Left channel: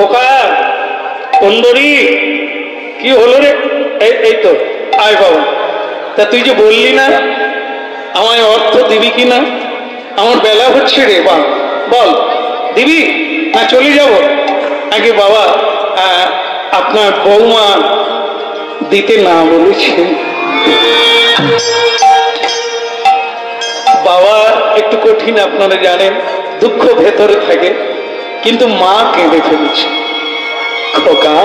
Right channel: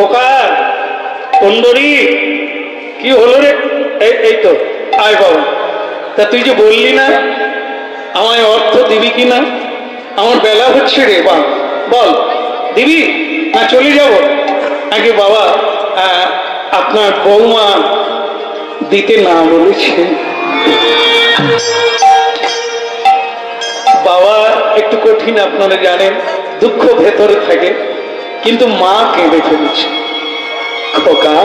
খোকা কুন্দরী কি হলো রে? এই তো আয় বাবা। তা তুই যে বললি না আমায় অর্থ দিবি কিনা, আমার বেলা হচ্ছে রে। বা বল দিবি না চলে যাব? আগে বাবা আপনার বৌমা দিতে না বলেছে। বাবা একটু কঠিন, আপনারা জানেন, দুঃখ ভেতরে থাকে, কিন্তু মা কেঁদে ফেলেছে। খোকা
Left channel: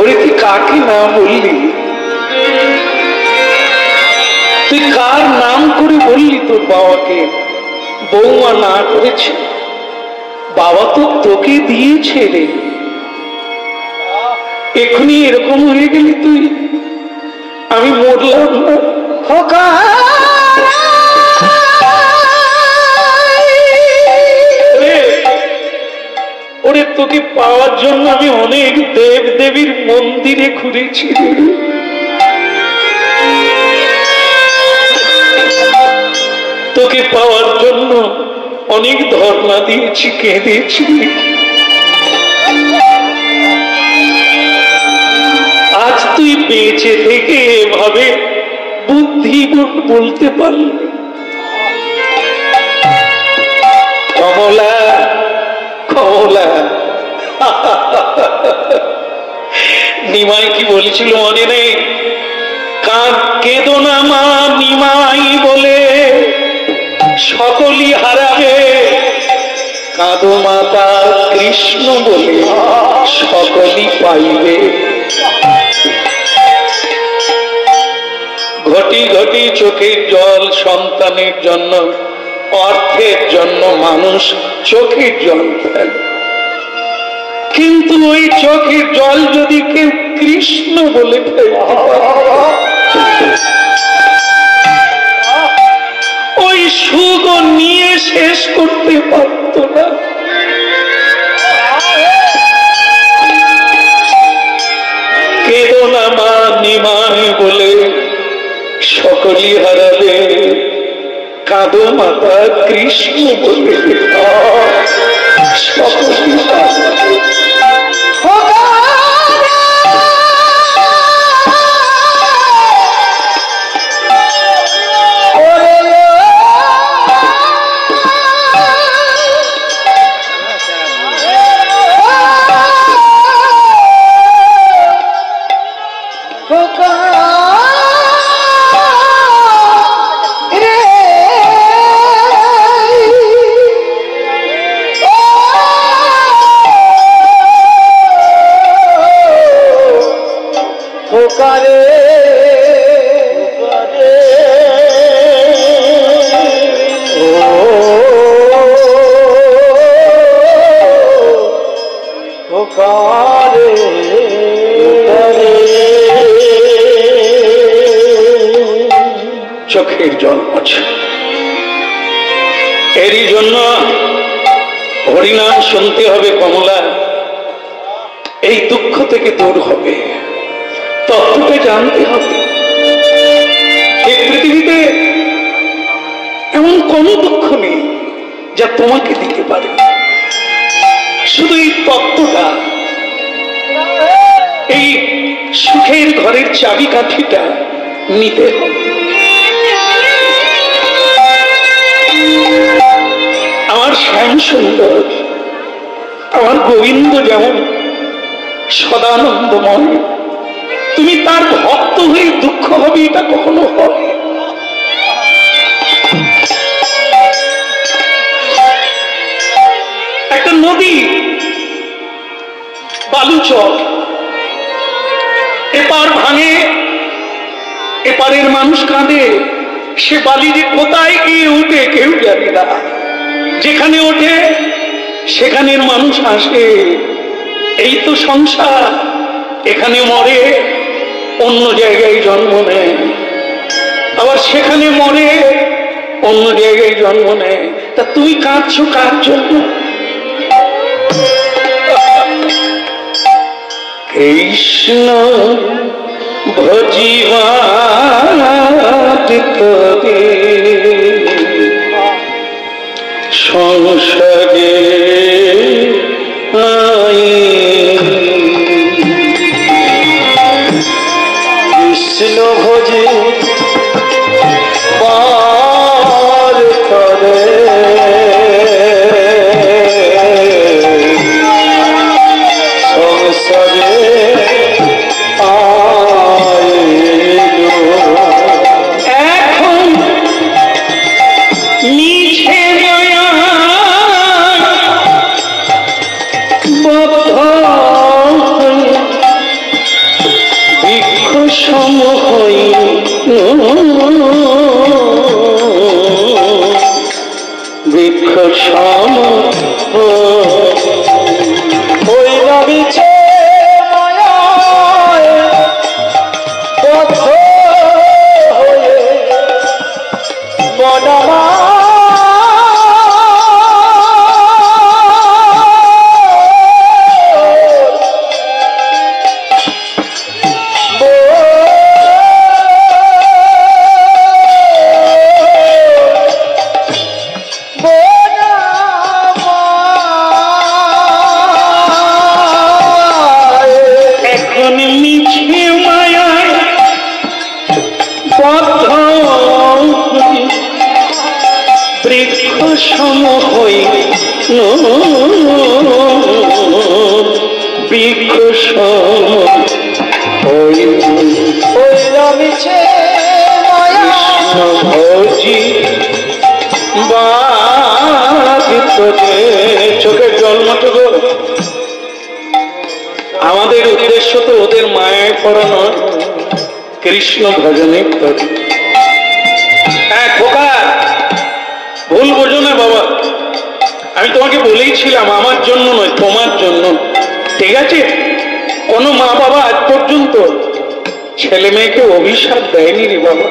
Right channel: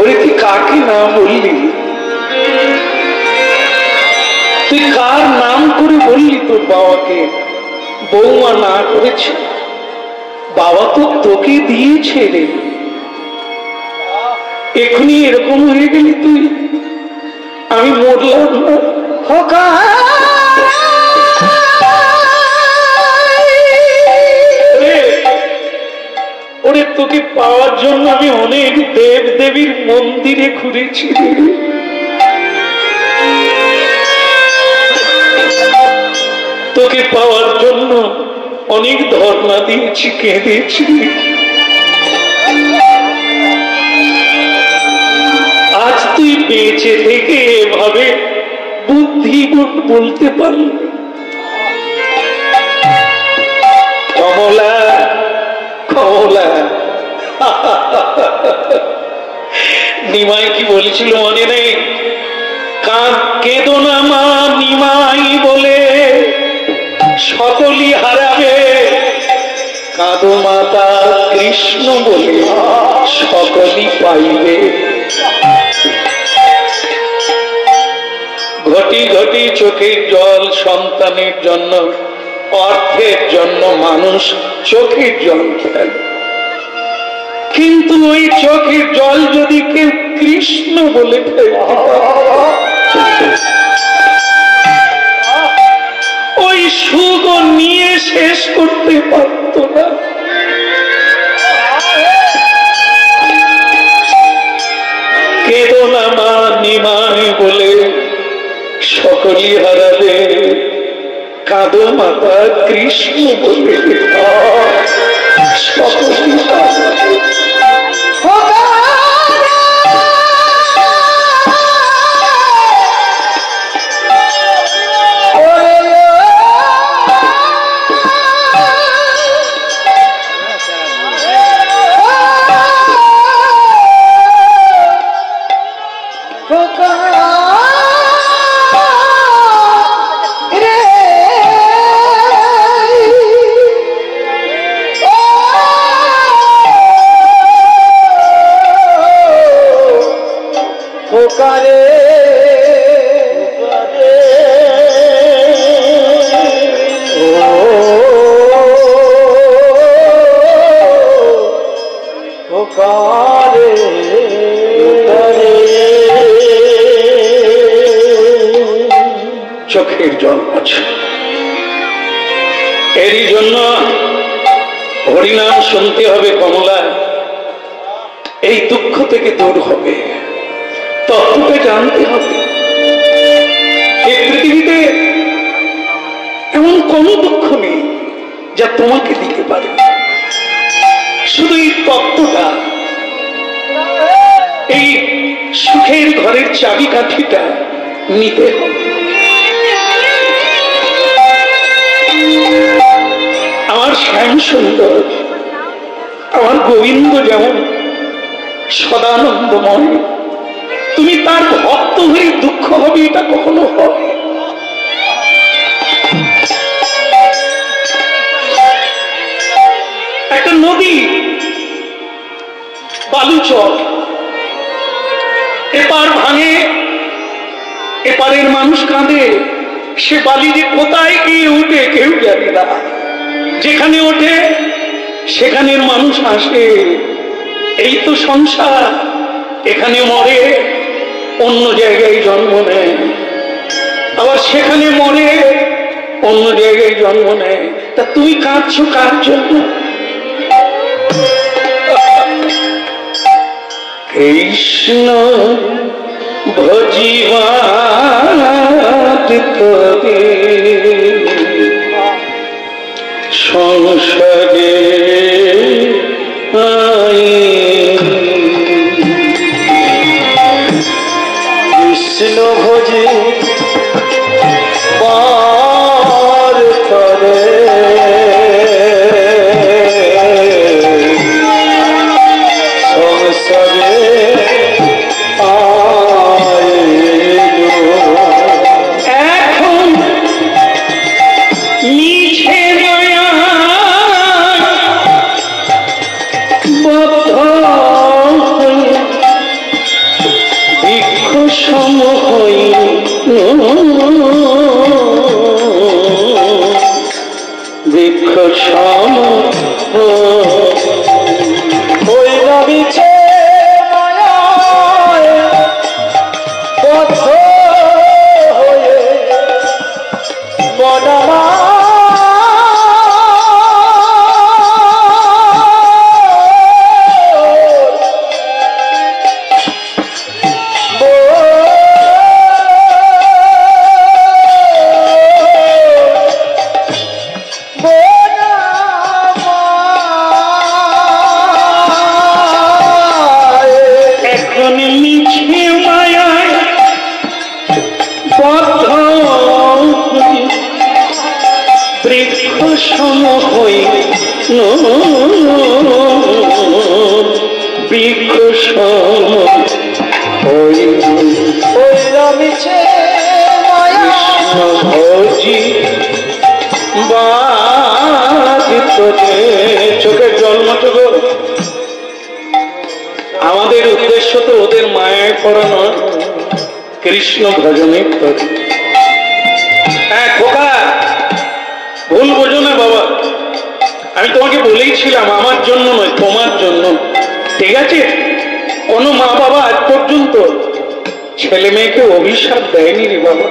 ওরে তুই কাকে না বললি? তুই কার নাম করে বললি তোর বাবাকে? বৌমা না করেছে, বাবা তো তোকে দিয়েছে রে। এখনই এরকম হয়ে গেলি তুই, আমি মরলাম না। খোকা ওরে তোকে পাওয়ার জন্য আমি অনেক দেব দেবীর মন্দিরে ঘুরেছি, তোকে পাওয়ার জন্য অনেক ধর্ণা দিয়েছি, কেঁদেছি। আজ তুই বেঁচে থেকে এভাবে বুদ্ধি বলতে পারলি। কমলা কমলা নিমাই কি বলেছিল মনে নেই? কেঁদো না মা নিমাই বলে সকলই হারাবে, কাঁদো মাতা কৃষ্ণ বলে সকলই পাইবে। ঘটি ঘটি চোখের জল সন্তানের জন্য, অর্থের জন্য মানুষ চোখের জল ফেলে, কিন্তু ওই চোখের জল যদি কেউ কৃষ্ণ বলে ফেলতে পারে, ওই সুখ নিয়ে শেষ করতে পারত না। কেঁদো না মা নিমাই বলে সকলই হারাবে, কাঁদো মাতা কৃষ্ণ বলে সকলই হারাবে। চোখের জল আছে, এরই জন্য হরিনাম শুনতে হবে কমলা। এই দুঃখ থেকে দূর হবে, তত্ত্বটা জানতে হবে। এই পৃথিবীতে এমন কোন দুঃখ নেই যা তোমাকে দিতে পারে, শুধু এই তত্ত্বটা, এই সুখের ঘরের চাবিকাঠিটা নিতে হবে। আমার শ্যাম সুন্দর, আমার গোবিন্দ যেমন সদানন্দময়, তুমি তার ভক্ত হয়ে দুঃখ হবে এটা কখনো হয়? একটা নদী বালুচর, এপার ভাঙে, এপারের মানুষ কাঁদে, সে বালি যে কোথায় গিয়ে উঠে কেউ জানে না। যেখানে ওঠে সেখানের মানুষ আসে, এই তো সংসার, এখানে মরে অন্য জায়গায় জন্ম নেয়, আবার সেখানে মরে অন্য জায়গায় জন্ম নেয়। তা তুমি কাঁদছো কার জন্য? কৃষ্ণ ভজিবাত তবে সংসারে সম হই বৃক্ষ সম মিছে কৃষ্ণ ভজি চোখের জল মতো। আমাদের উদ্দেশ্য তো ওদের মায়ায় পড়া নয়, কৃষ্ণ ভজনে পড়ে। হ্যাঁ খোকা, ভুল বোঝো না বাবা, আমি তোমাকে বলেইছিলাম আমার জন্য নয়, তোমার জন্য, ঠিক আছে? কোনো মা বাবা আজ পর্যন্ত ছেলে মেয়েকে অভিশাপ দেয়নি রে বাবা,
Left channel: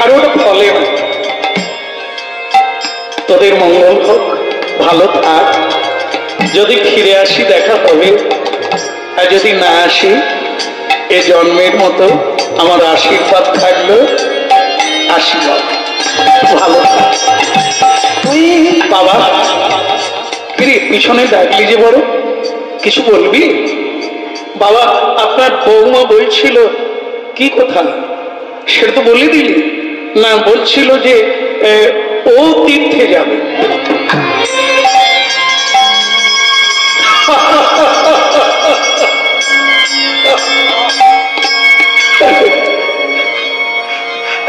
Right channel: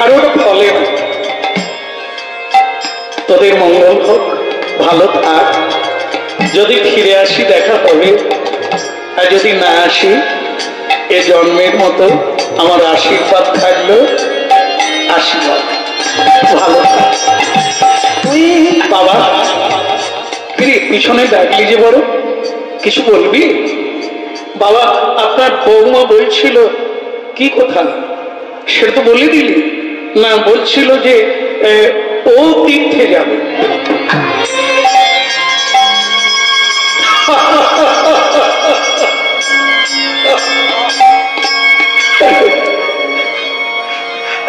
আর ওটা ফলে না। তোদের মঙ্গল হোক, ভালো থাক, যদি ফিরে আসি দেখা হবে, আর যদি না আসি এ জন্মের মতো আমার আশীর্বাদ থাকলো, আশীর্বাদ। ভালো থাক বাবা। কিরে পিছনে ডাকলি যে বড়, কিছু বলবি? বাবা আপনার বৌমা বলছিল, কি কথা সেটা তো বলে দিলি না? বলছিল যে ও তীর্থে যাবে।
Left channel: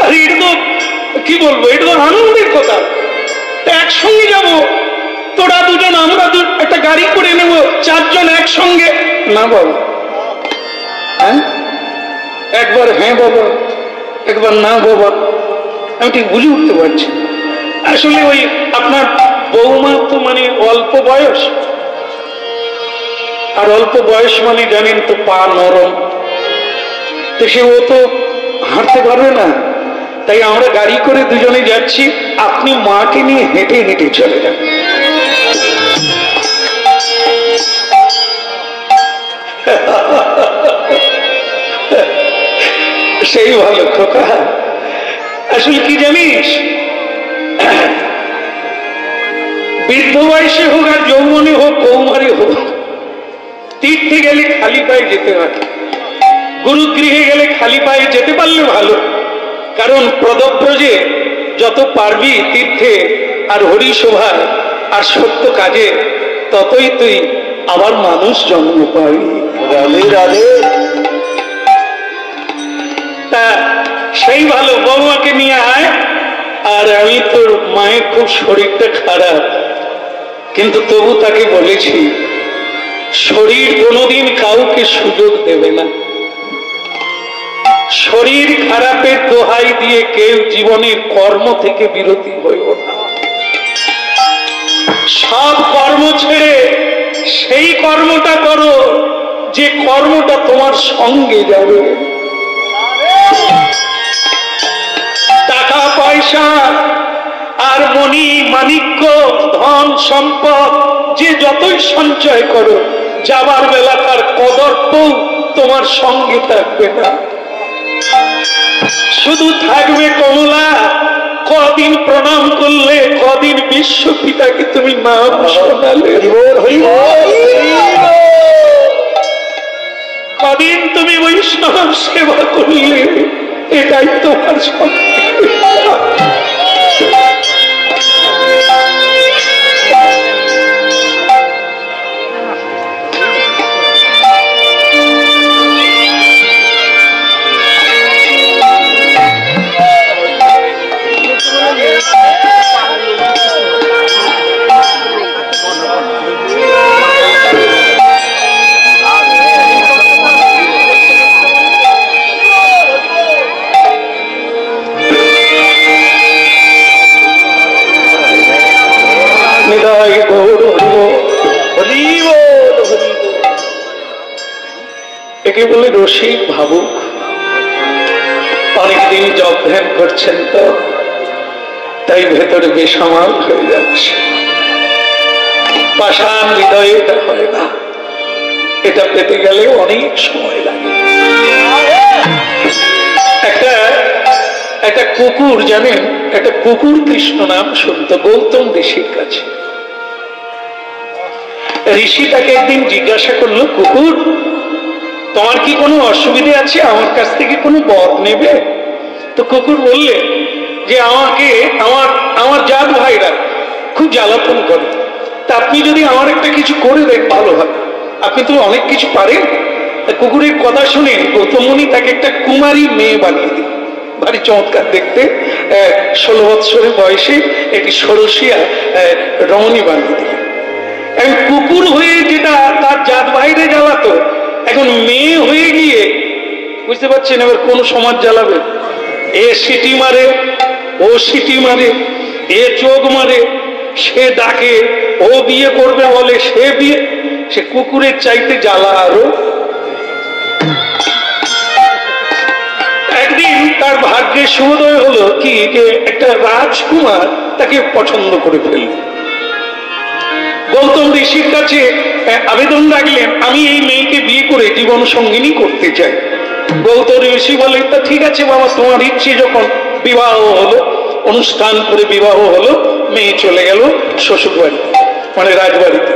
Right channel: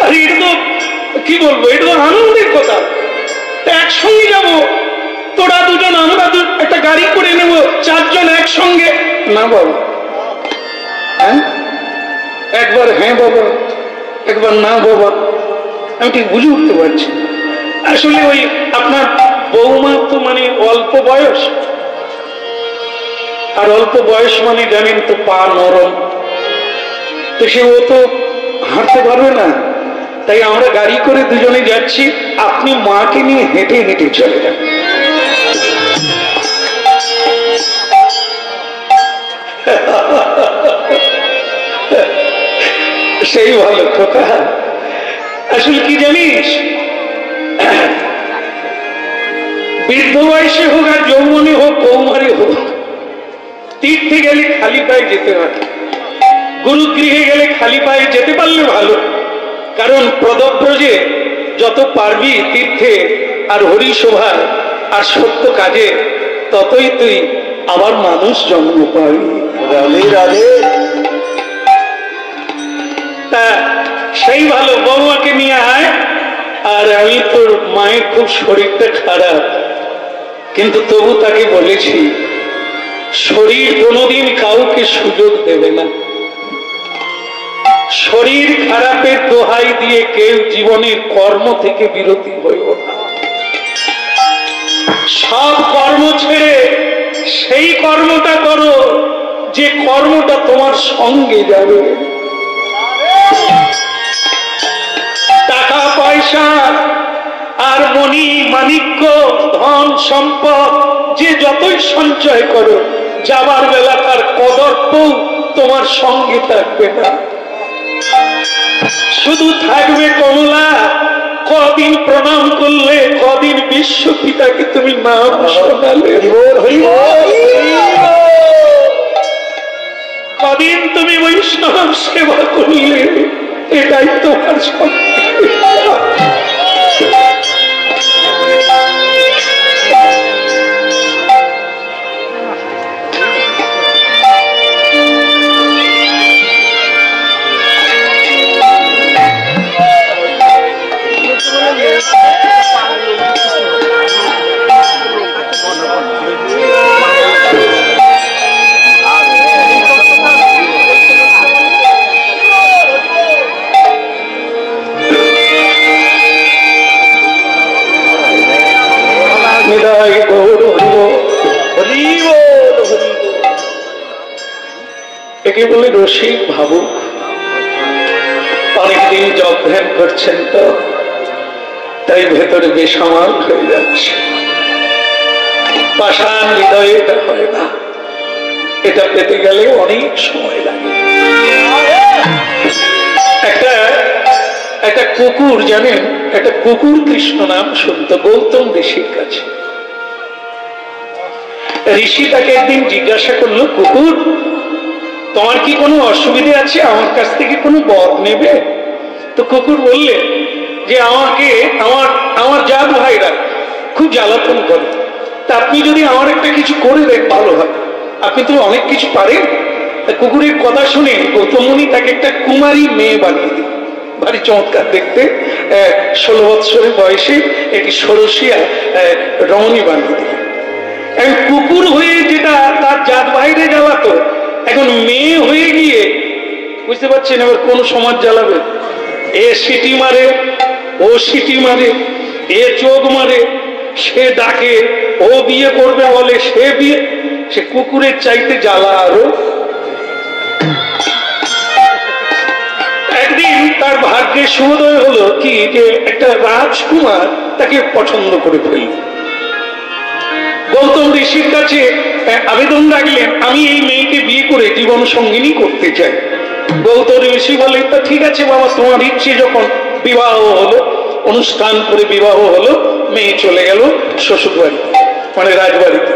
আরে এটা তো কি বলবো, এটা তো আনন্দের কথা। একসঙ্গে যাব, তোরা দুজন আমরা একটা গাড়ি করে নেব, চারজন একসঙ্গে। না বাবা, হ্যাঁ একবার হ্যাঁ বাবা, একবার না বাবা, আমি ঠিক বুঝে উঠতে পারছি। আসলে ওই আপনার বৌমা তো মানে অল্প বয়স, আর অল্প বয়স মানে জানেন তো পা নরম, তো সে ও তো হাঁটতে পারবে না। তাই আমরা গাড়ি করে দুজনে যাচ্ছি, আপনি মাকে নিয়ে হেঁটে হেঁটে চলে যান। সেই ভালো খোকা। আসলে কি জানিস, বৃদ্ধ বয়সে হোক আর যৌবনে হোক কৌমারে হোক, তীর্থে গেলে খালি পায়ে যেতে হয়, গুরুগৃহে গেলে খালি পায়ে যেতে পারলে ভালো। কারণ প্রদব্রজে যত পারবি তীর্থে আর হরিসভায় আর সত্য কাজে, ততই তুই আবার মানুষ জন্ম পাবি। রাধে রাধে। তা সেই ভালো, বৌমাকে নিয়ে আয়। আর আমি তোর মায়ের খুব শরীরটা খারাপ, কিন্তু তবু তাকে বলেছি শরীর কোনোদিন কাউকে সুযোগ দেবে না। শরীর খারাপের দোহাই দিয়ে কেউ জীবনের কর্ম থেকে বিরতি হইও না। সব কর্ম ছেড়ে সেই কর্মটা করো যে কর্মটা তোমার সঙ্গে যাবে। টাকা পয়সা আর মণি মাণিক্য ধন সম্পদ যে যতই সঞ্চয় করো, যাবার বেলা তার কদর্পও তোমার সঙ্গে থাকবে না। শুধু থাকবে কমলা, কদিন প্রণাম করলে, কদিন বিশ্ব পিতাকে তুমি নাম শোনালে, কদিন তুমি বৈষ্ণব সেবা করলে, এটাই তোমার সঙ্গে। একে বলে রসিক ভাবুক। অনেকদিন জপ ধ্যান করছেন তো, তাই ভেতরে বেসামাল হয়ে যাচ্ছে। পাষাণ হৃদয়ে এটা হয় না, এটা পেতে গেলে অনেক সময় লাগে। একটা কুকুর জানেন, একটা কুকুর কৃষ্ণ নাম শুনত গৌতম ঋষির কাছে। ঋষি তাকে একদিন জিজ্ঞাসা করলো, কুকুর তোমার কি কোনো অসুবিধে আছে, আমার কাছ থেকে কোনো বর নেবে? তো কুকুর বললে যে আমাকে আমার জাত ভাইরা খুব জ্বালাতন করে। তা আপনি যদি আমার একটা কিছু করে দেন ভালো হয়, আপনি তো অনেক কিছু পারেন। কুকুরের কথা শুনে গৌতম মুনি তাকে একটা কুমারী মেয়ে বানিয়ে দিল, ভারী চমৎকার দেখতে, 16 বৎসরের বয়সে একটি ষোড়শিয়া রমণী বানিয়ে দিল। এখন কুকুর হয়ে যেটা তার জাত বাইরে জ্বালাতো, এখন মেয়ে হয়ে গিয়ে বুঝতে পারছেন এবার কোন সমাজ জ্বালাবে। এ সিটি মারে, ও সিটি মারে, এ চোখ মারে, সে ডাকে, ও বিয়ে করবে বলে, সে বিয়ে, সে কুকুরের চাইতে জ্বালা আরো। একদিন তার ভাগ্যে শুভোদয় হলো কি যে একটা রাজকুমার তাকে পছন্দ করে ফেলল। গৌতম ঋষির কাছে আবেদন রাখলেন, আমি এই মেয়েকে বিয়ে করে জীবন সঙ্গিনী করতে চাই। গৌতম ঋষি বলে, তা ঠিক আছে বাবা, তোমার ইচ্ছে যখন। বিবাহ হলো, অনুষ্ঠান করে বিবাহ হলো, মেয়ে চলে গেল শ্বশুর বাড়িতে, মানে রাজবাড়িতে।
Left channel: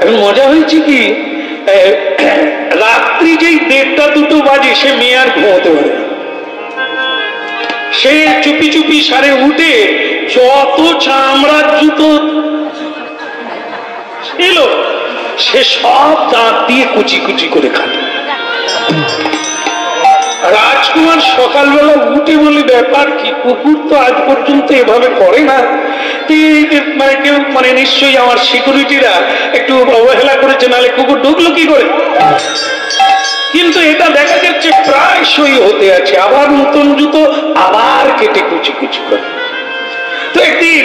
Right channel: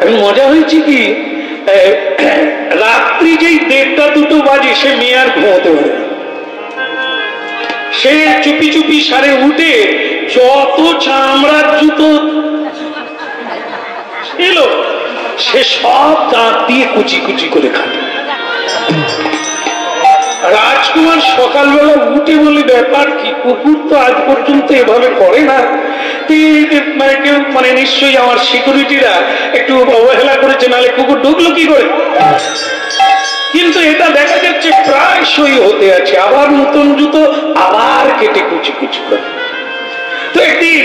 এখন মজা হয়েছে কি, রাত্রি যেই 1:30-2 বাজে সে মেয়ে আর ঘুমোতে পারে না। সে চুপি চুপি সারে উঠে যত চামড়ার জুতো ছিল সে সব দাঁত দিয়ে কুচি কুচি করে খাবে। রাজকুমার সকালবেলা উঠে বলে, ব্যাপার কি, কুকুর তো আজ পর্যন্ত এভাবে করে না, মানে কেউ মানে নিশ্চয়ই আমার সিকিউরিটিরা একটু অবহেলা করেছে, নাহলে কুকুর ঢুকলো কি করে। কিন্তু এটা দেখা যাচ্ছে প্রায়শই হতে আছে, আবার নতুন জুতো আবার কেটে কুচি কুচি করে। তো একদিন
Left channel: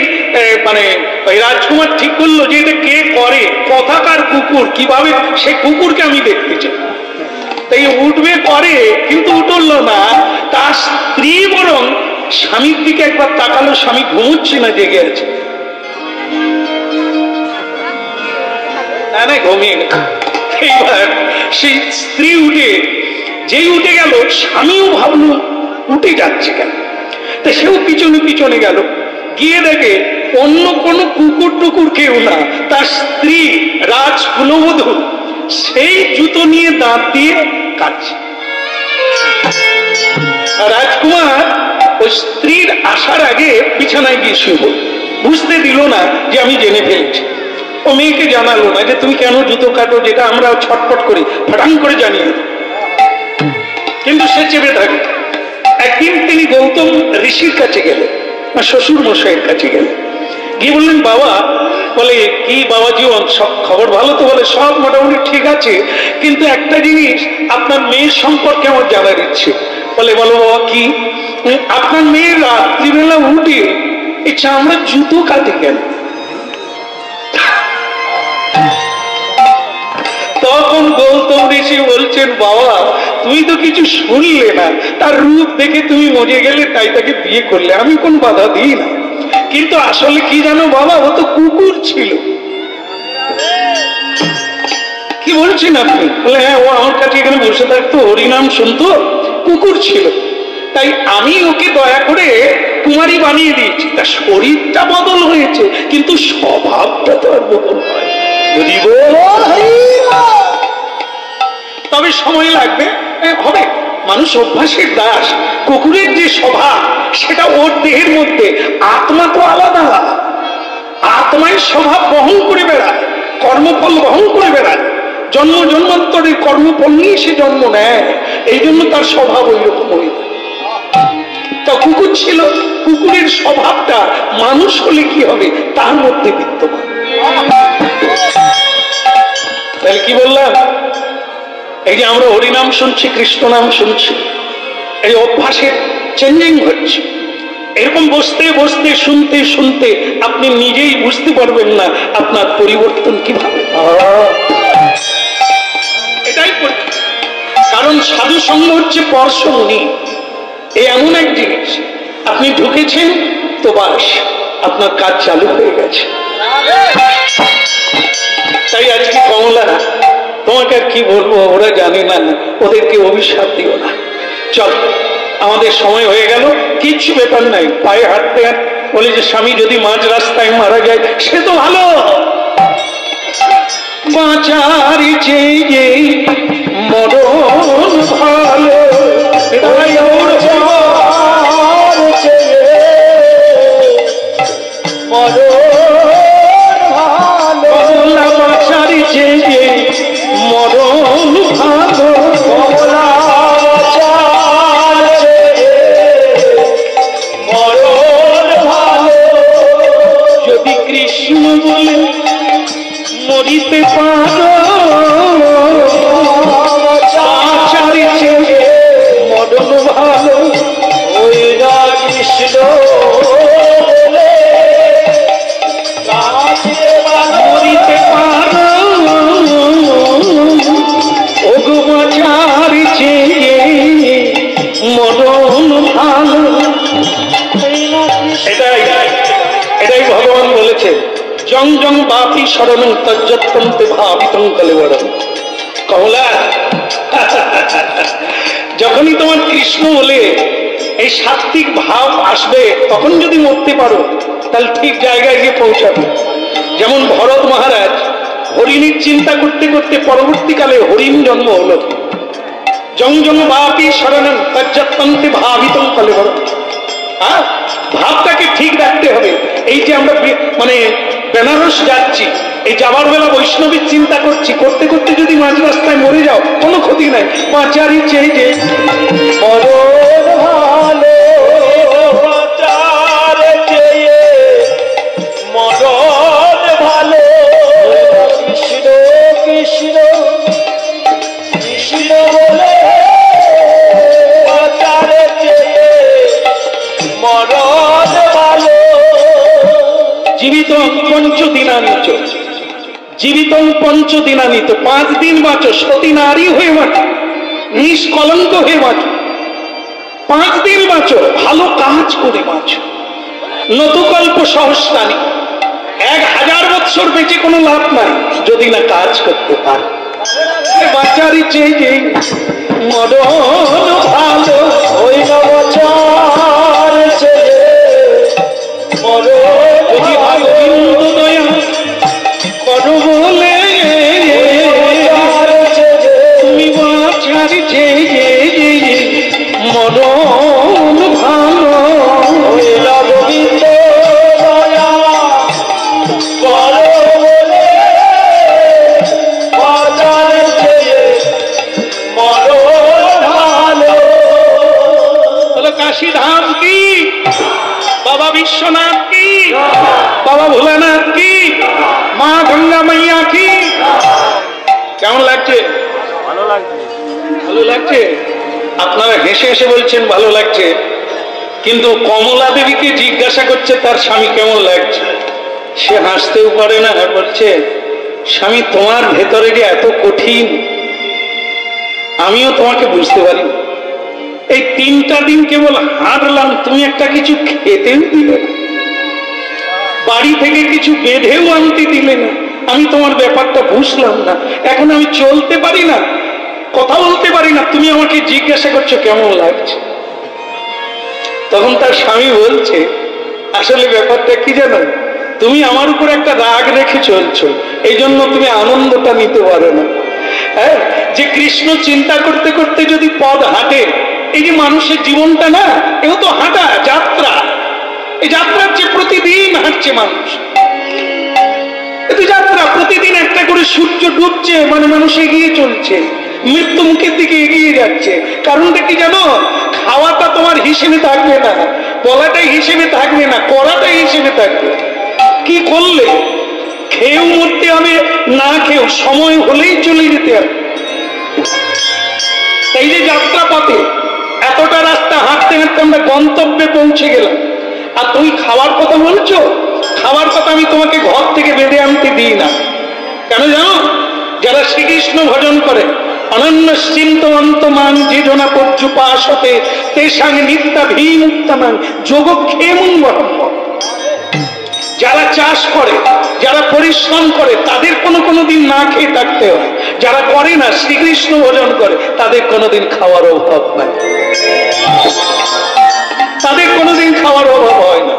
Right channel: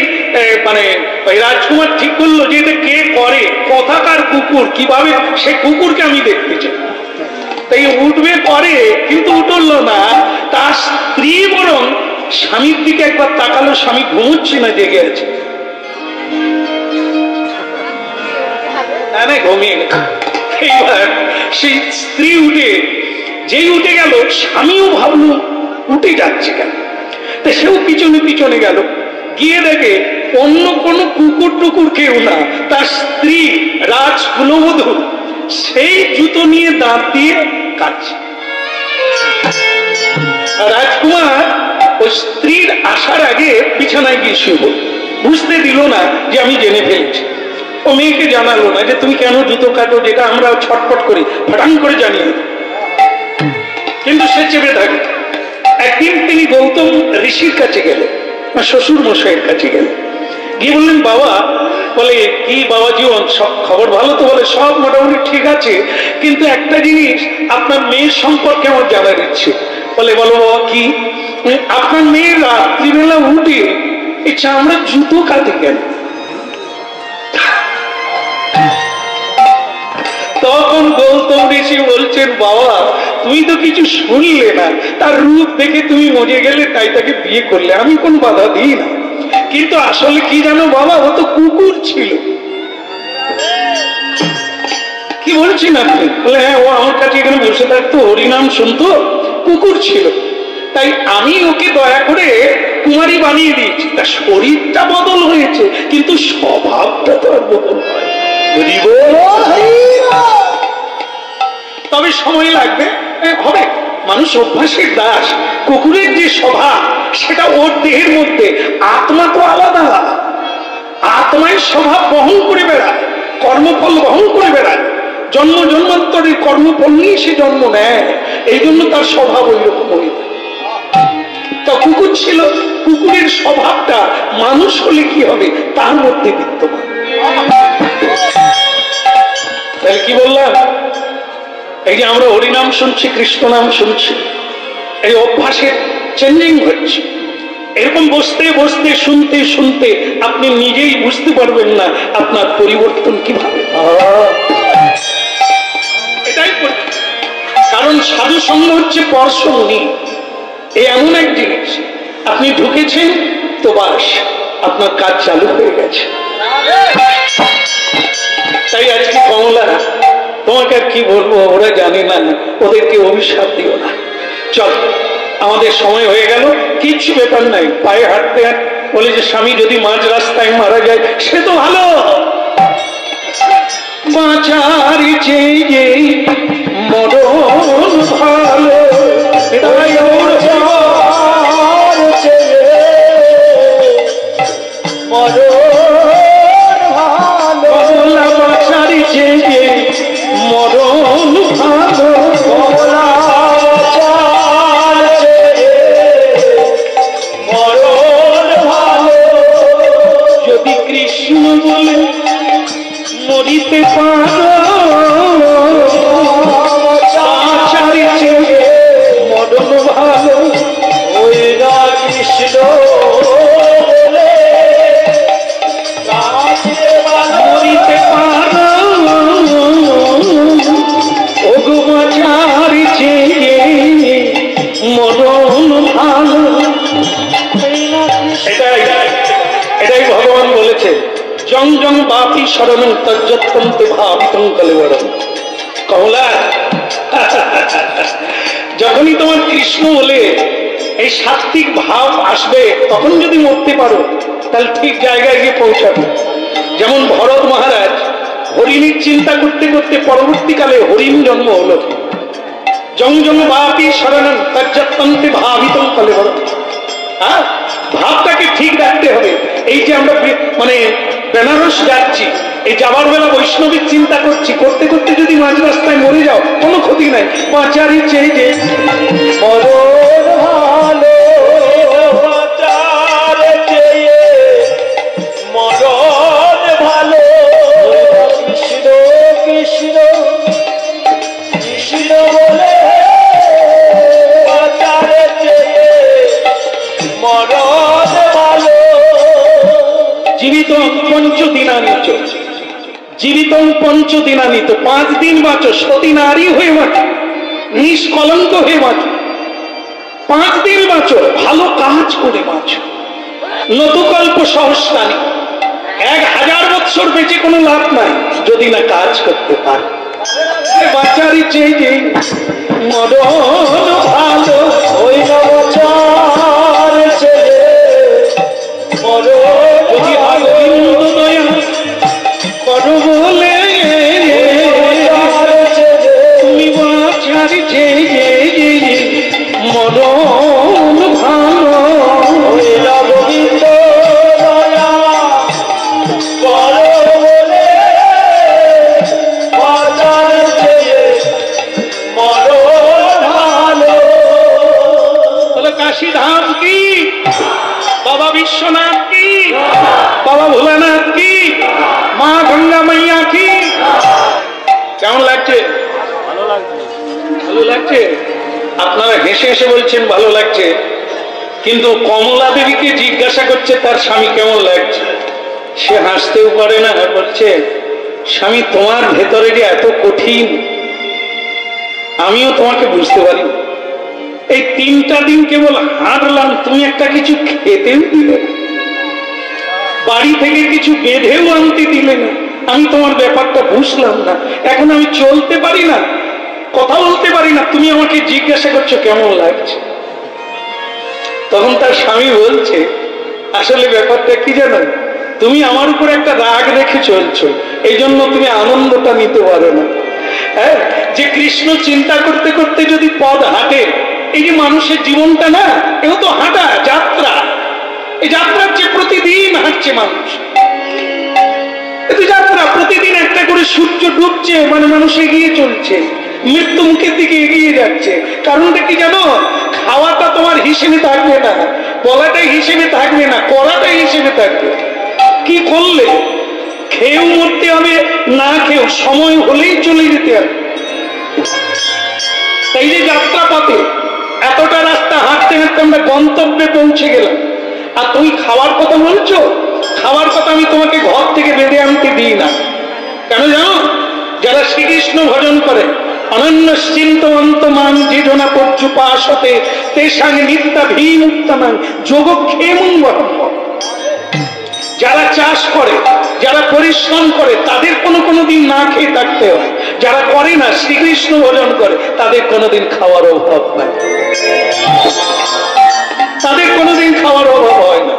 মানে রাজকুমার ঠিক করলো যে এটা কে করে, কথাকার কুকুর, কিভাবে সে কুকুরকে আমি দেখতে চাই। তাই উঠবে করে, কিন্তু উঠলো না। তার স্ত্রী বরং স্বামীর দিকে একবার তাকালো, স্বামী ঘুমোচ্ছে না, জেগে আছে। না ঘুমিয়ে না। এইবার সেই স্ত্রী উঠে, যেই উঠে গেল স্বামীও ভাবলো উঠে যাচ্ছে কেন, তা সেও পিছনে পিছনে গেল, গিয়ে দেখে অন্য কোন কুকুর টুকুর কেউ না, তার স্ত্রী রাজকুলবধূ সেই জুতো নিয়ে দাঁত দিয়ে কাটছে। রাজকুমার ওই স্ত্রীর আসার আগে বিছানায় গিয়ে শুয়ে পড়ল, বুঝতে দিল না যে আমি জেনে ফেলছি। ও মেয়েকে জানালো না যে তুমি কেন জুতো কাটো, যেটা আমরা ছটফট করি ফাটাং করে জানিয়ে, কিন্তু সে চেপে থাকে। একদিন তিনি গৌতম ঋষির কাছে গেলেন, শ্বশুর মশাইয়ের কাছে গেলেন, গিয়ে বললেন, বাবা, বলে কি বাবা জীবন, সব খবর ভালো তো? বলে সব মোটামুটি ঠিক আছে, কিন্তু একটা জিনিস আপনার মেয়ের সম্পর্কে আমার জানার ইচ্ছে। বলে বলো বাবা কি? আপনার মেয়ের রাত্রিবেলা উঠে এই চামড়ার জুতো কাটে কেন? তখন গৌতম ঋষি বলছেন, বাবা তুমি তো কিছু শুনলে না, তার রূপ দেখে তুমি মজে গেলে, তাই তাকে বিয়ে করলে, আমি কোন বাধা দিই না। কিন্তু আসলে কি জানো বাবা, ও তো কুকুর ছিল। কি বলছেন আপনি? বলে হ্যাঁ, ও আমার কাছে এখানে বসে থাকতো, হরিনাম শুনতো, কুকুর ছিল, তাই আমি ওকে দয়া করে কুমারী বানিয়ে দিয়েছি। তার শরীরটা বদল হয়েছে, কিন্তু স্বভাবটা তো আর বদল হয়। তবে সময় লাগবে, হবে। মানুষ অভ্যাসের দাস। কুকুরের যে স্বভাব সেটা ওর দেহের মধ্যে, আত্মা তো আলাদা, আত্মায় স্বভাব বহন করে বেড়ায়, কর্মফল বহন করে বেড়ায়, জন্ম জন্মান্তরের কর্মফল নিয়ে সে জন্ম নেয়, এই জন্য তার স্বভাব ওই রকম হয়ে যায়। তা কুকুর ছিল, কুকুরের স্বভাবটা মানুষ হলে কি হবে তার মধ্যে বিদ্যমান। তাহলে কি বললাম, এই যে আমরা হরিনাম শুনছি, কৃষ্ণ নাম শুনছি, এই অভ্যাসের চেঞ্জিং হচ্ছে। এরকম বসতে বসতে শুনতে শুনতে আপনি নিজেই বুঝতে পারবেন না আপনার পরিবর্তন কিভাবে। এটাই কারণ সাধু সঙ্গ হচ্ছে পরশমণি। এই এমন এক জিনিস, আপনি ঢুকেছেন তো বাস আপনার কাজ চালু হয়ে গেছে। তাই আজকে কমলা, তোমাকে আর কি বলবো, ওরা জানে না, ওদেরকে অভিশাপ দিও না। চল, আমাদের সময় হয়ে গেল, কিচ্ছু ব্যাপার নাই, পায়ে হাঁটতে হাঁটতে বলে যে স্বামী যদি মাঝ রাস্তায় মারা যায় সে তো ভালো, বাঁচার চেয়ে মরণ ভালো, মরণ জং জং বাপি শরণং তজ্জত্যন্তে ভাবিতং কলেবরং। কমলা, যখনই তোমার কৃষ্ণ বলে এই সাত্বিক ভাব আসবে, তখন যদি মরতে পারো তাহলে ঠিক জায়গায় গিয়ে পৌঁছাবে। যেমন ভরত মহারাজ হরিণীর চিন্তা করতে করতে পরবর্তীকালে হরিণ জন্ম হলো। জং জং বাপি শরণং তজ্জত্যন্তে ভাবিতং কলেবরং। হ্যাঁ, ভাবটাকে ঠিক রাখতে হবে। এই যে আমরা মানে বেনারস যাচ্ছি, এই যাবার বেলা বৈষ্ণবীর চিন্তা করছি, করতে করতে যদি মাঝ রাস্তায় মরে যাও কোনো ক্ষতি নাই। বাঁচারই চেয়ে যে মরণ ভালো, বাঁচার চেয়ে মরণ ভালো। কৃষ্ণ কৃষ্ণ কৃষ্ণ বলে বাঁচার চেয়ে মরণ ভালো। জীবিত পঞ্চদিনানিত, জীবিত পঞ্চদিনানিত, 5 দিন বাঁচো, সতী নারী হয়ে বাঁচো, নিষ্কলঙ্ক হয়ে বাঁচো, 5 দিন বাঁচো, ভালো কাজ করে বাঁচো। নতুকল্প সহস্রানি, 1000 বৎসর বেঁচে কোনো লাভ নাই যদি না কাজ করতে পারে। বাঁচারই চেয়ে যে মরণ ভালো, ওই না বাঁচার চেয়ে মরণ যদি গোবিন্দ দয়া করো বলে তুমি বাঁচার চেয়ে মরণ ভালো। ওই না গোবিন্দ দয়া করো বলে বাঁচার চেয়ে মরণ ভালো। তাহলে কাশী ধাম কি, বাবা বিশ্বনাথ কি, বাবা ভোলানাথ কি, মা গঙ্গা মাইয়া কি। কেমন লাগছে? ভালো লাগছে, ভালো লাগছে। আপনারা হেসে হেসে বলছেন ভালো লাগছে, কিন্তু কমলা দেবীকে জিজ্ঞাসা করছে তার স্বামী কেমন লাগছে, সে হাসতেও পারে না, বলছে স্বামী তোমার ভেতরে যে এত কঠিন আমিও তোমাকে বুঝতে পারি। এই 3টা দিন কেবল হাঁটলাম, তুমি একটা কিছু খেতেও দিলে না, বাড়ি থেকে কিছু বেঁধেও আনতে দিলে না, আমি তোমার ব্যাপারটা বুঝলাম না। এখন আমি চলতে পারি না, কথা বলতে পারি না, তুমি আমাকে জিজ্ঞাসা করছো কেমন লাগছে। তখন তার স্বামী বলছে আসলে ব্যাপারটা কি জানো, তুমি আমার উপর একটা রাগ রেখে চলছো, এই জন্য তুমি আনন্দটা নিতে পারো না। হ্যাঁ, যে কৃষ্ণ চিন্তা করতে করতে যদি পদ হাঁটে, এই যে মানুষের জীবনটা না, এও তো হাঁটা যাত্রা। এই যাত্রার যে প্রতিদিন হাঁটছে মানুষ, এ তো যাত্রা, প্রতিদিন একটা করে সূর্য ডুবছে, মানে মানুষ এগিয়ে চলছে, মৃত্যু মুখের দিকে এগিয়ে যাচ্ছে। কারণটা কি জানো, খাওয়াটা তোমার হিসেবে থাকবে না, বলাটাই হিসেবে থাকবে না, করাটাই হিসেবে থাকবে। কি করলে খেয়েও মরতে হবে, না খেয়েও সময় হলেই চলে যেতে হবে। এই যে যাত্রা পথে এতটা রাস্তা হাঁটতে হাঁটতে আমরা গন্তব্যে পৌঁছে গেলাম, আর তুমি খাওয়ার কথা বলছো। খাওয়ার কথা আমি তোমাকে ঘর থেকে বেঁধে আনতে দিই না। কেন জানো, যারা শ্রীকৃষ্ণ ভজন করে অনন্য চিন্তমান যে জনা পর্যুপাসতে তেসাং নিত্যাভিমুক্তানাং যোগক্ষেমং ব্রহ্ম। যারা চাষ করে, যারা পরিশ্রম করে, তাদের কোনো দিন না খেয়ে থাকতে হয়। যারা করে না, শ্রীকৃষ্ণ ভজন করে, তাদের কোনোদিন খাওয়ার অভাব নাই, তাদের কোনোদিন খাওয়ার অভাব হয় না।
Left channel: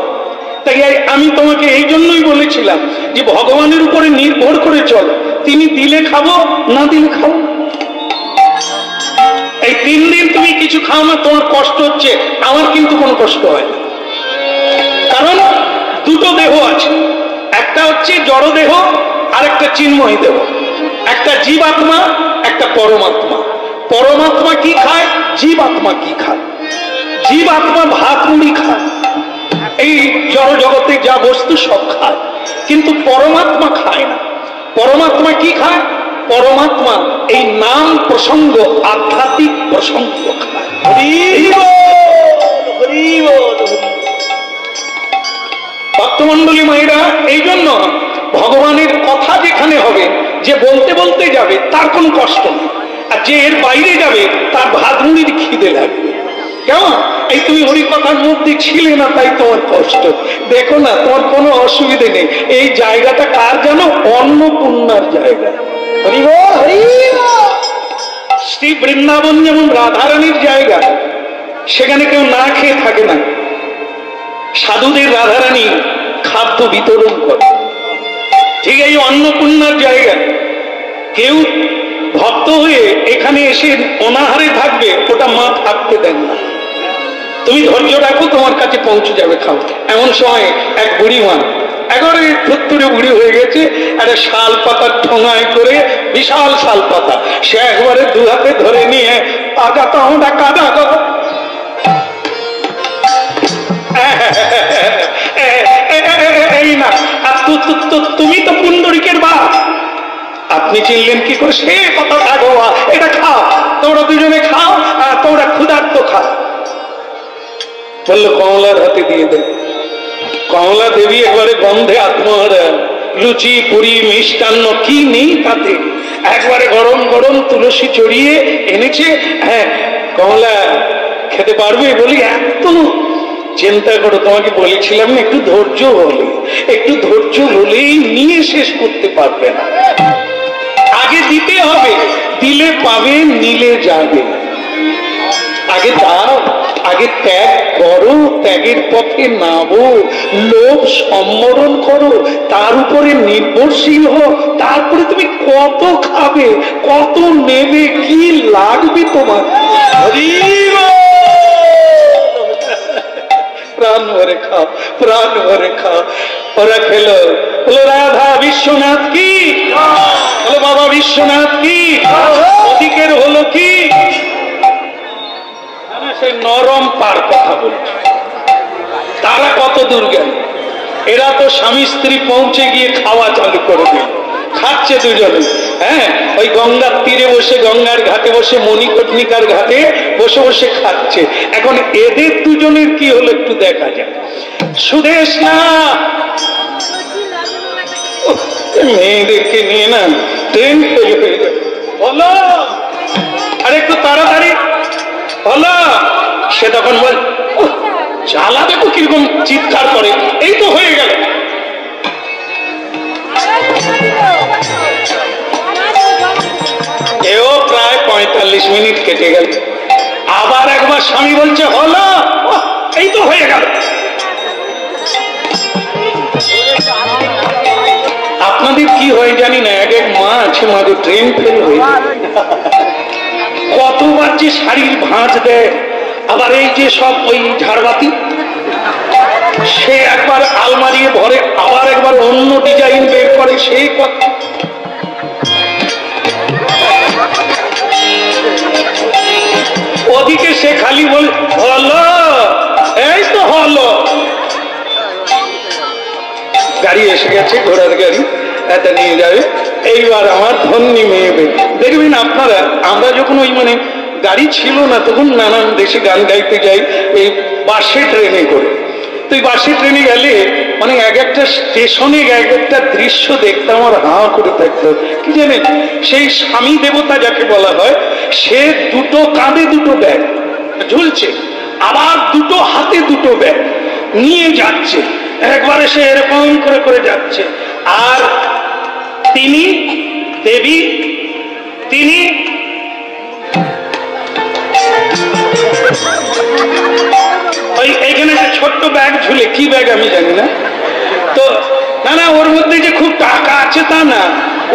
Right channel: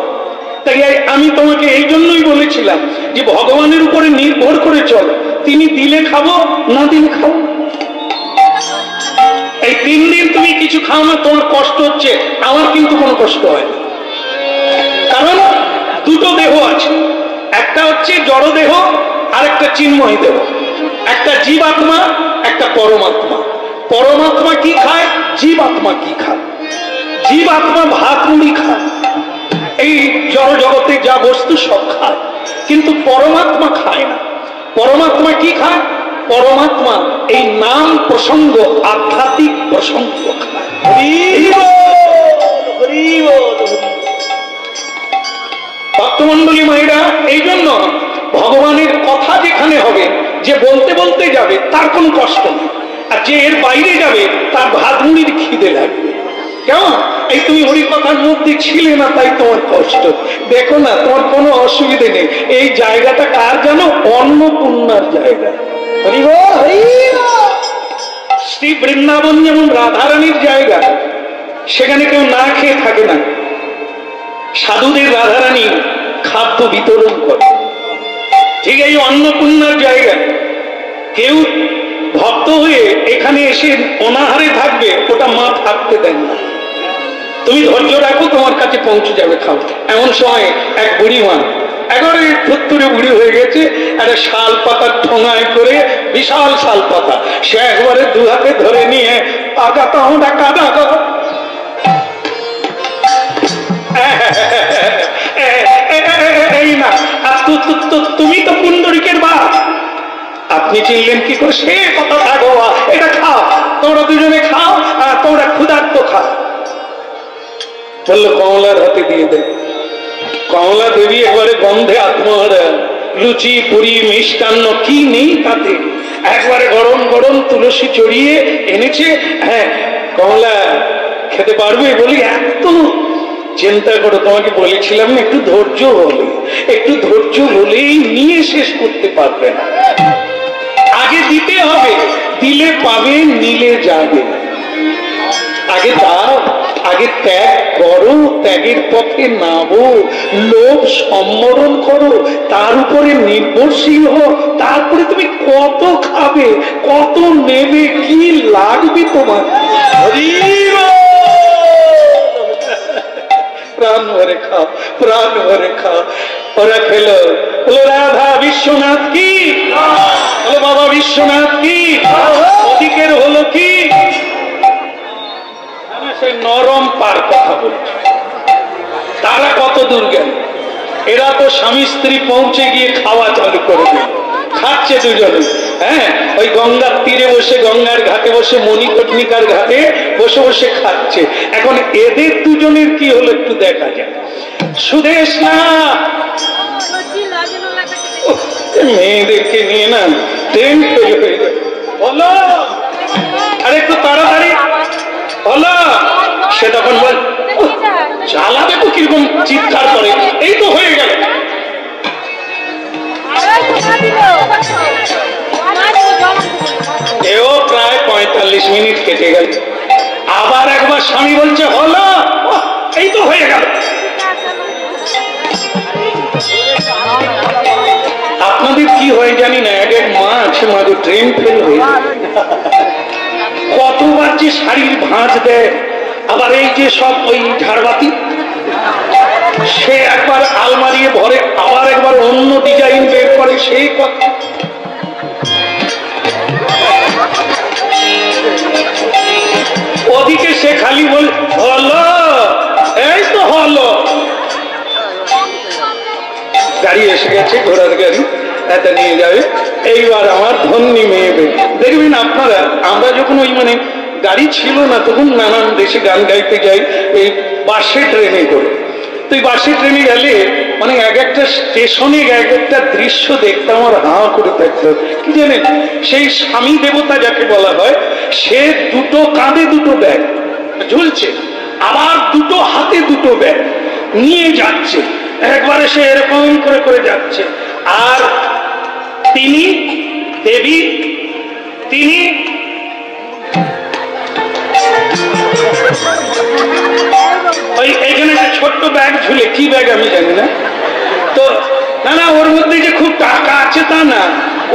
তাই আমি তোমাকে এই জন্যই বলেছিলাম যে ভগবানের উপরে নির্ভর করে চল, তিনি দিলে খাবো, না দিলে খাবো। এই 3 দিন তুমি কিছু খাও না, তোমার কষ্ট হচ্ছে, আমার কিন্তু কোনো কষ্ট হয় না। কারণ দুটো দেহ আছে, একটা হচ্ছে জড় দেহ আর একটা চিন্ময় দেহ, একটা জীবাত্মা, একটা পরমাত্মা। পরমাত্মা কি খায়, জীবাত্মা কি খায়। জীবাত্মা ভাত মুড়ি খায়, এই জড় জগতে যা বস্তু সব খায়, কিন্তু পরমাত্মা খায় না। পরমাত্মা কি খায়, পরমাত্মা এই নাম প্রসঙ্গ, আধ্যাত্মিক প্রসঙ্গ খায়। ভক্তমন্ডলী মায়েরা, এই জন্য ভগবানের কথা যেখানে হবে, যে বলতে বলতে যাবে তার কোনো কষ্ট নেই, আর যে এর বাইরে যাবে তার ভাত মুড়ির খিদে লাগবে। কেমন? এই তুমি হরি কথার মধ্যে ছিলে না, তাই তোমার কষ্ট। দেখো না, তোমার কোনো অসুবিধে নেই। এই জায়গাটা কার জানো? অন্নপূর্ণার জায়গা। শ্রী বৃন্দাবন যেমন রাধারানীর জায়গা, সেখানে কেউ না খেয়ে থাকে না। সাধুদের রাধারানী খাদ্য বিতরণ করে। ঠিক এই অন্নপূর্ণার জায়গা, কেউ ভক্ত হয়ে এখানে এসে অনাহারে থাকবে, ওটা মা থাকতে দেন না। তুমি ধৈর্য রাখো, তোমার কাছে পৌঁছে যাবে, খাও। এমন সময় এক বুড়ি মা, একেবারে ধুত্তুরে বুড়ি হয়ে গেছে, একটা শাল পাতার ঠোঙায় করে, বিশাল শাল পাতা, সে একবারে দু হাতে ধরে নিয়ে আগাতা আমরা কাদা এই না। তুমি তো পুণ্ডরিকের বাপ, আপনি চিনলেন কি করে? সে কথা থাকো, এটা খাও, তোমরা দুজনে খাও, আর তোমরা ক্ষুধার্ত খাও। বললো কমলার হাতে দিয়ে দে। কমলা দেবী একবারে গন্ধে আত্মহারা, লুচি পুরি মিষ্টান্ন কি নেই তাতে, একবারে গরম গরম তুলসী চড়িয়ে এনেছে। হ্যাঁ, কমলা খেতে পারবে? বলি এত চিন্তা করো, তোমাকে বলেছিলাম না একটু ধৈর্য হলে, একটু ধৈর্য হলেই নিয়ে শেষ করতে পারবে না। আগে দিতে হবে, দিলে পাবে, নিলে যাবে। আগে দাও, আগে ত্যাগ করো, ত্যাগের পথে নামো, লোভ সম্বরণ করো, তার উপরে নির্ভরশীল হও, তারপরে তুমি কত খাবে, কত নেবে, কি লাগবে তোমার। প্রাণ ভরে খাও, প্রাণ ভরে খাও। ওরা খেলো, বলো রাধা বিশ্বনাথ কি, বলো বাবা বিশ্বনাথ কি। ওদিকের হলো কি, সে নরম পার কথা বলছে। তারা কত দূর গেল, এরা তো স্বামী স্ত্রী পৌঁছে গিয়ে খাওয়া চালু করে দিল, খাচ্ছে দুজনে। হ্যাঁ, ওই গঙ্গার তীরে বসে, গঙ্গার ঘাটে বসে, মণিকর্ণিকার ঘাটে বসে বসে খাচ্ছে। এখন এদের দুজনের কি হলো একটু দেখা যায়। সুদেশ না, মেয়েদেরকে নিয়ে না ট্রেন ফেল হয়ে যাবে। বলো আর একটু তাড়াতাড়ি বলো। সে তখন বল, জ্বালা দেখো কিরকম চিৎকার করে, এই তো হয়ে গেল। এও প্রায় 45 মিনিট কেটে গেল। আবার একবার স্বামী বলছে হলো, এই তো হয়ে গেল। আপনাদের কি হয় জানি না, এক এক মা আছে, মাঝে ট্রেন ফেল হয়ে কতবার যে শাড়ির ভাঁজ দেয়। আবার এই যে সব ওই ঝাড়বাতি, সে একবার আলমারি ভরে, আবার একবার অন্য ডিজাইন বের করে, সেই কথা। ওদিকে সে খালি বল হলো, এই তো হলো। গাড়ি এসে গেছে, ঘোড়ার গাড়ি, এটা নিয়ে যাবে। এইবার আমার ধন্যী মেয়ে। দেখবেন আপনারা, আমরা যখন ওই মানে গাড়ি ছিল না, তখন নানান দেশে গান গাইতে যাই এই বাসে ট্রেনে করে। তো এই বাসে ট্রেনে গেলে মানে এক একটা স্টেশনে এক একটা দৃশ্য দেখতে আমার হাঁ করে থাকতো। কি জানেন, সেই স্বামী দেবতা যাকে বলা হয়, সে দুটো কাঁধে দুটো ব্যাগ ঝুলছে, আবার দুটো হাতে দুটো ব্যাগ নিয়ে যাচ্ছে, একবারে সে এরকম করে করে যাচ্ছে। আর তিনি দেবী, তিনি ওই এখানে একটা ছোট্ট ব্যাগ ঝুলে, কি ব্যাগ আমি জানি না। তো না না, ওর মধ্যে যে খুব টাকা আছে তা না,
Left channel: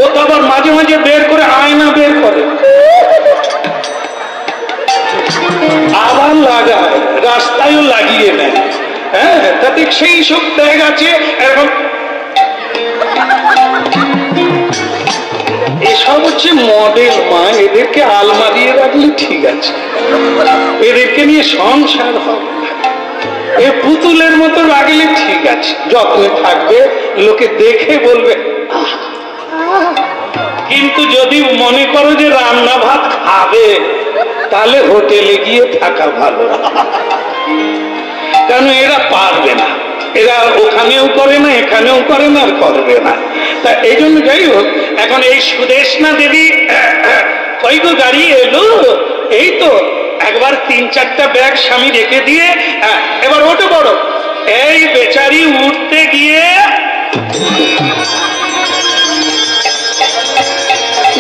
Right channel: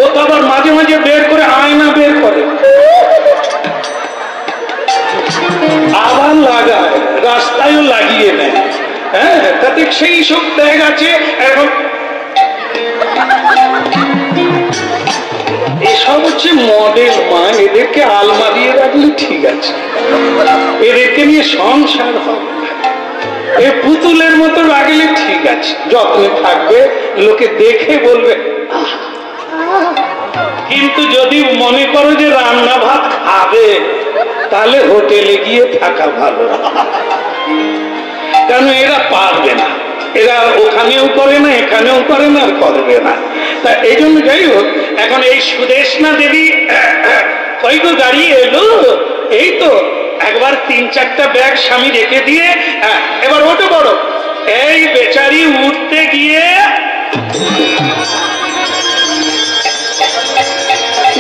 ও তো আবার মাঝে মাঝে বের করে আয়না বের করে, আবার লাগায়, রাস্তায়ও লাগিয়ে নেয়। হ্যাঁ, তাতে সেই সব ব্যাগ আছে এরকম। এসব হচ্ছে মডেল মা, এদেরকে আলমারিয়ে রাখলে ঠিক আছে, এদেরকে নিয়ে সংসার হবে। এ পুতুলের মতো রাখলে ঠিক আছে, যত্নে থাকবে, লোকে দেখে বলবে। কিন্তু যদি মনে করো যে রান্না ভাত খাবে, তাহলে হোটেলে গিয়ে থাকা ভালো, কারণ এরা পারবে না, এরা ওখানেও করে না, এখানেও করে না, আর করবে না। তা এই জন্য যাই হোক, এখন এই সুদেশনা দেবী কই গো গাড়ি এলো, এই তো একবার 3-4টা ব্যাগ স্বামী রেখে দিয়ে এবার ওঠো বড়। এই বেচারি উঠতে গিয়ে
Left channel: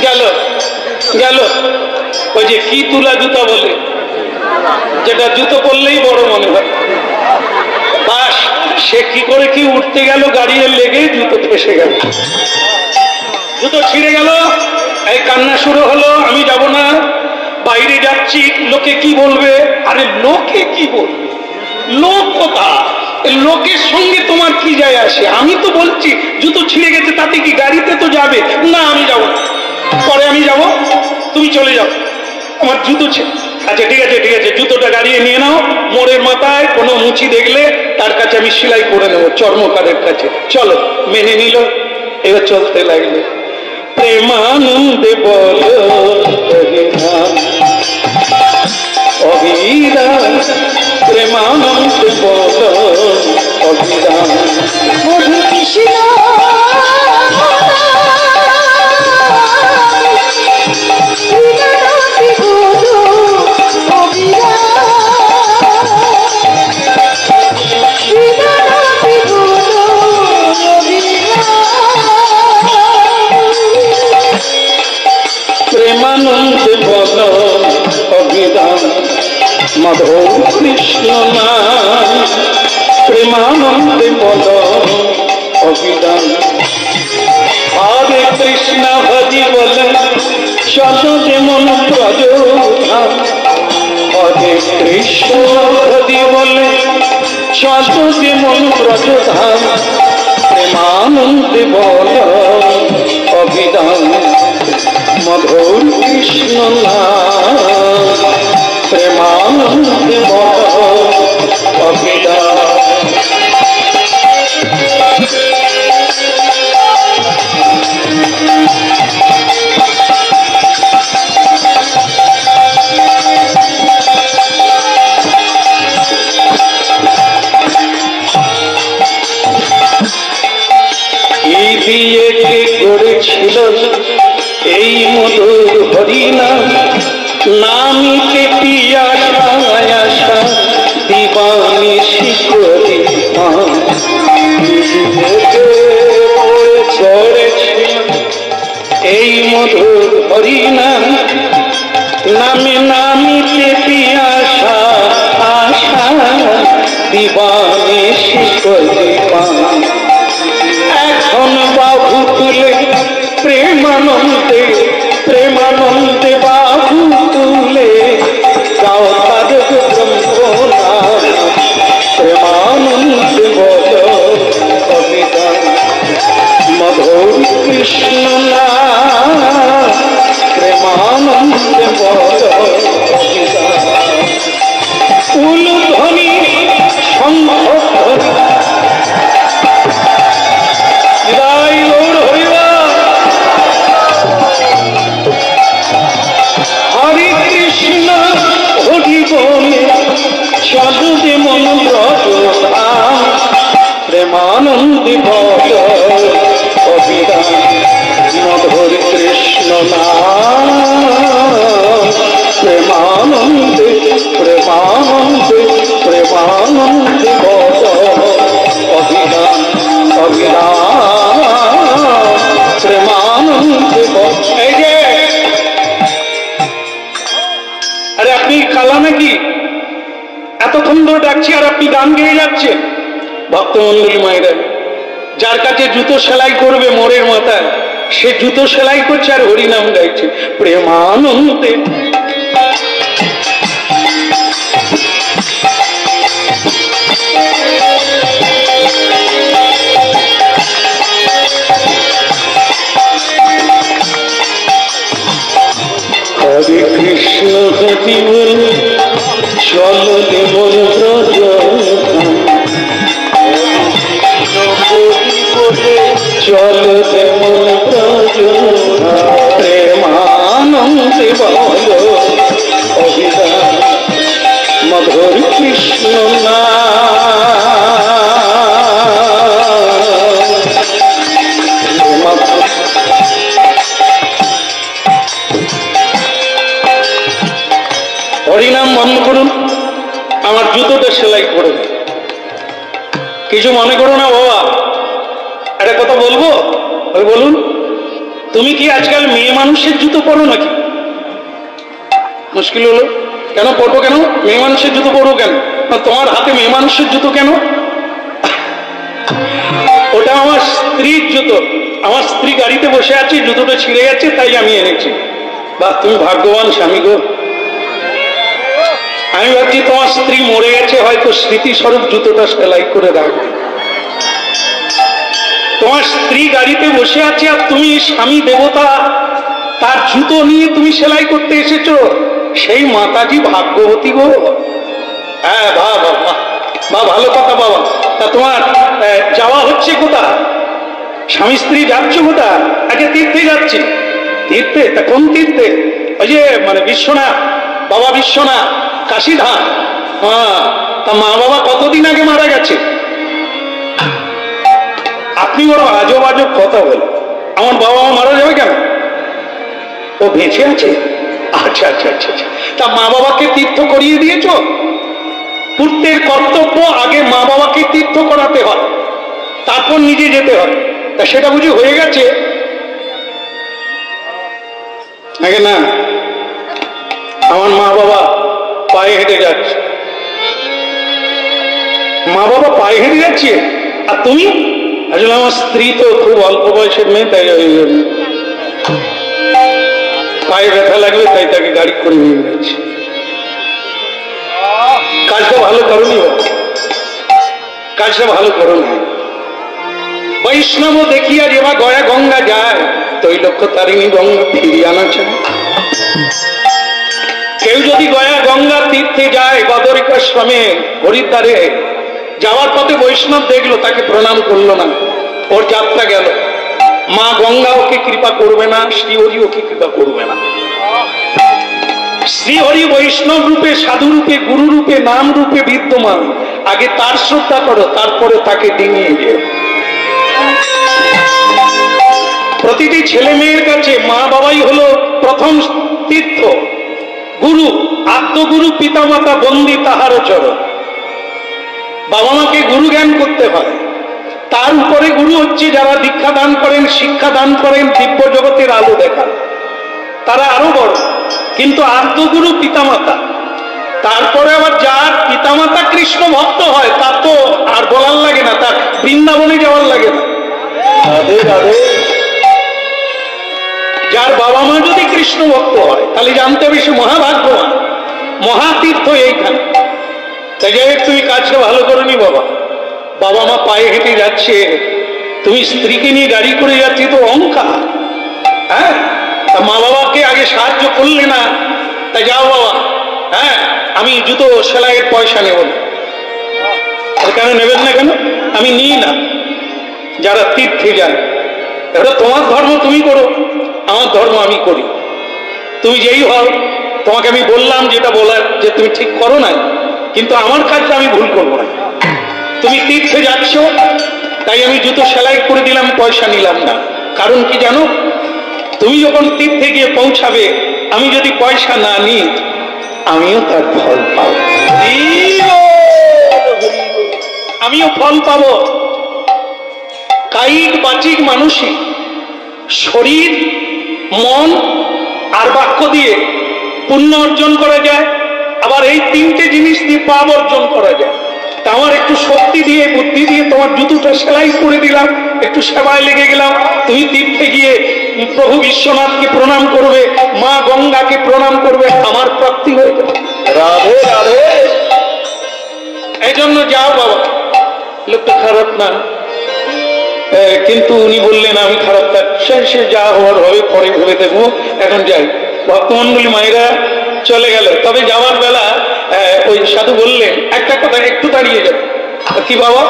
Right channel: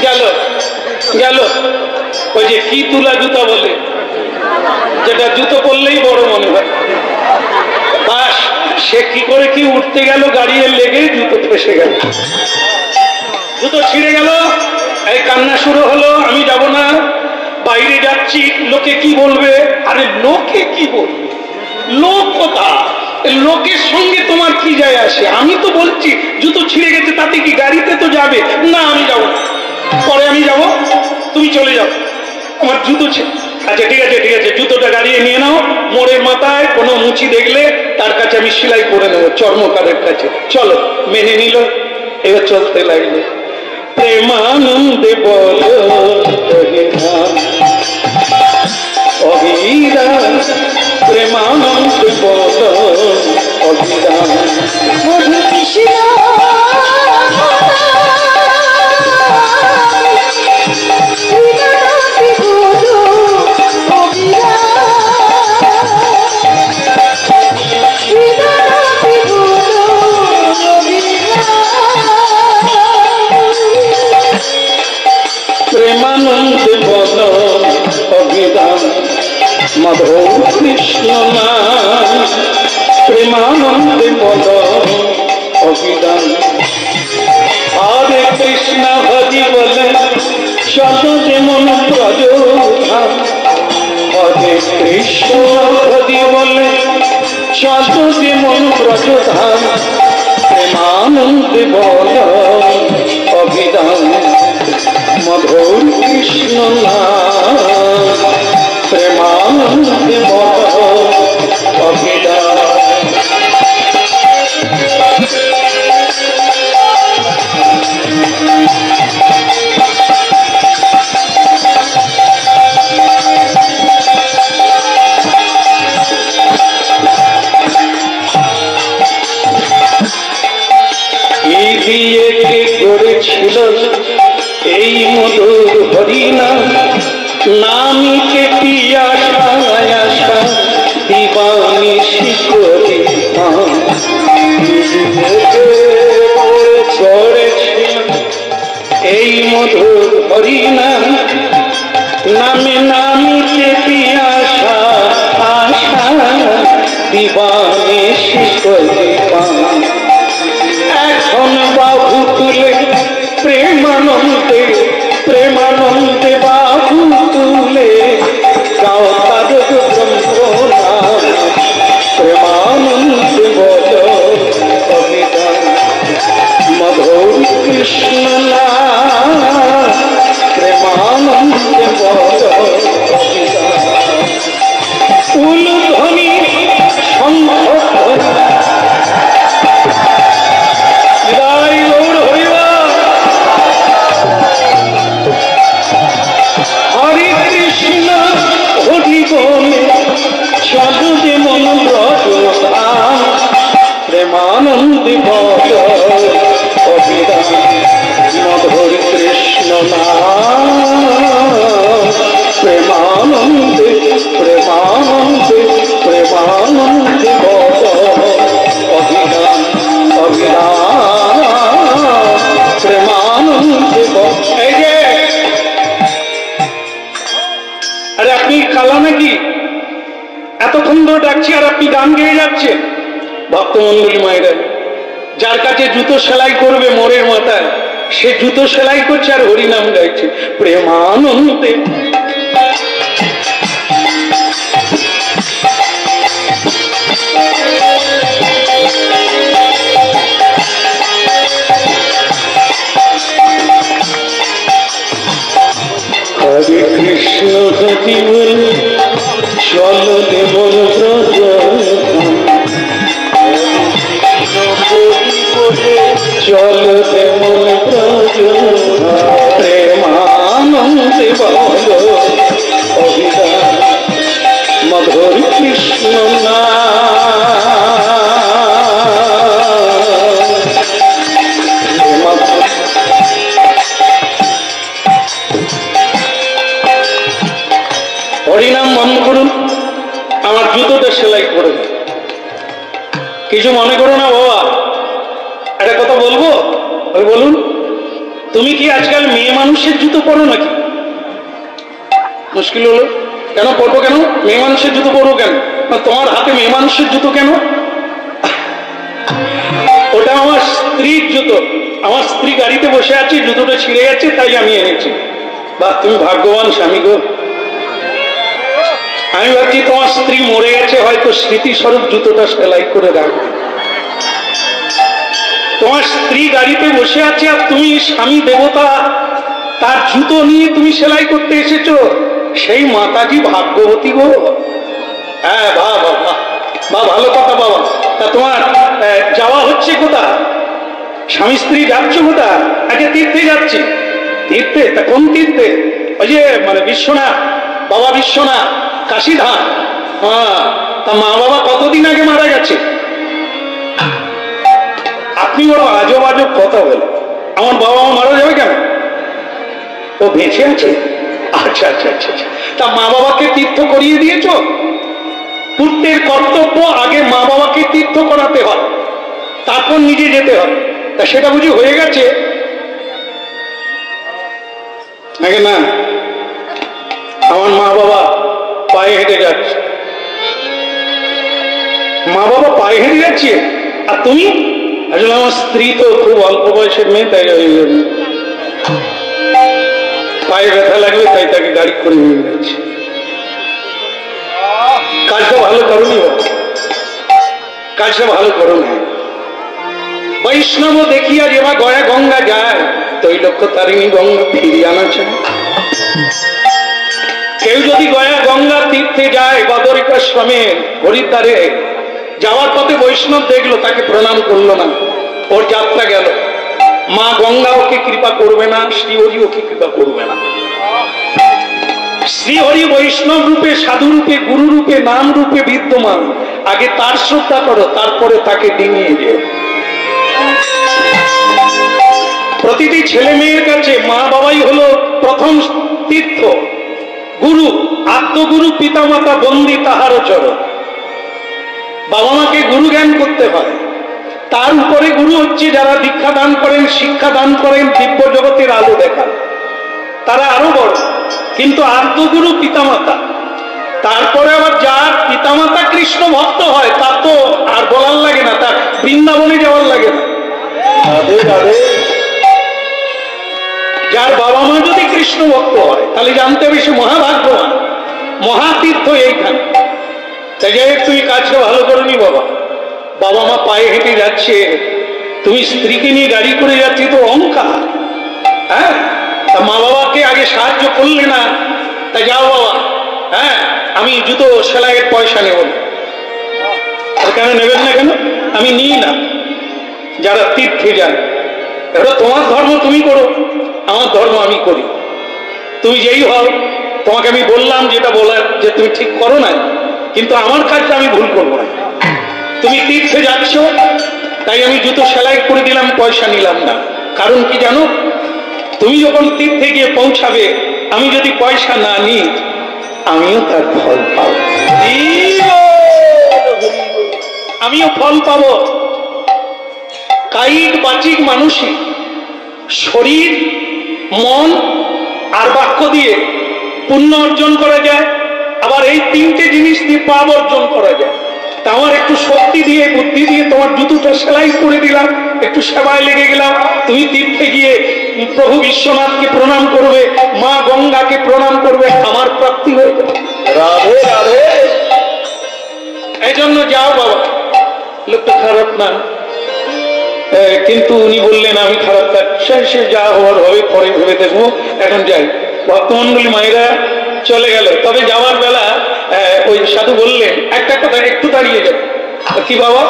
গেল গেল ওই যে কি তুলা জুতা বলে, যেটা জুতো পরলেই বড় মনে হয়, বাস সে কি করে কি উঠতে গেল, গাড়ির লেগে জুতো ফেসে গেল, জুতো ছিঁড়ে গেল। এই কান্না শুরু হলো, আমি যাব না, বাইরে যাচ্ছি, লোকে কি বলবে। আরে লোকে কি বলবে, লোক কথা, লোকের সঙ্গে তোমার কি যায় আসে? আমি তো বলছি জুতো ছিঁড়ে গেছে, তাতে কি, গাড়িতে তো যাবে না, আমি যাব না, পরে আমি যাব, তুমি চলে যাও, আমার জুতো আচ্ছা ঠিক আছে ঠিক আছে, জুতোটা গাড়িয়ে নিয়ে নাও, মোড়ের মাথায় কোনো মুচি দেখলে তার কাছে আমি সেলাই করে নেবো, চর্মকারের কাছে, চলো। মেনে নিল, এবার চলতে লাগলো। প্রেমানন্দে বলো অভিরাম, প্রেমানন্দে বলো অভিরাম। মধু কৃষ্ণ প্রেমানন্দে বল অভিরাম, মাধব কৃষ্ণ নাম, প্রেমানন্দে বল অভিরাম। হরে কৃষ্ণ হরি বলে চলো যেমন ব্রজধাম, হরে কৃষ্ণ হরি বলে চলো যেমন ব্রজধাম, প্রেমানন্দে বল অভিরাম, মধুর কৃষ্ণ নাম, প্রেমানন্দে বল অভিরাম। কি দিয়ে কে করেছিল এই মধুর হরিনাম, নামকে পিয়াসা আশা দিবানি শিকরে করেছিল এই মধুর হরিনাম, নামে নামকে পিয়াসা আশা দিবানি শিকরে এখন বাহু তুলে প্রেমানন্দে, প্রেমানন্দে বাহু তুলে গাও তারক ব্রহ্মনাম, প্রেমানন্দে বল অভিরাম, মধুর কৃষ্ণ নাম, প্রেমানন্দে বল অভিরাম। উলুধ্বনি শঙ্খধ্বনি হরে কৃষ্ণ হরি বলে চলো যেমন ব্রজধাম, প্রেমানন্দে বল অভিরাম, মধুর কৃষ্ণ নাম, প্রেমানন্দে প্রেমানন্দে প্রেমানন্দে বল অভিরাম, অভিরাম, প্রেমানন্দে বল। এই যে আরে আপনি কালা নাকি, এতক্ষণ ধরে ডাকছি আর আপনি গান গেয়ে যাচ্ছেন? ভক্তমন্ডলী মায়েরা, যার কাছে জুতো সেলাই করবে মোড়ের মাথায়, সে জুতো সেলাই করছে আর হরিনাম গাইছে, প্রেমানন্দে। হরে কৃষ্ণ হরি বল চলো যেমন ব্রজধাম, চলো যেমন ব্রজধাম, প্রেমানন্দে বল অভিরাম, মধুর কৃষ্ণ নাম। হরিনাম বন্ধ করুন, আমার জুতোটা সেলাই করুন। কিছু মনে করো না বাবা, একটা কথা বলবো? বলুন। তুমি কি আজকাল মেয়ে মানুষের জুতো পরো নাকি? মুশকিল হলো, কেন পরবো? কেন মেয়ে মানুষের জুতো পরবো কেন? তোমার হাতে মেয়ে মানুষের জুতো কেন? ওটা আমার স্ত্রীর জুতো। আমার স্ত্রী গাড়িতে বসে আছে, জুতোটা ছিঁড়ে গেছে, তাই আমি এনেছি। বাহ, তুমি ভাগ্যবান স্বামী গো। আমি ভাবছি তোমার স্ত্রী মরে গেছে, হয়তো স্মৃতিস্বরূপ জুতোটা সেলাই করে রাখবে। তোমার স্ত্রী গাড়িতে বসে আছে আর তুমি স্বামী দেবতা, তার জুতো নিয়ে তুমি সেলাই করতে এসেছো। সেই মাতাজি ভাগ্যবতী গো। হ্যাঁ, বাহ বাহ বাহ, ভালো কথা বাবা। তা তোমার যাওয়া হচ্ছে কোথা? স্বামী স্ত্রী যাচ্ছ কোথা? আগে তীর্থে যাচ্ছি। তীর্থে? তা কোন তীর্থে? ওই যে মানে বিশ্বনাথ, বাবা বিশ্বনাথ, কাশীধাম। হ্যাঁ, তা মা বাবা কতদিন আগে মারা গেছে? আপনি বড় আজব আজব কথা বলেন। আমার বাবা মা মারা যাবে কেন? ও বেঁচে আছে? আচ্ছা আচ্ছা আচ্ছা আচ্ছা। তা মা বাবাকে তীর্থ করিয়ে দিয়েছ? পুত্রের কর্তব্য আগে মা বাবাকে তীর্থ করাতে হয়, তারপর নিজে যেতে হয়। তা সেটা বুঝি হয়ে গেছে? আগে না, আমার মা বাবা পায়ে হেঁটে যাচ্ছে। মা বাবা পায়ে হেঁটে যাচ্ছে, আর তুমি? আসলে আমার স্ত্রী তো খুব অল্প বয়সের মেয়ে, তাই পায়ে ব্যথা লাগবে, তাই তাকে গাড়ি করে নিয়ে যাচ্ছে। কাজটা ভালো করনি, কাজটা ভালো করো না। বৈষ্ণব দেখিয়া যেবা গয়া গঙ্গা যায়, তৈলক্ষ তারিণী গঙ্গা ফিরিয়ে আনা চায়। কেউ যদি গয়া গঙ্গা তীর্থে যায়, বদরিকাশ্রমে হরিদ্বারে যাওয়ার পথে বৈষ্ণব দেখলো, তাকে প্রণাম করলো না, ওর যাত্রা গেল। মা গঙ্গা ওকে কৃপা করবে না, শ্রীহরি ওকে কৃপা করবে না। শ্রীহরি বৈষ্ণব রূপে, সাধু রূপে, গুরু রূপে, নাম রূপে বিদ্যমান। আগে তার শ্রদ্ধা করো, তারপরে তাকে ডিঙিয়ে যেও। প্রতিটি ছেলে মেয়ের কাছে মা বাবাই হলো প্রথম তীর্থ। গুরু, আত্মগুরু পিতামাতা বন্দী তাহার চরণ। বাবা মাকে গুরু জ্ঞান করতে হয়। তার উপরে গুরু হচ্ছে যারা দীক্ষা দান করেন, শিক্ষা দান করেন, দিব্য জগতের আলো দেখান, তারা আরো বড়। কিন্তু আত্মগুরু পিতামাতা। তারপরে আবার যার পিতামাতা কৃষ্ণ ভক্ত হয়, তার তো আর বলার লাগে না, তার বৃন্দাবনে যাওয়ার লাগে না। রাধে রাধে। যার বাবা মা যদি কৃষ্ণ ভক্ত হয়, তাহলে জানতে হবে সে মহাভাগ্যবান, মহাতীর্থ এইখানে। তাই যাই হোক, তুমি কাজটা ভালো করনি বাবা। বাবা মা পায়ে হেঁটে যাচ্ছে, তুমি স্ত্রীকে নিয়ে গাড়ি করে যাচ্ছি, তো অহংকার। হ্যাঁ, তা মা বাবাকে আগে সাহায্য করলে না। তাই যাও বাবা, হ্যাঁ আমি জুতো সেলাইয়ের পয়সা নেব না। কেন নেবেন না? কেন আমি নিই না। যারা তীর্থে যান, এটা তোমার ধর্ম তুমি করো, আমার ধর্ম আমি করি। তুমি যেই হও, তোমাকে আমি বললাম যেটা বলার, যে তুমি ঠিক করো না, কিন্তু আমার কাজটা আমি ভুল করবো না। তুমি তীর্থে যাচ্ছ, তাই আমি জুতো সেলাই করে দিলাম, পয়সা নিলাম না। কারণ কি জানো? তুমি যখন তীর্থে গিয়ে পৌঁছাবে, আমি যদি পয়সা না নিই, আমিও তার ফল পাবো। আমিও ফল পাবো। কায়িক বাচিক মানসিক, শরীর, মন আর বাক্য দিয়ে পুণ্য অর্জন করা যায়। আবার এই তিনটে জিনিস দিয়ে পাপ অর্জন করা যায়। তা আমার একটু শক্তি দিয়ে, বুদ্ধি দিয়ে তোমার জুতোটা সেলাই করে দিলাম, একটু সেবায় লেগে গেলাম। তুমি তীর্থে গিয়ে প্রভু বিশ্বনাথকে প্রণাম করবে, মা গঙ্গাকে প্রণাম করবে, আমার প্রাপ্তি হয়ে যাবে। রাধে রাধে। এই জন্য যাও বাবা। লোকটা খারাপ না, কিন্তু উনি বললেন আমি খারাপ। সে যা হওয়ার হবে, পরে ভেবে দেখবো, এখন যাই। ভক্তমন্ডলী মায়েরা চলে গেল। তবে যাওয়ার বেলা ওই সাধু বললেন একটা কথা, একটু দাঁড়িয়ে যাবে। কি বাবা?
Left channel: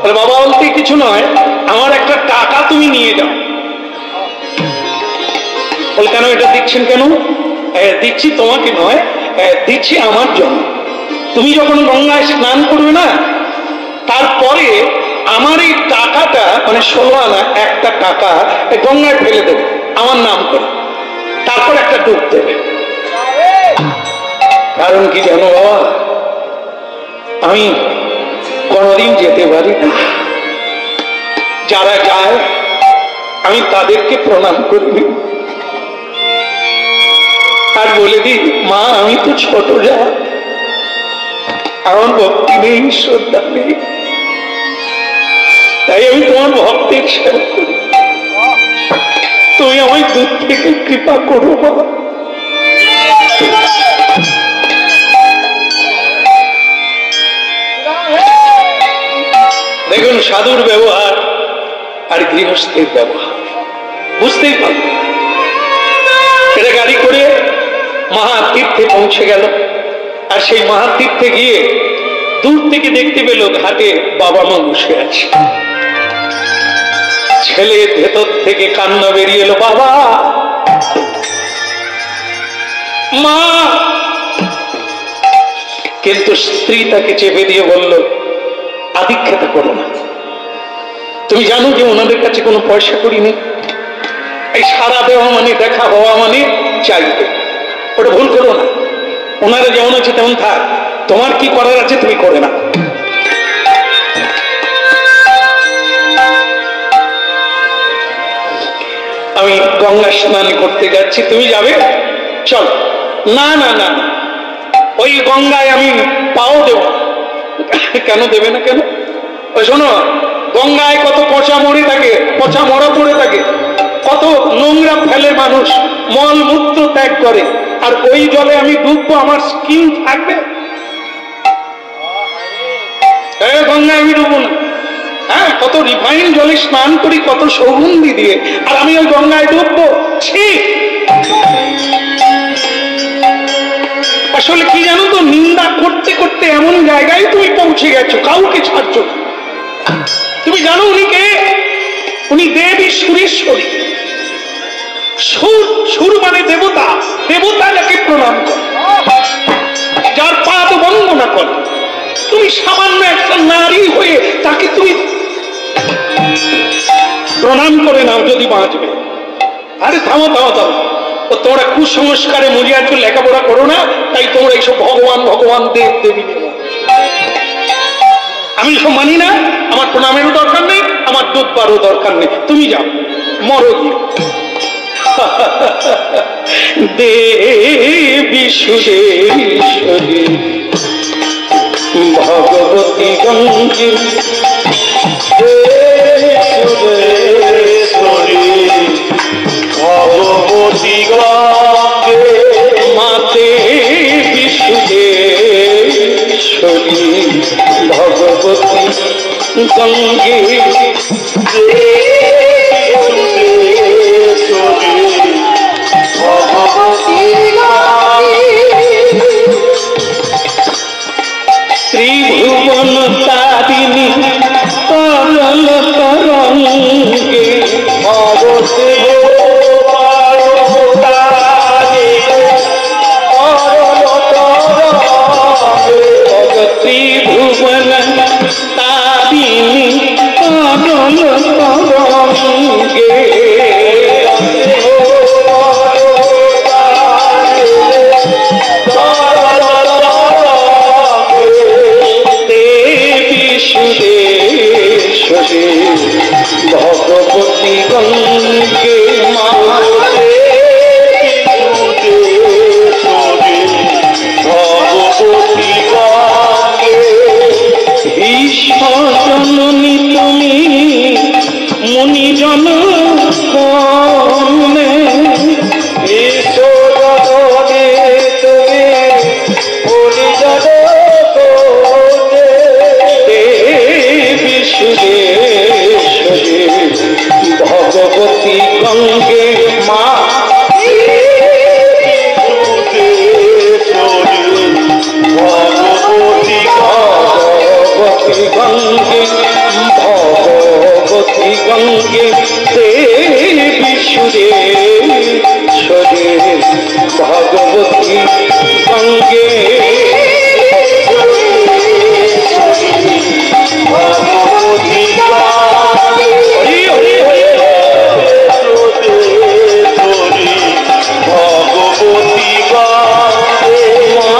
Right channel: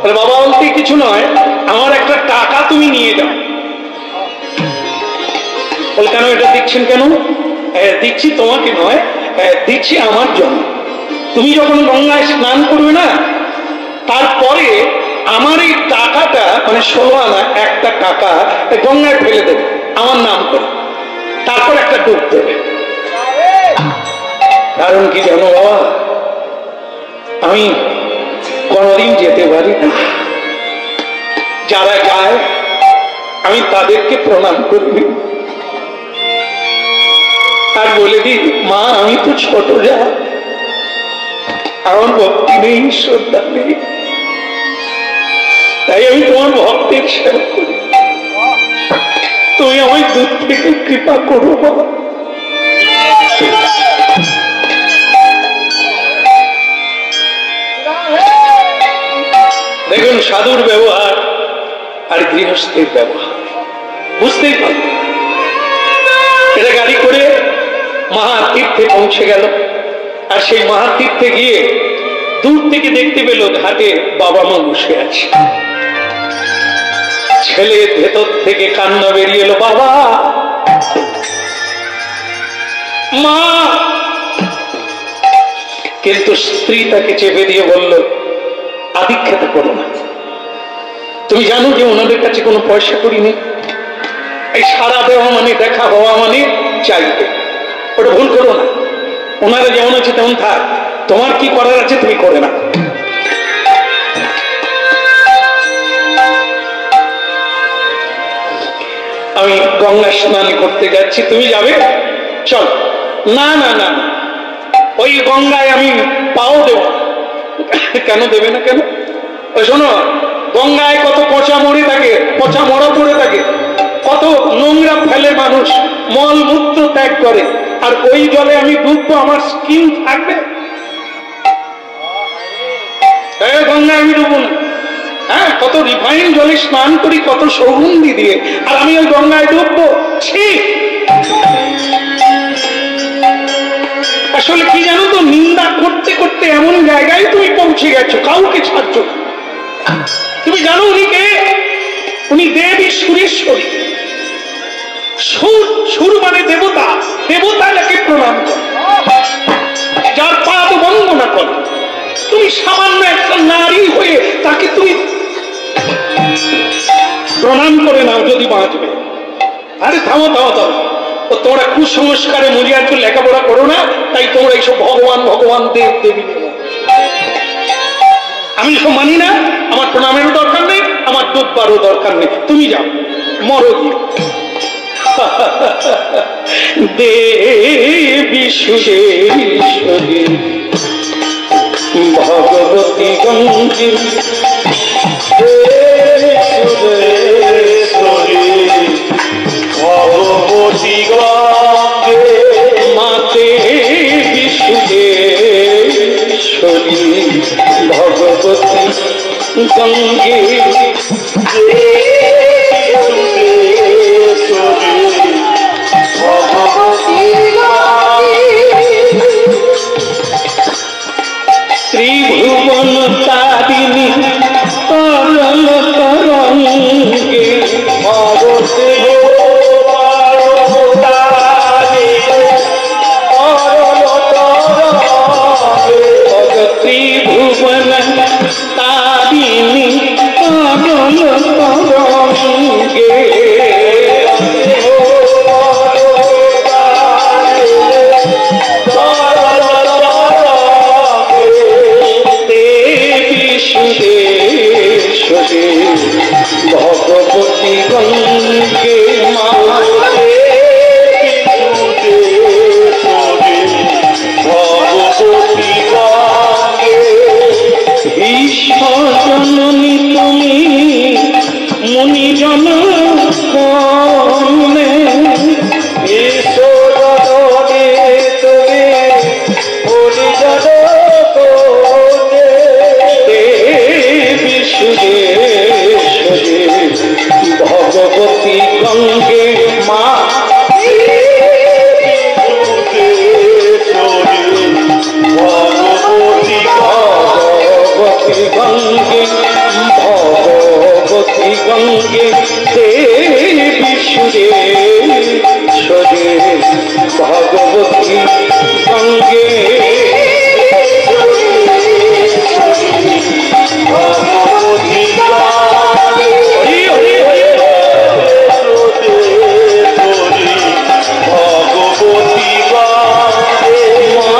বলে বাবা বলতে কিছু নয়, আমার একটা টাকা তুমি নিয়ে যাও। বলে কেন এটা দিচ্ছেন কেন? দিচ্ছি তোমাকে নয়, দিচ্ছি আমার জন্য। তুমি যখন গঙ্গায় স্নান করবে না, তারপরে আমার এই টাকাটা, মানে 16 আনা একটা টাকা গঙ্গায় ফেলে দেবে আমার নাম করে, তারপর একটা ডুব দেবে। কারণ কি জানো বাবা, আমি কোনদিন যেতে পারি না। যারা যায় আমি তাদেরকে প্রণাম করি আর বলে দিই, মা আমি তো ছোট যা, আমার ভক্তি নেই, শ্রদ্ধা নেই, তাই আমি তোমার ভক্তের সেবা করি, তুমি আমায় দূর থেকে কৃপা করো বাবা। দেখুন সাধুর ব্যবহার আর গৃহস্থের ব্যবহার বুঝতেই পারব। এটা গাড়ি করে মহাতীর্থে পৌঁছে গেল, আর সেই মহাতীর্থে গিয়ে দূর থেকে দেখতে পেল ঘাটে বাবা মা বসে আছে। ছেলে ভেতর থেকে কান্না বেরিয়ে এলো, বাবা মা। কিন্তু স্ত্রী তাকে চেপে দিয়ে বলল, আদিক্ষেতা করো না, তুমি জানো যে ওনাদের কাছে কোনো পয়সা করি নেই, এই সারা দেওয়া মানে দেখা হওয়া মানে চাইবে, ওটা ভুল করো না, ওনারা যেমন আছে তেমন থাক, তোমার কি করার আছে তুমি করে না। আমি গঙ্গা স্নান করতে যাচ্ছি, তুমি যাবে? চল। না না না, ওই গঙ্গায় আমি পাও দেব। কেন দেবে না? কেন? ওই শোনো, গঙ্গায় কত পচা মরে থাকে, পচা মরা পড়ে থাকে, কত নোংরা ফেলে মানুষ, মল মূত্র ত্যাগ করে, আর ওই জলে আমি ডুববো, আমার স্কিন থাকবে? গঙ্গায় আমি ডুববো না। হ্যাঁ, কত রিফাইন জলে স্নান করি, কত সৌগন্ধি দিয়ে, আর আমি ওই গঙ্গায় ডুববো? ছি! আসলে কি জানো তো, নিন্দা করতে করতে এমন জায়গায় তুমি পৌঁছে গেছো, কাউকে ছাড়ছো না। তুমি জানো উনি কে? উনি দেবী সুরেশ্বরী। সুর, সুর মানে দেবতা, দেবতা যাকে প্রণাম করে, যার পাদ বন্দনা করে। তুমি সামান্য একটা নারী হয়ে তাকে তুমি প্রণাম করে নাও, যদি বাঁচবে। আরে থামো থামো থামো, ও তোমরা কুসংস্কারে মরিয়াছো, লেখাপড়া করো না, তাই তোমরা এইসব ভগবান ভগবান দেব দেবী নেব। আমি সব মানি না, আমার প্রণামেরও দরকার নেই, আমার ডুববারও দরকার নেই, তুমি যাও, মরো গিয়ে। দেবী সুরেশ্বরী ভগবতী গঙ্গে, ভগবতী গঙ্গে, মাতে বিশুদেশ্বরী ভগবতী গঙ্গে, ত্রিভুবন তারিণী তরল তরঙ্গে, ত্রিভুবন তারিণী তরল তরঙ্গে, ভগবতী গঙ্গে, ভগবতী গঙ্গে, ঈশ্বরজননী তুমি মুনিজন কর্ণে, ঈশ্বরজননী তুমি মুনিজন কর্ণে, দেবী সুরেশ্বরী ভগবতী গঙ্গে, মা ভগবতী গঙ্গে, ভগবতী গঙ্গে, দেবী সুরেশ্বরী ভগবতী গঙ্গে, ভগবতী গঙ্গে, হরি হরি হরি ভগবতী গঙ্গে, মা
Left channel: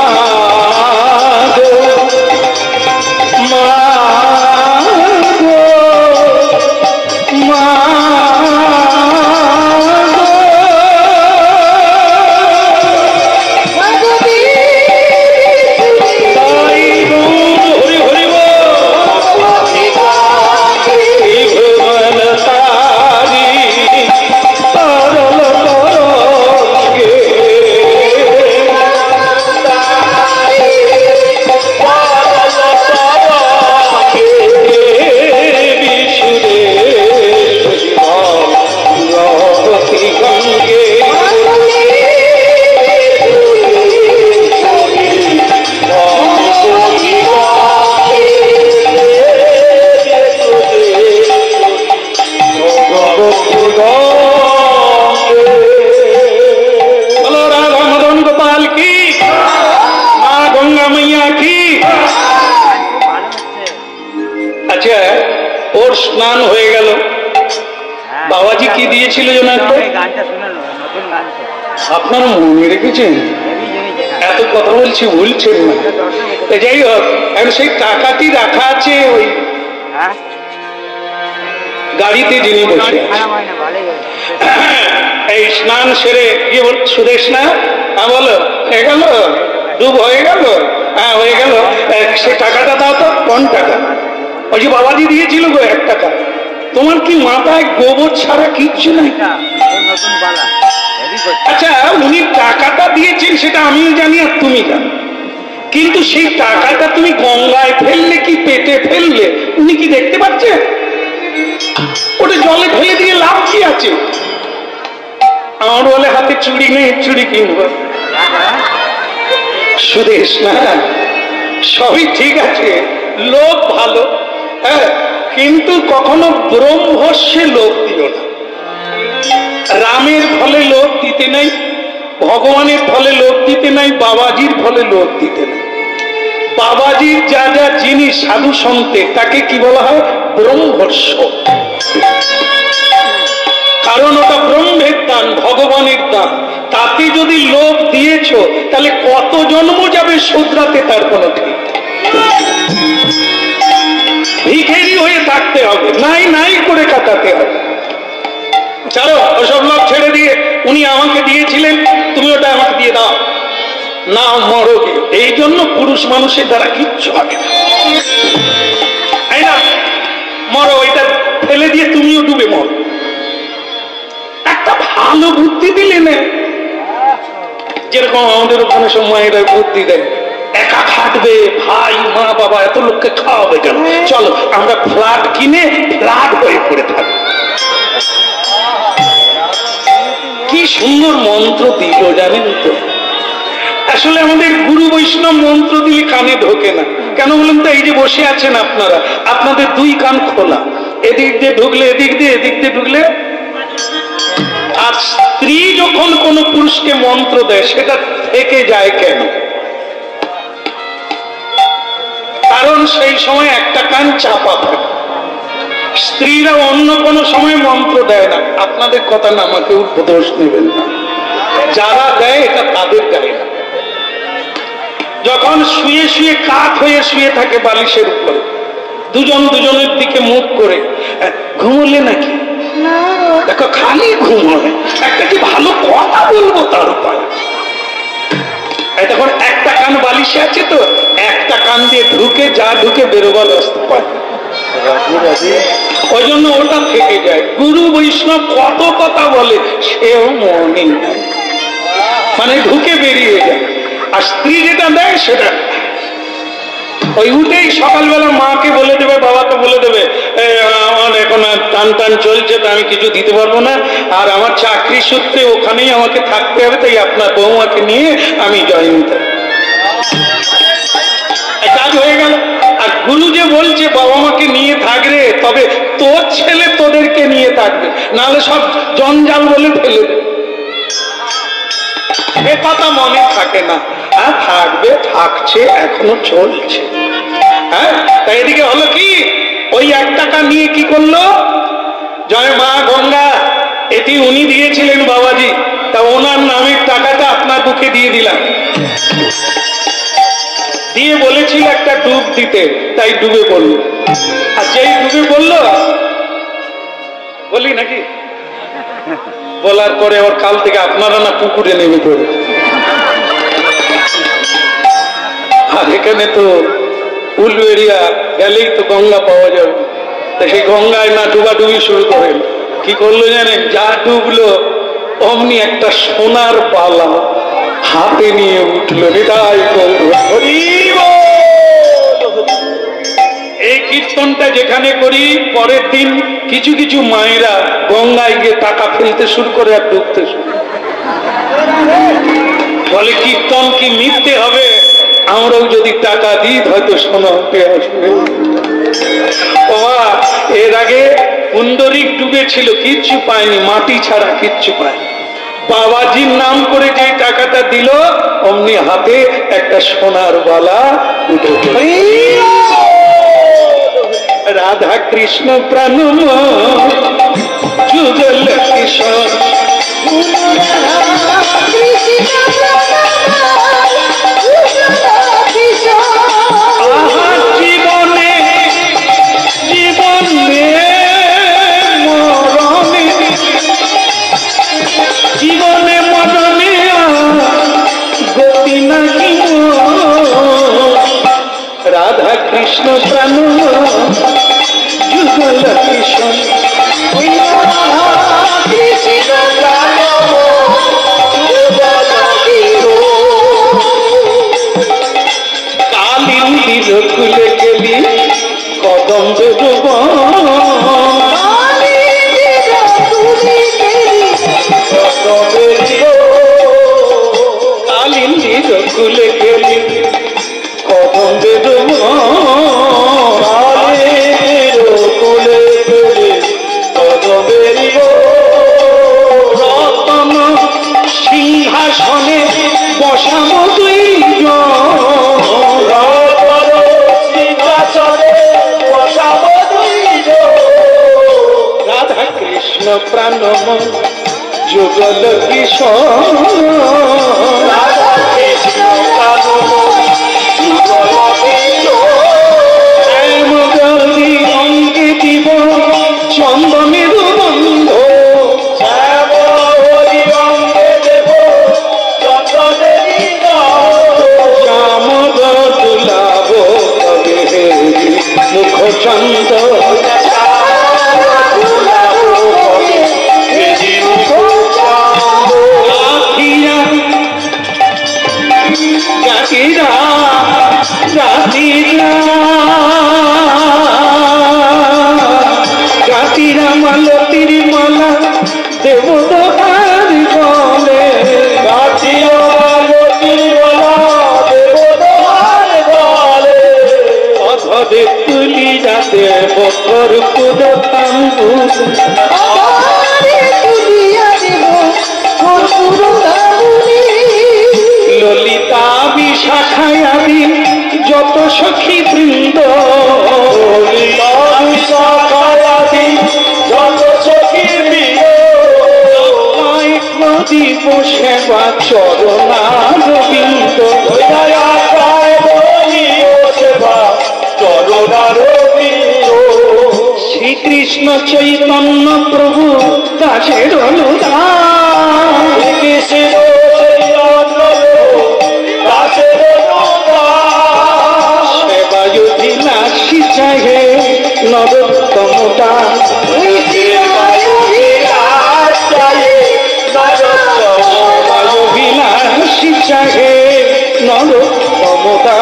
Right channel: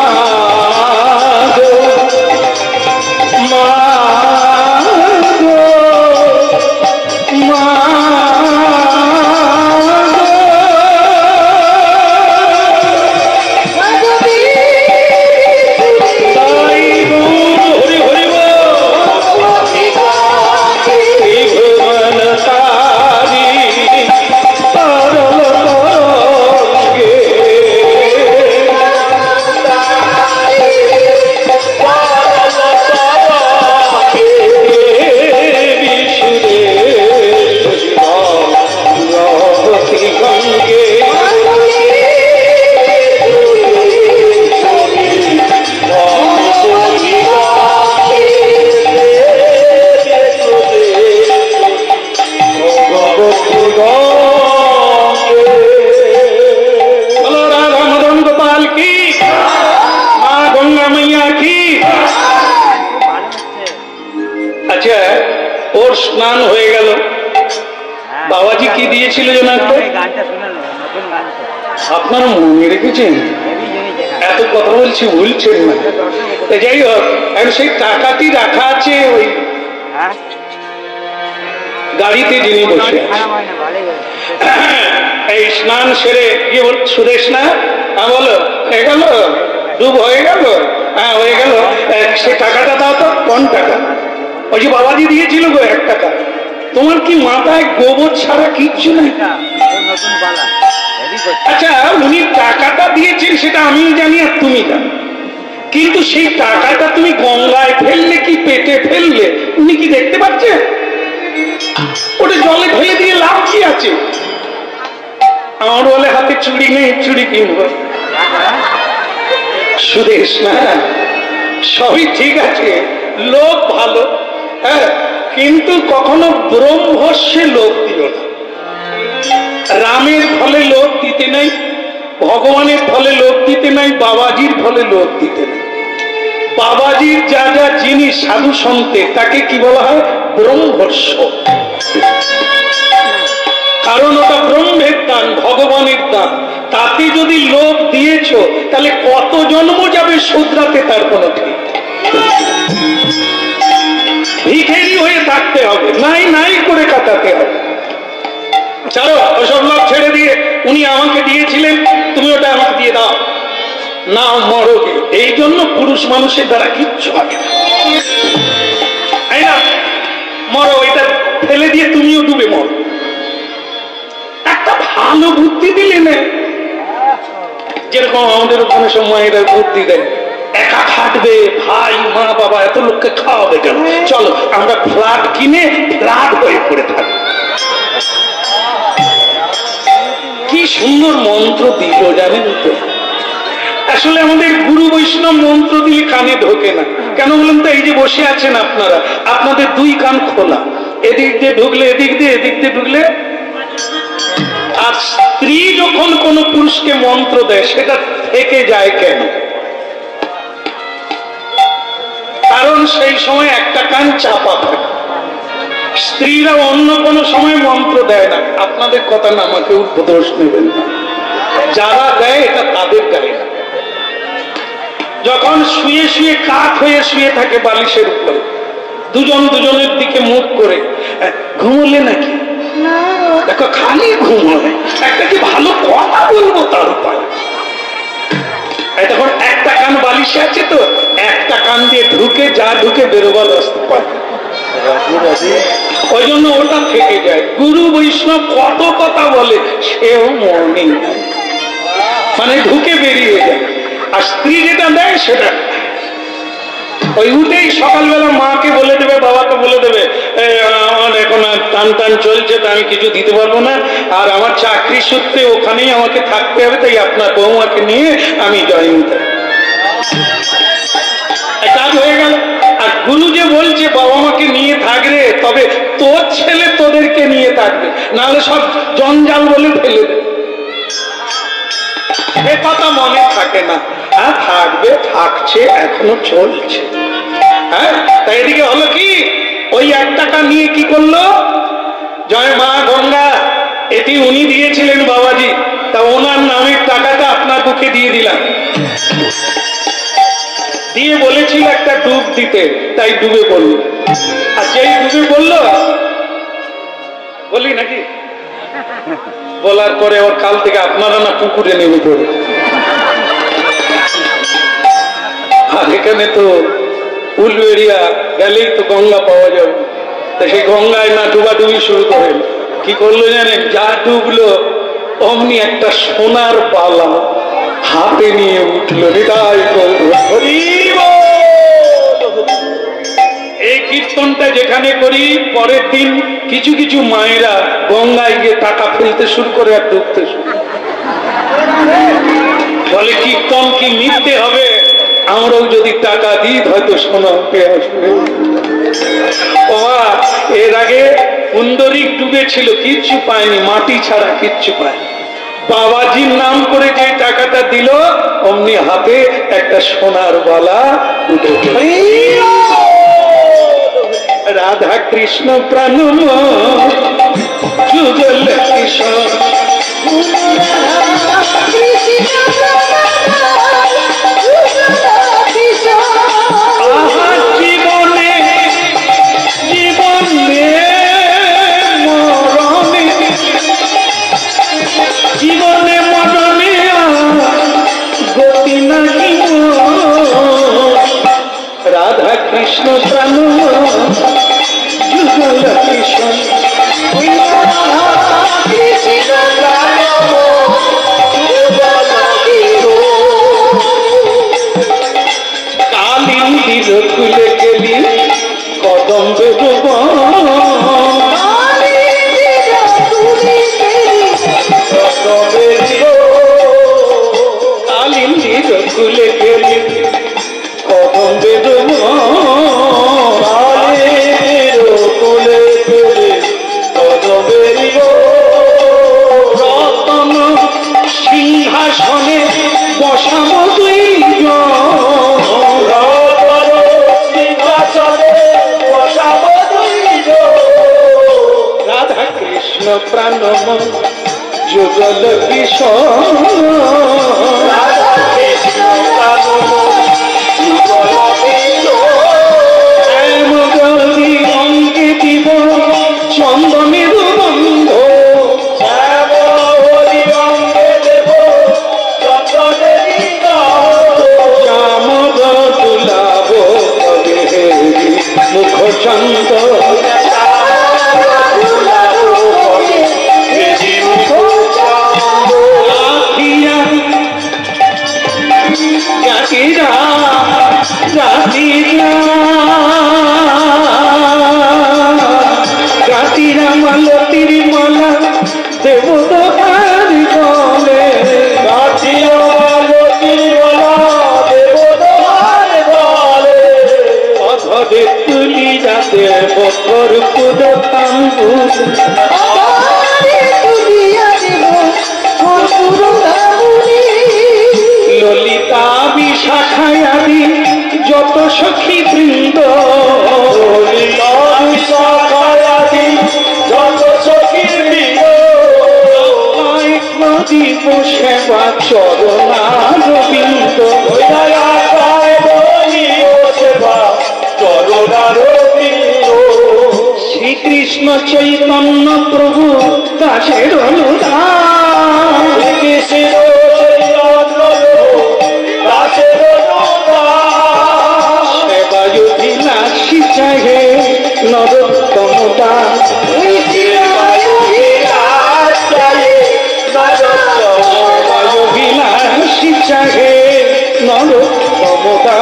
স্নান হয়ে গেল। বাবাজি কি দিয়েছিল যেন একটা? আপনারা মনে রেখেছেন? এত কথা বলছি ভুলছেন না। যাই হোক, এখন সেই টাকাটি রাখা আছে ওই গাড়িতে, যিনি বসে এই স্নান সেরে গিয়ে বল, সুদেশ না বলো হয়ে গেল, ডুব হয়ে গেল, হ্যাঁ হয়ে গেল, সে টাকাটা দাও তো। কোন টাকা? ওই যে বাবাজি দিয়েছিল গো 1 টাকা। তোমার কি মাথায় গোবর ছাড়া কিচ্ছু নাই? আচ্ছা, উনি টাকাটা দিয়েছেন সেটা আমি জানি আর তুমি জানো, কিন্তু সেই টাকাটা তুমি গঙ্গায় ফেললে কি পেটে ফেললে উনি কি দেখতে পাচ্ছেন? ওটা জলে ফেলে দিয়ে লাভ কি আছে? আমার বলে হাতে চুড়ি নেই, চুড়ি কিনবো। সুদেশ না, সবই ঠিক আছে, লোভ ভালো, হ্যাঁ, কিন্তু কখনো ব্রহ্মস্যে লোভ দিও না। রামের ফলে লোভ দিতে নাই, ভগবানের ফলে লোভ দিতে নাই, বাবাজির ফলে লোভ দিতে নাই। বাবাজির যা যা জিনিস সাধু সন্তে তাকে কি বলা হয়? ব্রহ্মস্য। কারণ ওটা ব্রহ্মের দান, ভগবানের দান। তাতে যদি লোভ দিয়েছ তাহলে কত জন্ম যাবে শুধরাতে তার কোনো ঠিক। ভিখারি হয়ে থাকতে হবে, নাই নাই করে কাটাতে হবে। চলো ওসব লোক ছেড়ে দিয়ে উনি আমাকে দিয়েছিলেন, তুমি ওটা আমাকে দিয়ে দাও না, মরোগে। এই জন্য পুরুষ মানুষের দ্বারা কিচ্ছু হবে না, তাই না? মরো, এটা ফেলে দিয়ে তুমিও ডুবে মরো। একটা ভালো বুদ্ধি দিলে না, যেরকম আমাদের ওখানে সব মায়েরা বুদ্ধি দেয়, একা খাটবে, ভাই মা বাবা এত লোককে খাওয়াবে কেন, চলো আমরা ফ্ল্যাট কিনে ফ্ল্যাট হয়ে পড়ে থাকবো। কি সুন্দর মন্ত্র দিল জানেন তো? আসলে আমাদের গুরু বৈষ্ণব মন্ত্র দিলে কানে ঢোকে না কেন বলুন তো? এই যে বসে আছেন আপনারা, আপনাদের 2 কান খোলা, এদিক দিয়ে ঢুকলে এদিক দিয়ে, এদিক দিয়ে ঢুকলে। আর স্ত্রী যখন কোন পুরুষকে মন্ত্র দেয় সেটা থেকে যায় কেন? কারণ সেই সময় একটা কান চাপা থাকে। স্ত্রীরা অন্য কোনো সময় মন্ত্র দেয় না। আপনাদের কথা না, আমাকে দোষ নেবেন না, যারা দেয় এটা তাদের গায়ে না। যখন শুয়ে শুয়ে কাত হয়ে শুয়ে থাকে বালিশের উপরে, দুজন দুজনের দিকে মুখ করে, ঘুমলে নাকি? দেখো খালি ঘুম হয়, একটা কি ভালো কথা বলবো তার উপায়। তখন একটা কান বালিশে আছে তো, একটা কান দিয়ে ঢুকে যা ঢুকে বেরোবার রাস্তা পায়, ওই জন্য ওটা থেকে যায়। গুরু বৈষ্ণব কত কথা বলে, সেও মনে মানে ঢুকে বেরিয়ে যায়। আর স্ত্রী যেটা দেয় সেটা ওই উঠেই সকালবেলা মাকে বলে দেবে, বাবাকে বলে দেবে, আমার এখন টান টান চলছে, তা আমি কিছু দিতে পারবো না, আর আমার চাকরি সূত্রে ওখানেই আমাকে থাকতে হবে, তাই আপনার বৌমাকে নিয়ে আমি জয়েন করি। কাজ হয়ে গেল। আর গুরু যে বলছে বাবা মাকে নিয়ে থাকবে, তবে তোর ছেলে তোদেরকে নিয়ে থাকবে, নাহলে সব জঞ্জাল বলে ফেলে দেবে। এ কথা মনে থাকে না। হ্যাঁ থাকবে, থাকছে, এখনো চলছে। হ্যাঁ, তাই এদিকে হলো কি, ওই 1 টাকা নিয়ে কি করলো? জয় মা গঙ্গা, এটি উনি দিয়েছিলেন বাবাজি, তা ওনার নামের টাকাটা আপনার বুকে দিয়ে দিলাম। দিয়ে বলেছিল একটা ডুব দিতে, তাই ডুবে পড়ল। আর যেই ডুবে পড়লো, বলি নাকি, বলার পরে ওর কাল থেকে আপনারা না পুকুরে নেমে পড়ে। আর এখানে তো উলবেড়িয়া গেলেই তো গঙ্গা পাওয়া যাবে, তা সেই গঙ্গায় না ডুবাডুবি শুরু করেন। কি করলো জানেন? যা ডুবলো অমনি একটা সোনার বালা হাতে নিয়ে উঠলো। এই কীর্তনটা যেখানে করি, পরের দিন কিছু কিছু মায়েরা গঙ্গায় গিয়ে টাকা ফেলতে শুরু করে আর ডুবতে শুরু বলে, কীর্তন কি মিথ্যে হবে? আমরাও যদি টাকা দিই হয়তো সোনা উঠে আসবে। এর আগে পুণ্ডরিক ডুবেছিল, কিচ্ছু পায়নি, মাটি ছাড়া কিচ্ছু পায়নি। বাবাজির নাম করে যে টাকাটা দিল, অমনি হাতে একটা সোনার বালা উঠে। রাধা কৃষ্ণ প্রাণময় যুগল কিশোর জীবনে জীবনে মরণে জীবনে মরণে গতি নাকি রাধা কৃষ্ণ প্রাণ যুগল কিশোর কালিন্দির খুলে গেলি কদম্বে ডুব কালিন্দির খুলে গেলি কদম্বে ডুব খুলে গেলি কদম্বে রতন সিংহাসনে বসাবো রাধা কৃষ্ণ প্রাণময় যুগল কিশোর রাধা কৃষ্ণ প্রাণময় যুগল কিশোর অঙ্গে দিব চন্দনের বন্ধ অঙ্গে দেব চন্দনের চামদ দুলাভ তবে মুখ চন্দ গাতিরা মালতির মালা দেব দোহার গলে গাতিরা মালতির মালা দেব দোহার গলে অধরে তুলি যাতে বকর পুজো থাম্বু ললিতা বিশাখায় আদি যত সখী বৃন্দ ললিতা বিশাখায় আদি যত সখী বৃন্দ দিব সেবা চরণার বৃন্দ সেবা চরণার বৃন্দ শ্রীকৃষ্ণ চৈতন্য প্রভু দাসের অনুদান কৃষ্ণ সেবায়ুবিলাসী চাহে নরোত্তমতা সেবায়ুবিলাসী চাহে নরোত্তমতা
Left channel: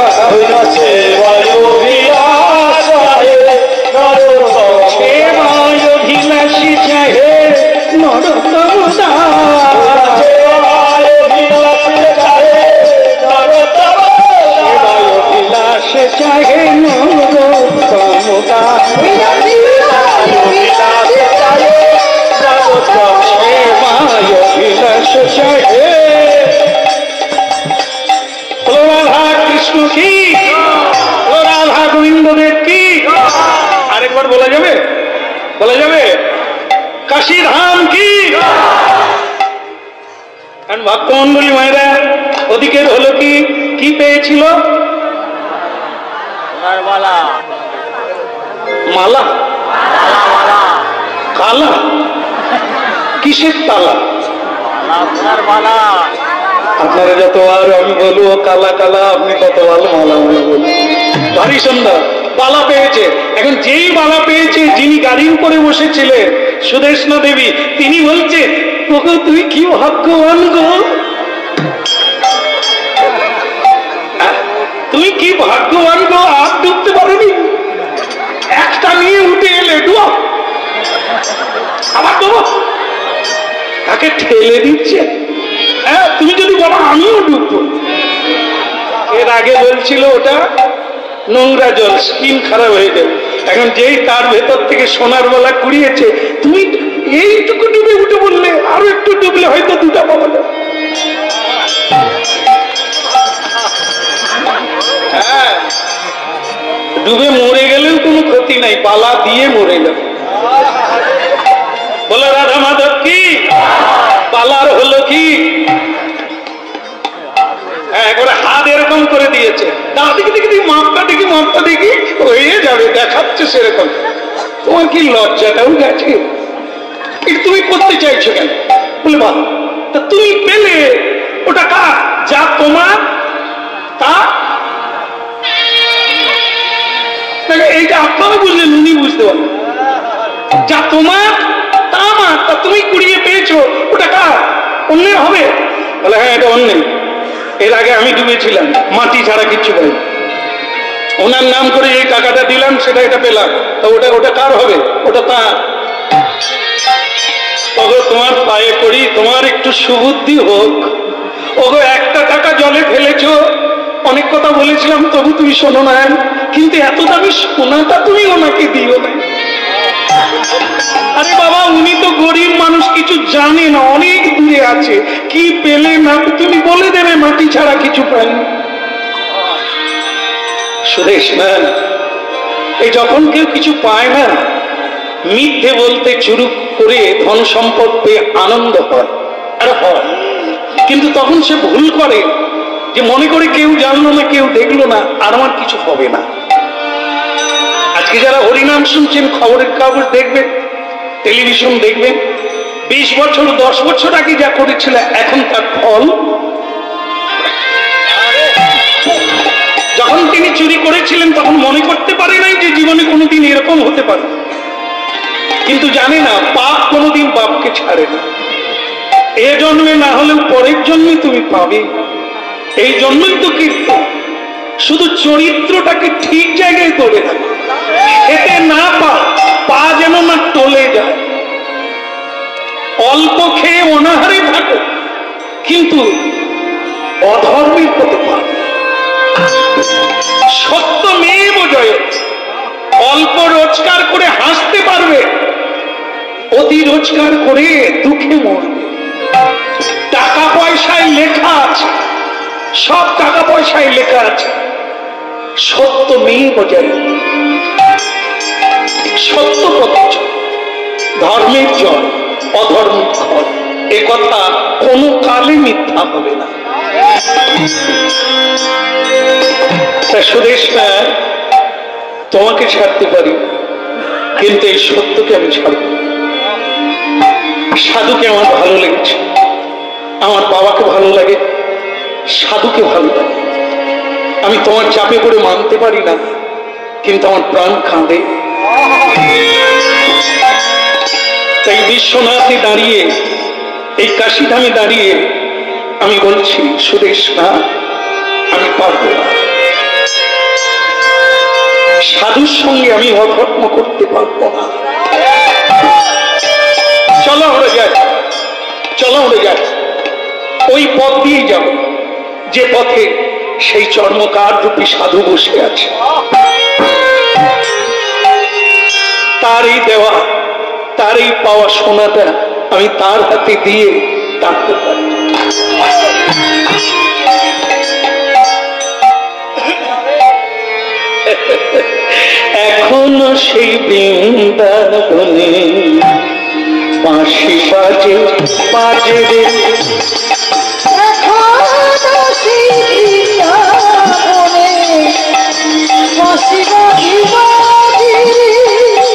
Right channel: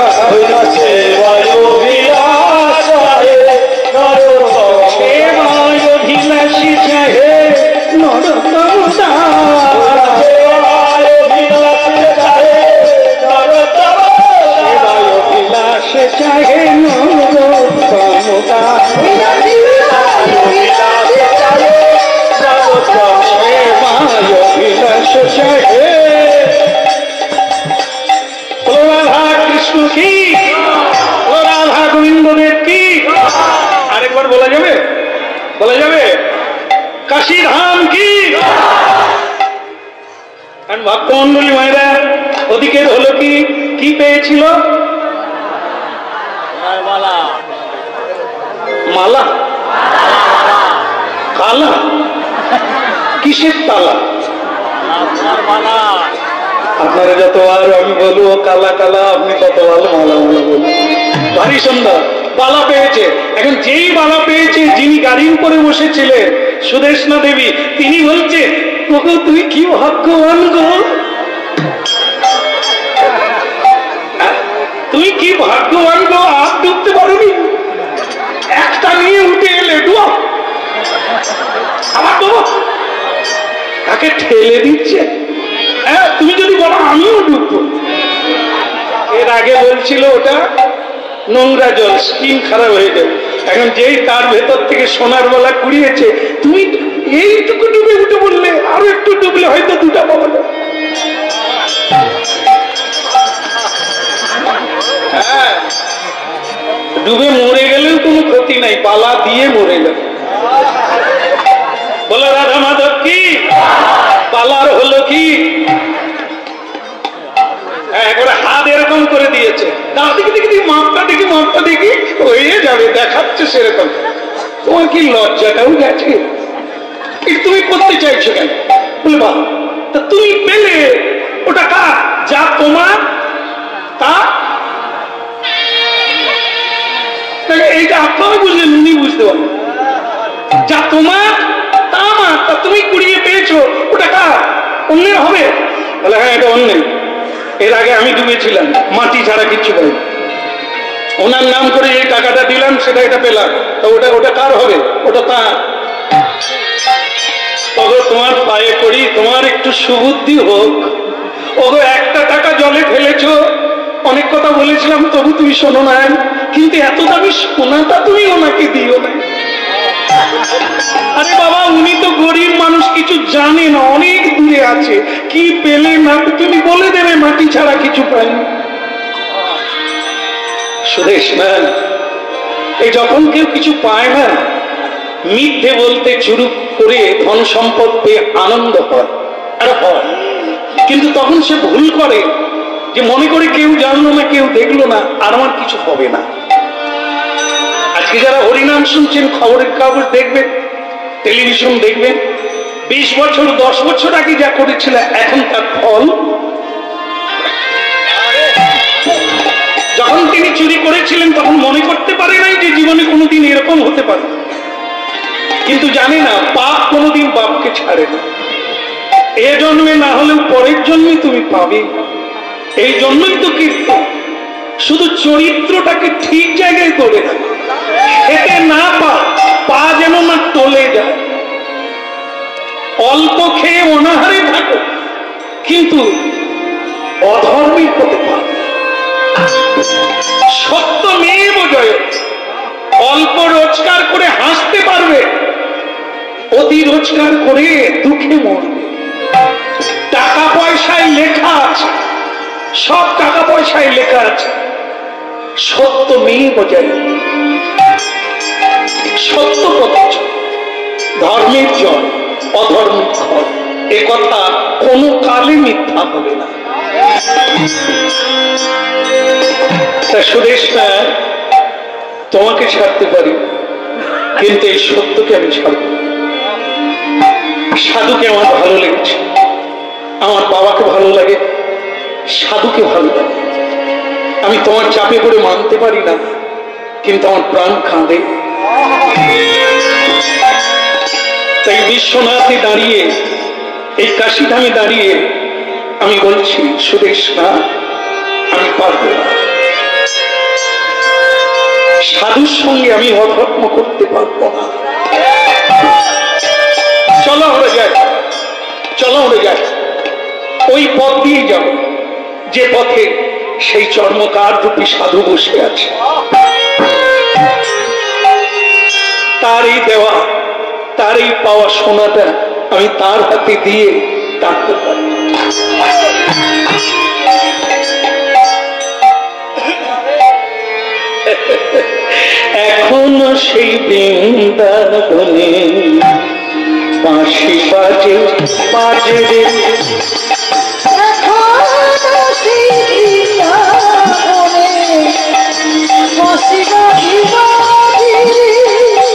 সেবায়ুবিলাসী চাহে নরোত্তমতা সে চাহে নরোত্তমতা সেবায়ুবিলাস চাহে রাধা কৃষ্ণ কি রাধা গোবিন্দদেব কি আরেকবার বলা যাবে কাশী ধাম কি ভক্তমন্ডলী মায়েরা ওদিকের হলো কি পেয়েছিল মালা কালা কিসের তালা আপনারা যতবার আমি বলবো কালা কালা আপনি ততবার মালা মনে বলুন ভারী সুন্দর বালা পেয়েছে। এখন যেই বালা পেয়েছে যিনি গাড়ির উপরে বসেছিলেন সুদেষ্ণা দেবী তিনি বলছে ওগো তুই কি ভাগ্যবান গো, তুই কি ভাগ্যবান গো, আর ডুবতে পারবি একটা নিয়ে উঠে এলে ডুব আবার ডুবো তাকে ঠেলে দিচ্ছে। হ্যাঁ তুমি যদি বলো আমিও ডুববো। এর আগে বলছিল ওটা নোংরা জল, স্কিন খারাপ হয়ে যাবে। এখন যেই তার ভেতর থেকে সোনার বলা কুড়িয়েছে তুমি এইটুকু ডুবে উঠে বললে আরো একটু ডুবলে হয়তো দুটা পাওয়া যাবে। হ্যাঁ ডুবে মরে গেলেও কোনো ক্ষতি নাই, বালা দিয়ে মরে যাবে। বলে রাধা মাধব কি বালার হলো কি? একবারে হাত এরকম করে দিয়েছে, দেখি দেখি মাপটা দেখি মাপটা দেখি, হয়ে যাবে, দেখাচ্ছে সেরকম। তোমার কি লজ্জাটাও গেছে? তুমি করতে চাইছো কেন? বলে বা তা তুমি পেলে ওটা কার? যা তোমার তা। এইটা আপনারা বুঝলেন, উনি বুঝতে পারলেন। যা তোমার তা আমার, তা তুমি কুড়িয়ে পেয়েছো, ওটা কার? অন্যের হবে? বলে হ্যাঁ এটা অন্যের। এর আগে আমি ডুবেছিলাম, মাটি ছাড়া কিচ্ছু পাই। ওনার নাম করে এই টাকাটা দিলাম, সেটা এটা পেলাম, তা ওটা ওটা কার হবে? ওটা তার। ওগো তোমার পায়ে পড়ি, তোমার একটু সুবুদ্ধি হোক। ওগো একটা টাকা জলে ফেলেছো, অনেক কথা বলেছিলাম তবু তুমি শোনো না, কিন্তু এত দামি সোনাটা তুমি ওনাকে দিও না। আরে বাবা, উনি তো গরিব মানুষ, কিছু জানে না, অনেক দূরে আছে, কি পেলে না তুমি বলে দেবে মাটি ছাড়া কিছু পাইনি। সুদেশ না, এই যখন কেউ কিছু পায় না, মিথ্যে বলতে শুরু করে ধন সম্পদ পেয়ে আনন্দ হয়, আর হয়, কিন্তু তখন সে ভুল করে যে মনে করে কেউ জানলো না, কেউ দেখলো না, আর আমার কিছু হবে না। আজকে যারা হরিনাম শুনছেন, খবরের কাগজ দেখবেন, টেলিভিশন দেখবেন, 20 বছর 10 বছর আগে যা করেছিল এখন তার ফল। যখন তিনি চুরি করেছিলেন তখন মনে করতে পারে নাই যে জীবনে কোনোদিন এরকম হতে পারে, কিন্তু জানে না পাপ কোনোদিন বাপকে ছাড়ে না। এ জন্মে না হলেও পরের জন্মে তুমি পাবে। এই জন্যই তো কীর্তন, শুধু চরিত্রটাকে ঠিক জায়গায় ধরে রাখো, এতে না পা যেন না টলে যায়। অল্প খেয়ে অনাহারে থাকো, কিন্তু অধর্মের পথে পাবে। সত্য মেয়েব জয়। অল্প রোজগার করে হাসতে পারবে, অতি রোজগার করে দুঃখে মরবে। টাকা পয়সায় লেখা আছে, সব টাকা পয়সায় লেখা আছে সত্য মেয়েব জয়। সত্য পথ, ধর্মের জয়, অধর্মের ক্ষয়। এ কথা কোনো কালে মিথ্যা হবে না। সুদেশ না, তোমাকে ছাড়তে পারি, কিন্তু এই সত্যকে আমি ছাড়ব। সাধুকে আমার ভালো লেগেছে, আমার বাবাকে ভালো লাগে, সাধুকে ভালো লাগে। আমি তোমার চাপে পড়ে মানতে পারি না, কিন্তু আমার প্রাণ কাঁদে। তাই বিশ্বনাথে দাঁড়িয়ে, এই কাশীধামে দাঁড়িয়ে আমি বলছি, সুদেশ না, আমি পারব না। সাধুর সঙ্গে আমি অধর্ম করতে পারব না। চলো আমরা যাই, চলো আমরা যাই, ওই পথ দিয়ে যাব যে পথে সেই চর্মকার রূপী সাধু বসে আছে। তারই দেওয়া, তারই পাওয়া সোনাটা আমি তার হাতে দিয়ে কাটতে পারি। এখনো সেই বৃন্দাবনে বাঁশি বাজে বাজে রে,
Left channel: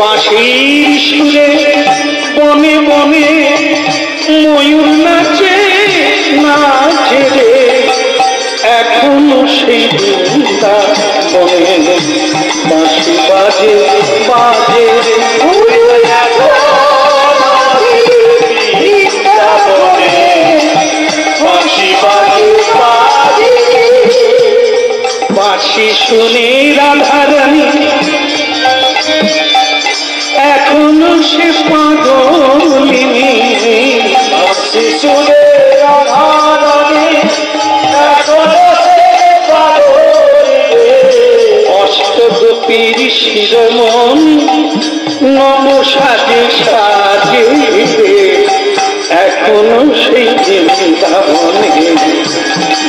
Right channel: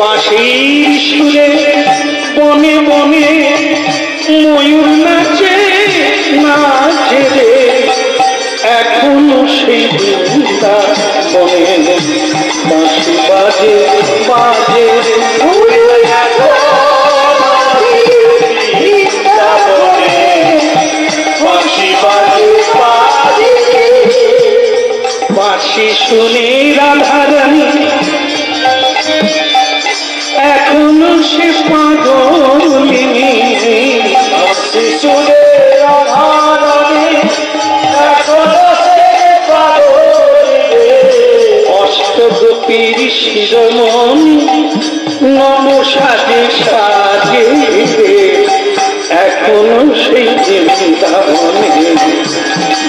বাঁশির সুরে বনে বনে ময়ূর নাচে নাচে রে। এখনো সেই বৃন্দাবনে বাঁশি বাজে বাজে রে। বাঁশি শুনে রাধারানী এখনো সে পাগলিনী। বাঁশি শুনে রাধারানী এখনো সে পাগলিনী। অষ্টগোপীর শিরোমণি নম সাজে সাজে এখনো সেই বৃন্দাবনে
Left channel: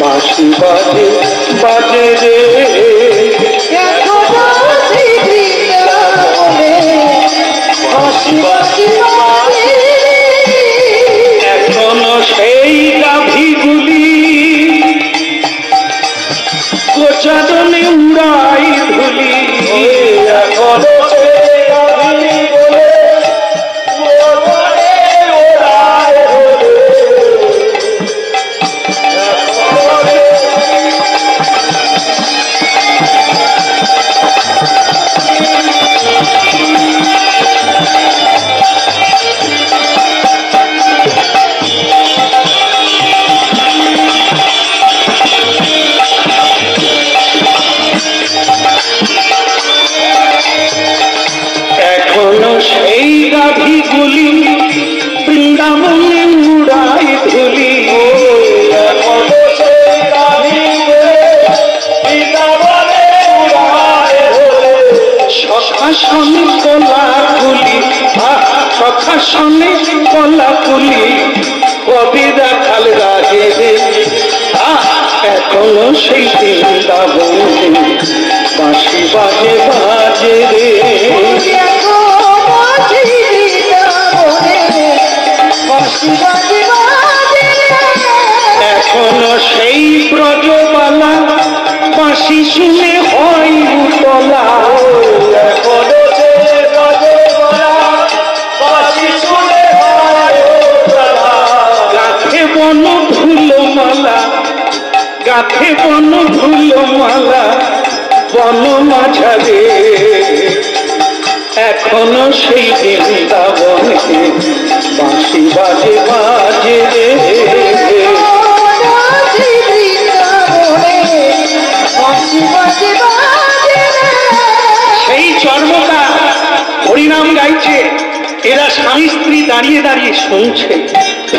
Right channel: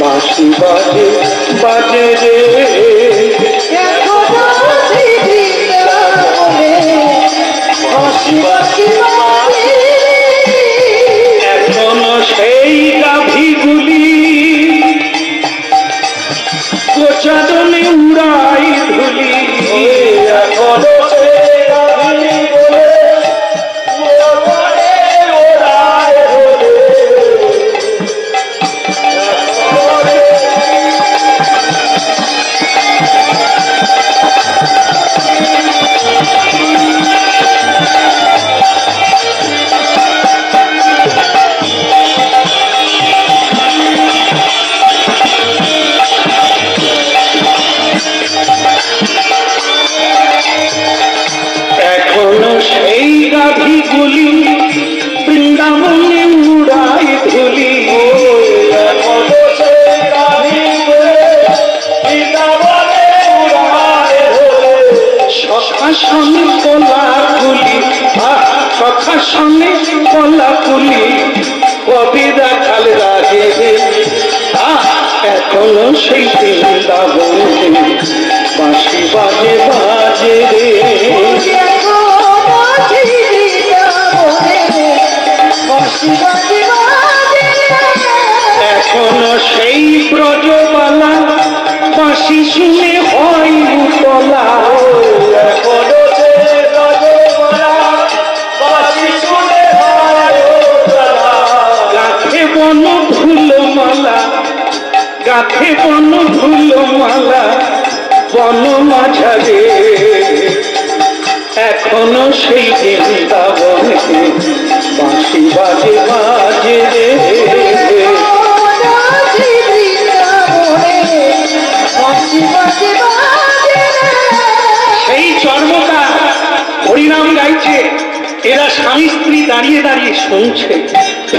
বাঁশি বাজে বাজে রে। এখনো সেই বৃন্দাবনে এখনো সেই গাভীগুলি গোচারণে উড়াই ধুলি, এখনো সেই গাভীগুলি গোচারণে উড়াই ধুলি। এখনো সেই গাভীগুলি বৃন্দাবনে উড়াই ধুলি, এখনো সেই গাভীগুলি বৃন্দাবনে উড়াই ধুলি। সখাসনে কলাকুলি, সখাসনে কলাকুলি কবি দেখাল রাজে রে। এখনো সেই বৃন্দাবনে বাঁশি বাজে বাজে রে। এখনো সেই ব্রজবালা বাঁশি শুনে হয় উতলা, এখনো সেই ব্রজবালা বাঁশি শুনে হয় উতলা। গাথে বন ধুলোমালা, গাথে বন ধুলোমালা বন মাঝারে। এখনো সেই বৃন্দাবনে বাঁশি বাজে বাজে রে। সেই চর্মকা হরিনাম গাইছে, এরা স্বামী স্ত্রী দাঁড়িয়ে দাঁড়িয়ে শুনছে,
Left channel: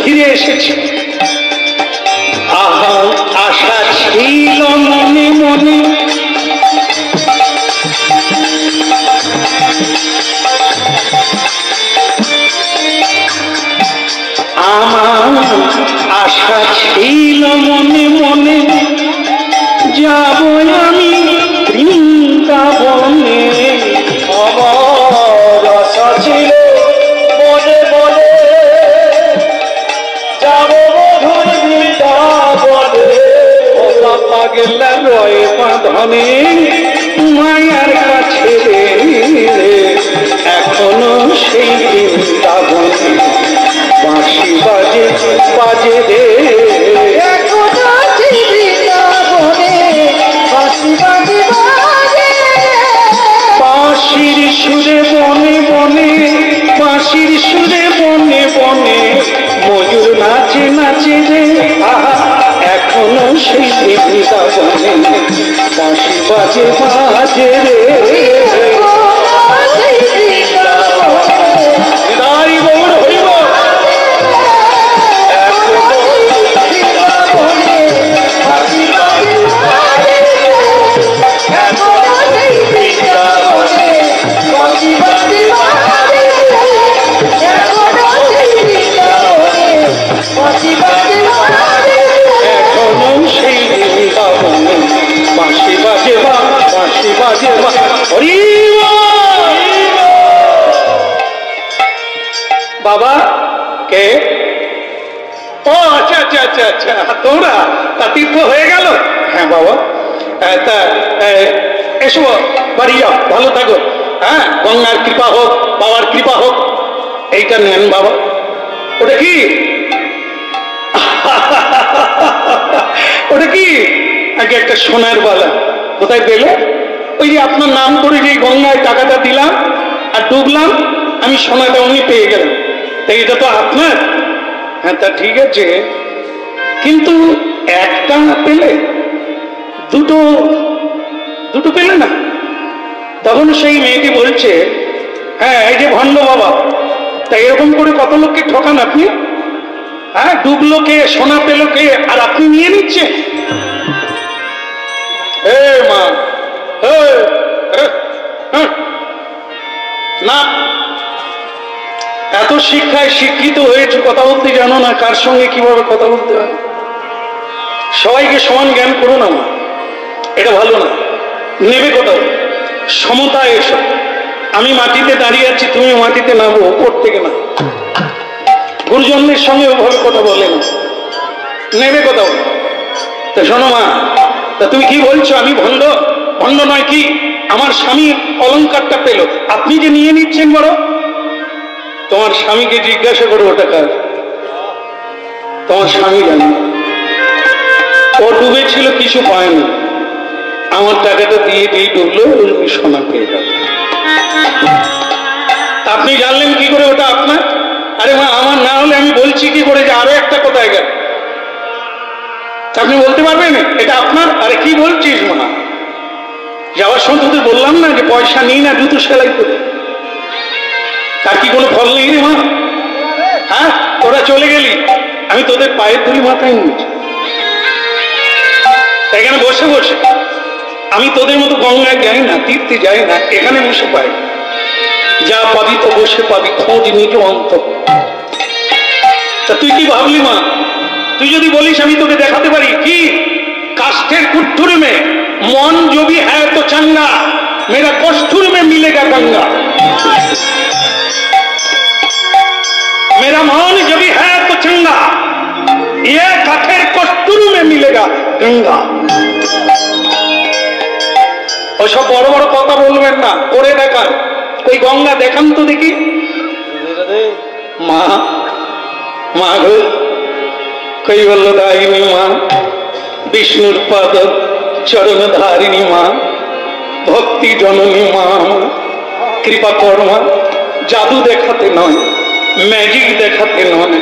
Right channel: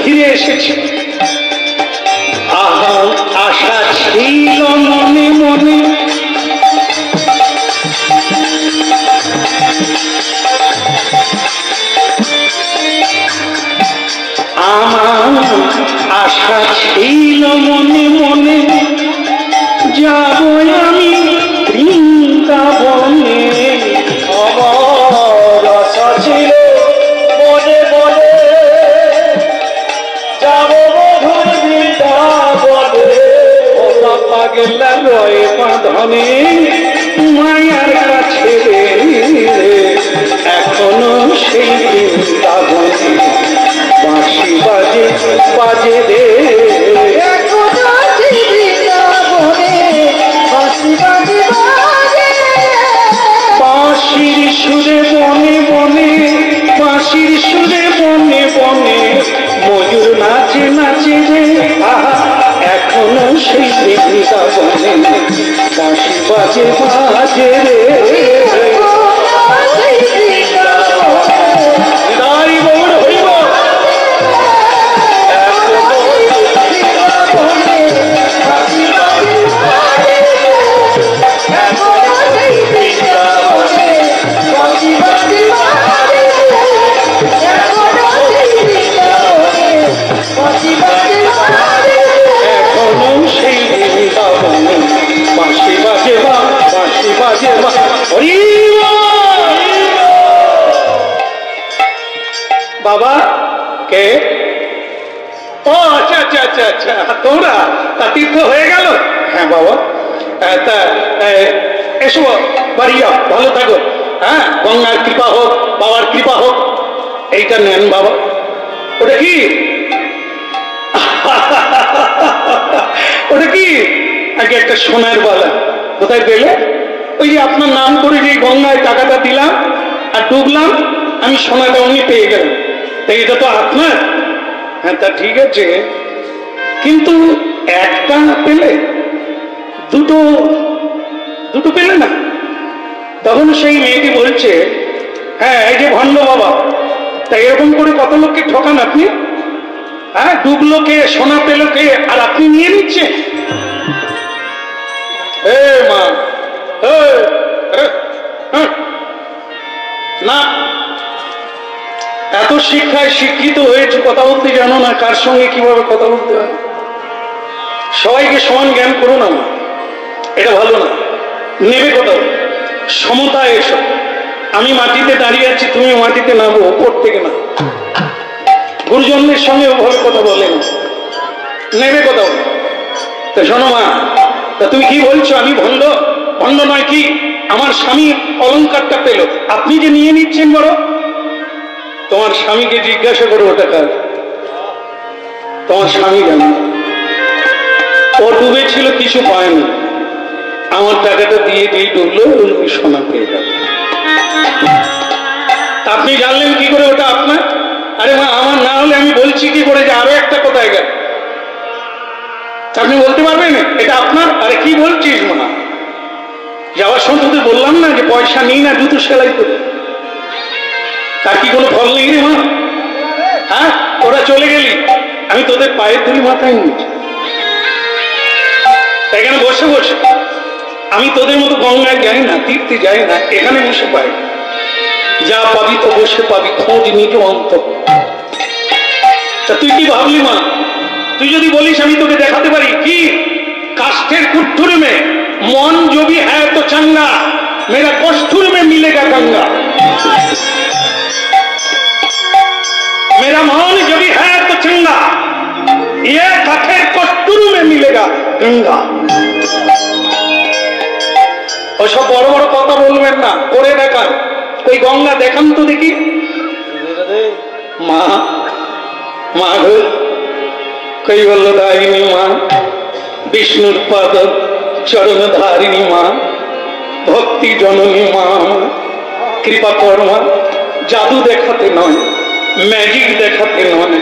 ফিরে এসেছে। আহা আশা ছিল মনে মনে, আমার আশা ছিল মনে মনে, যাব আমি বৃন্দাবনে। আমার আশা ছিল মনে মনে, যাব মধুর বৃন্দাবনে। পাগলা রয়ে বাঁধনে মায়ার কাছে রে। এখনো সেই বৃন্দাবনে বাঁশি বাজে বাজে রে। বাঁশির সুরে বনে বনে, বাঁশির সুরে বনে বনে ময়ূর নাচে নাচে রে। এখনো সেই বৃন্দাবনে বাঁশি বাজে বাজে রে। হৃদয় গৌর হইব। এখনো সেই বৃন্দাবনে বাঁশি বাজে বাঁশি বাজে হরি বাবা কে? ও আচ্ছা আচ্ছা আচ্ছা আচ্ছা, তোমরা তা তীর্থ হয়ে গেল? হ্যাঁ বাবা, তা এসো বাড়ি যাও, ভালো থাকো। হ্যাঁ, গঙ্গার কৃপা হোক, বাবার কৃপা হোক। এইটা নেন বাবা। ওটা কি? ওটা কি? আগে একটা সোনার বালা। কোথায় পেলে? ওই যে আপনার নাম করে যে গঙ্গায় টাকাটা দিলাম আর ডুবলাম, আমি সোনাটা উনি পেয়ে গেলাম। তাই এটা তো আপনার। হ্যাঁ, তা ঠিক আছে, কিন্তু একটা পেলে, দুটো দুটো পেলে না? তখন সেই মেয়েটি বলছে, হ্যাঁ এই যে ভণ্ড বাবা, তা এরকম করে কত লোককে ঠকান আপনি? হ্যাঁ, ডুবলো কে, সোনা পেলো কে, আর আপনি নিয়ে নিচ্ছেন? মা না, এত শিক্ষায় শিক্ষিত হয়েছে, কথা বলতে জানো না কার সঙ্গে কিভাবে কথা বলতে হয়। সবাইকে সমান জ্ঞান করো না, এটা ভালো না। নেবে কোথাও? সমতায় এসো, আমি মাটিতে দাঁড়িয়ে আছি, তুমি মাটিতে নামো, উপর থেকে না। গুরুজনদের সঙ্গে ওভাবে কথা বলে না, নেবে কোথাও। তা শোনো মা, তা তুমি কি বলছো আমি ভণ্ড? ভণ্ড নয় কি, আমার স্বামী অলংকারটা পেল, আপনি যে নিয়ে নিচ্ছেন বড়। তোমার স্বামীকে জিজ্ঞাসা করো ওটা কার। তোমার স্বামী জানে, ও ডুবেছিল কিছু পায়নি, আমার টাকাটা দিয়ে দিয়ে ডুবলো, সোনা পেয়ে গেল। আপনি জানলেন কি করে ওটা আপনার? আরে মা, আমার না হলে আমি বলছি কি করে যে আরো একটা কোথায় গেল? আপনি বলতে পারবেন এটা আপনার? আরে কি বলছিস মা, যাওয়ার সময় তোদের বললাম না যে পয়সা নিই না, জুতো সেলাই করে। তার কি কোনো ফল নেই রে মা? হ্যাঁ, তোরা চলে গেলি, আমি তোদের পায়ের ধুলি মাথায় নিয়েছি। এখানে বসে বসে আমি তোদের মতো গঙ্গায় যাই না, তীর্থে যাই না, এখানে বসে পাই। যা পাবি তো বসে পাবি, খোঁজ নিজ অন্ত। তা তুই কি ভাবলি মা? তুই যদি বলিস আমি তোকে দেখাতে পারি কি কাষ্ঠের কুঠুর মে মন জবি হ্যাঁ তো চাঙ্গা, মেরা কষ্ঠুর মে মিলেগা গঙ্গা। मेरा मान जब है तो चंगा, ये काठेर कष्टुरु में मिलेगा गंगा। ওসব বড় বড় কথা বলবেন না, করে দেখান। ওই গঙ্গা দেখান তো দেখি। মা, মা গো, কৈবল্যদায়িনী মা, বিষ্ণুর পাদ চরণ ধারিণী মা, ভক্তি জননী মা, কৃপা কর্মা, জাদু দেখাতে নয়, ম্যাজিক দেখাতে নয়,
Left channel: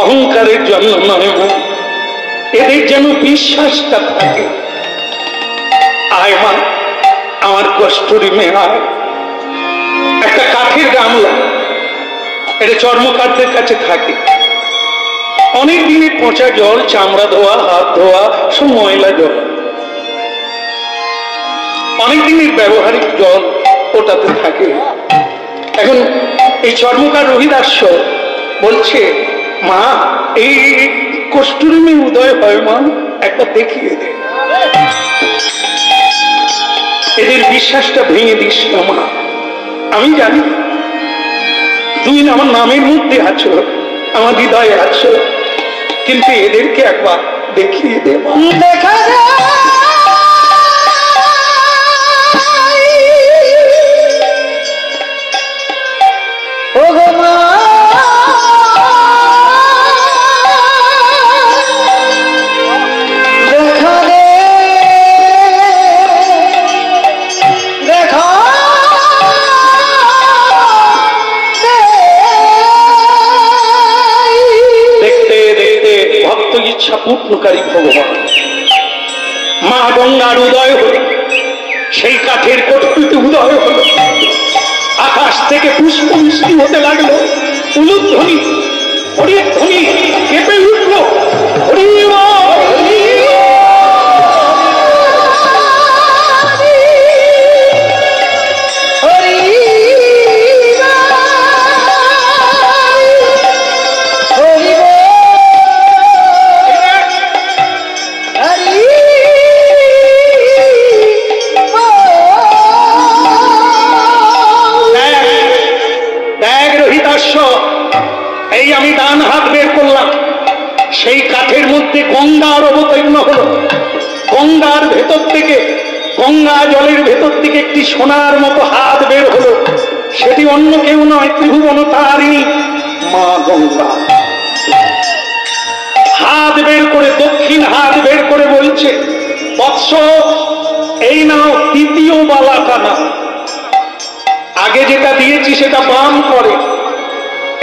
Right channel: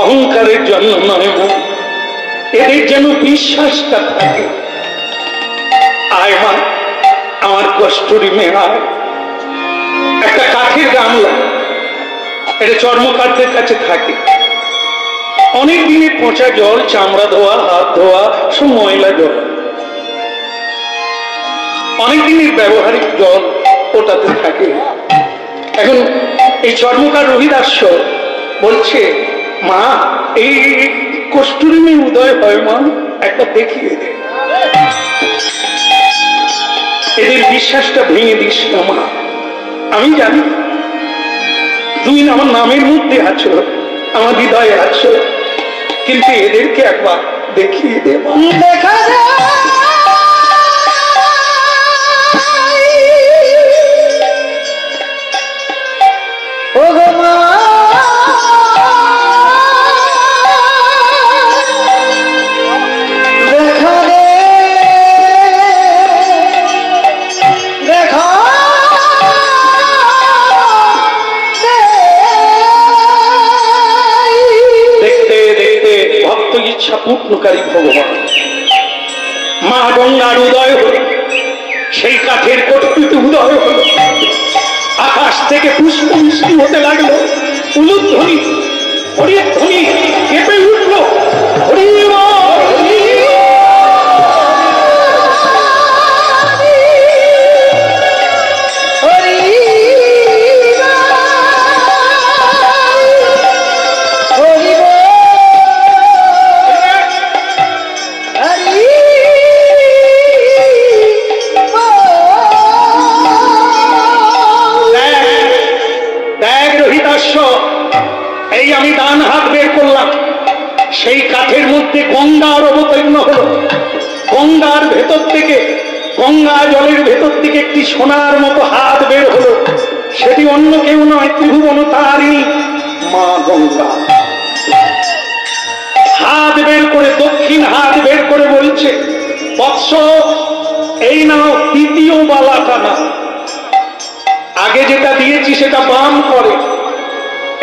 অহংকারের জন্য নয় মা, এদের যেন বিশ্বাসটা থাকে। আয় মা, আমার কষ্টরি মেয়ে আয়। একটা কাঠের গামলা, এটা চর্মকারদের কাছে থাকে। অনেক দিনের পচা জল, চামড়া ধোয়া, হাত ধোয়া, সব ময়লা জল, অনেক দিনের ব্যবহারিক জল ওটাতে থাকে। এখন এই চর্মকার রহিদাস্য বলছে, মা এই কষ্টুরি মেয়ে উদয় হয় মা, একবার দেখিয়ে দে। এদের বিশ্বাসটা ভেঙে দিস না মা। আমি জানি তুমি আমার নামের মধ্যে আছো, আমার হৃদয়ে আছো, কিন্তু এদেরকে একবার দেখিয়ে দে মা। দেখা ও গো মা, দেখা রে, দেখা দেখতে দেখতে ভক্ত ইচ্ছা পূর্ণকারী ভগবান মা গঙ্গার উদয় হল, সেই কাঠের কটুরিতে উদয় হল। আকাশ থেকে পুষ্প বৃষ্টি হতে লাগলো, উলুধ্বনি, হরির ধ্বনি কেঁপে উঠলো। হরি এই আমি ডান হাত বের করলাম, সেই কাঠের মধ্যে গঙ্গার অবতীর্ণ হলো। গঙ্গার ভেতর থেকে, গঙ্গা জলের ভেতর থেকে একটি সোনার মতো হাত বের হলো। সেটি অন্য কেউ নয়, ত্রিভুবন তারিণী মা গঙ্গা। হাত বের করে, দক্ষিণ হাত বের করে বলছে, বৎস এই নাও তৃতীয় বালাটা না। আগে যেটা দিয়েছি সেটা বাম করে,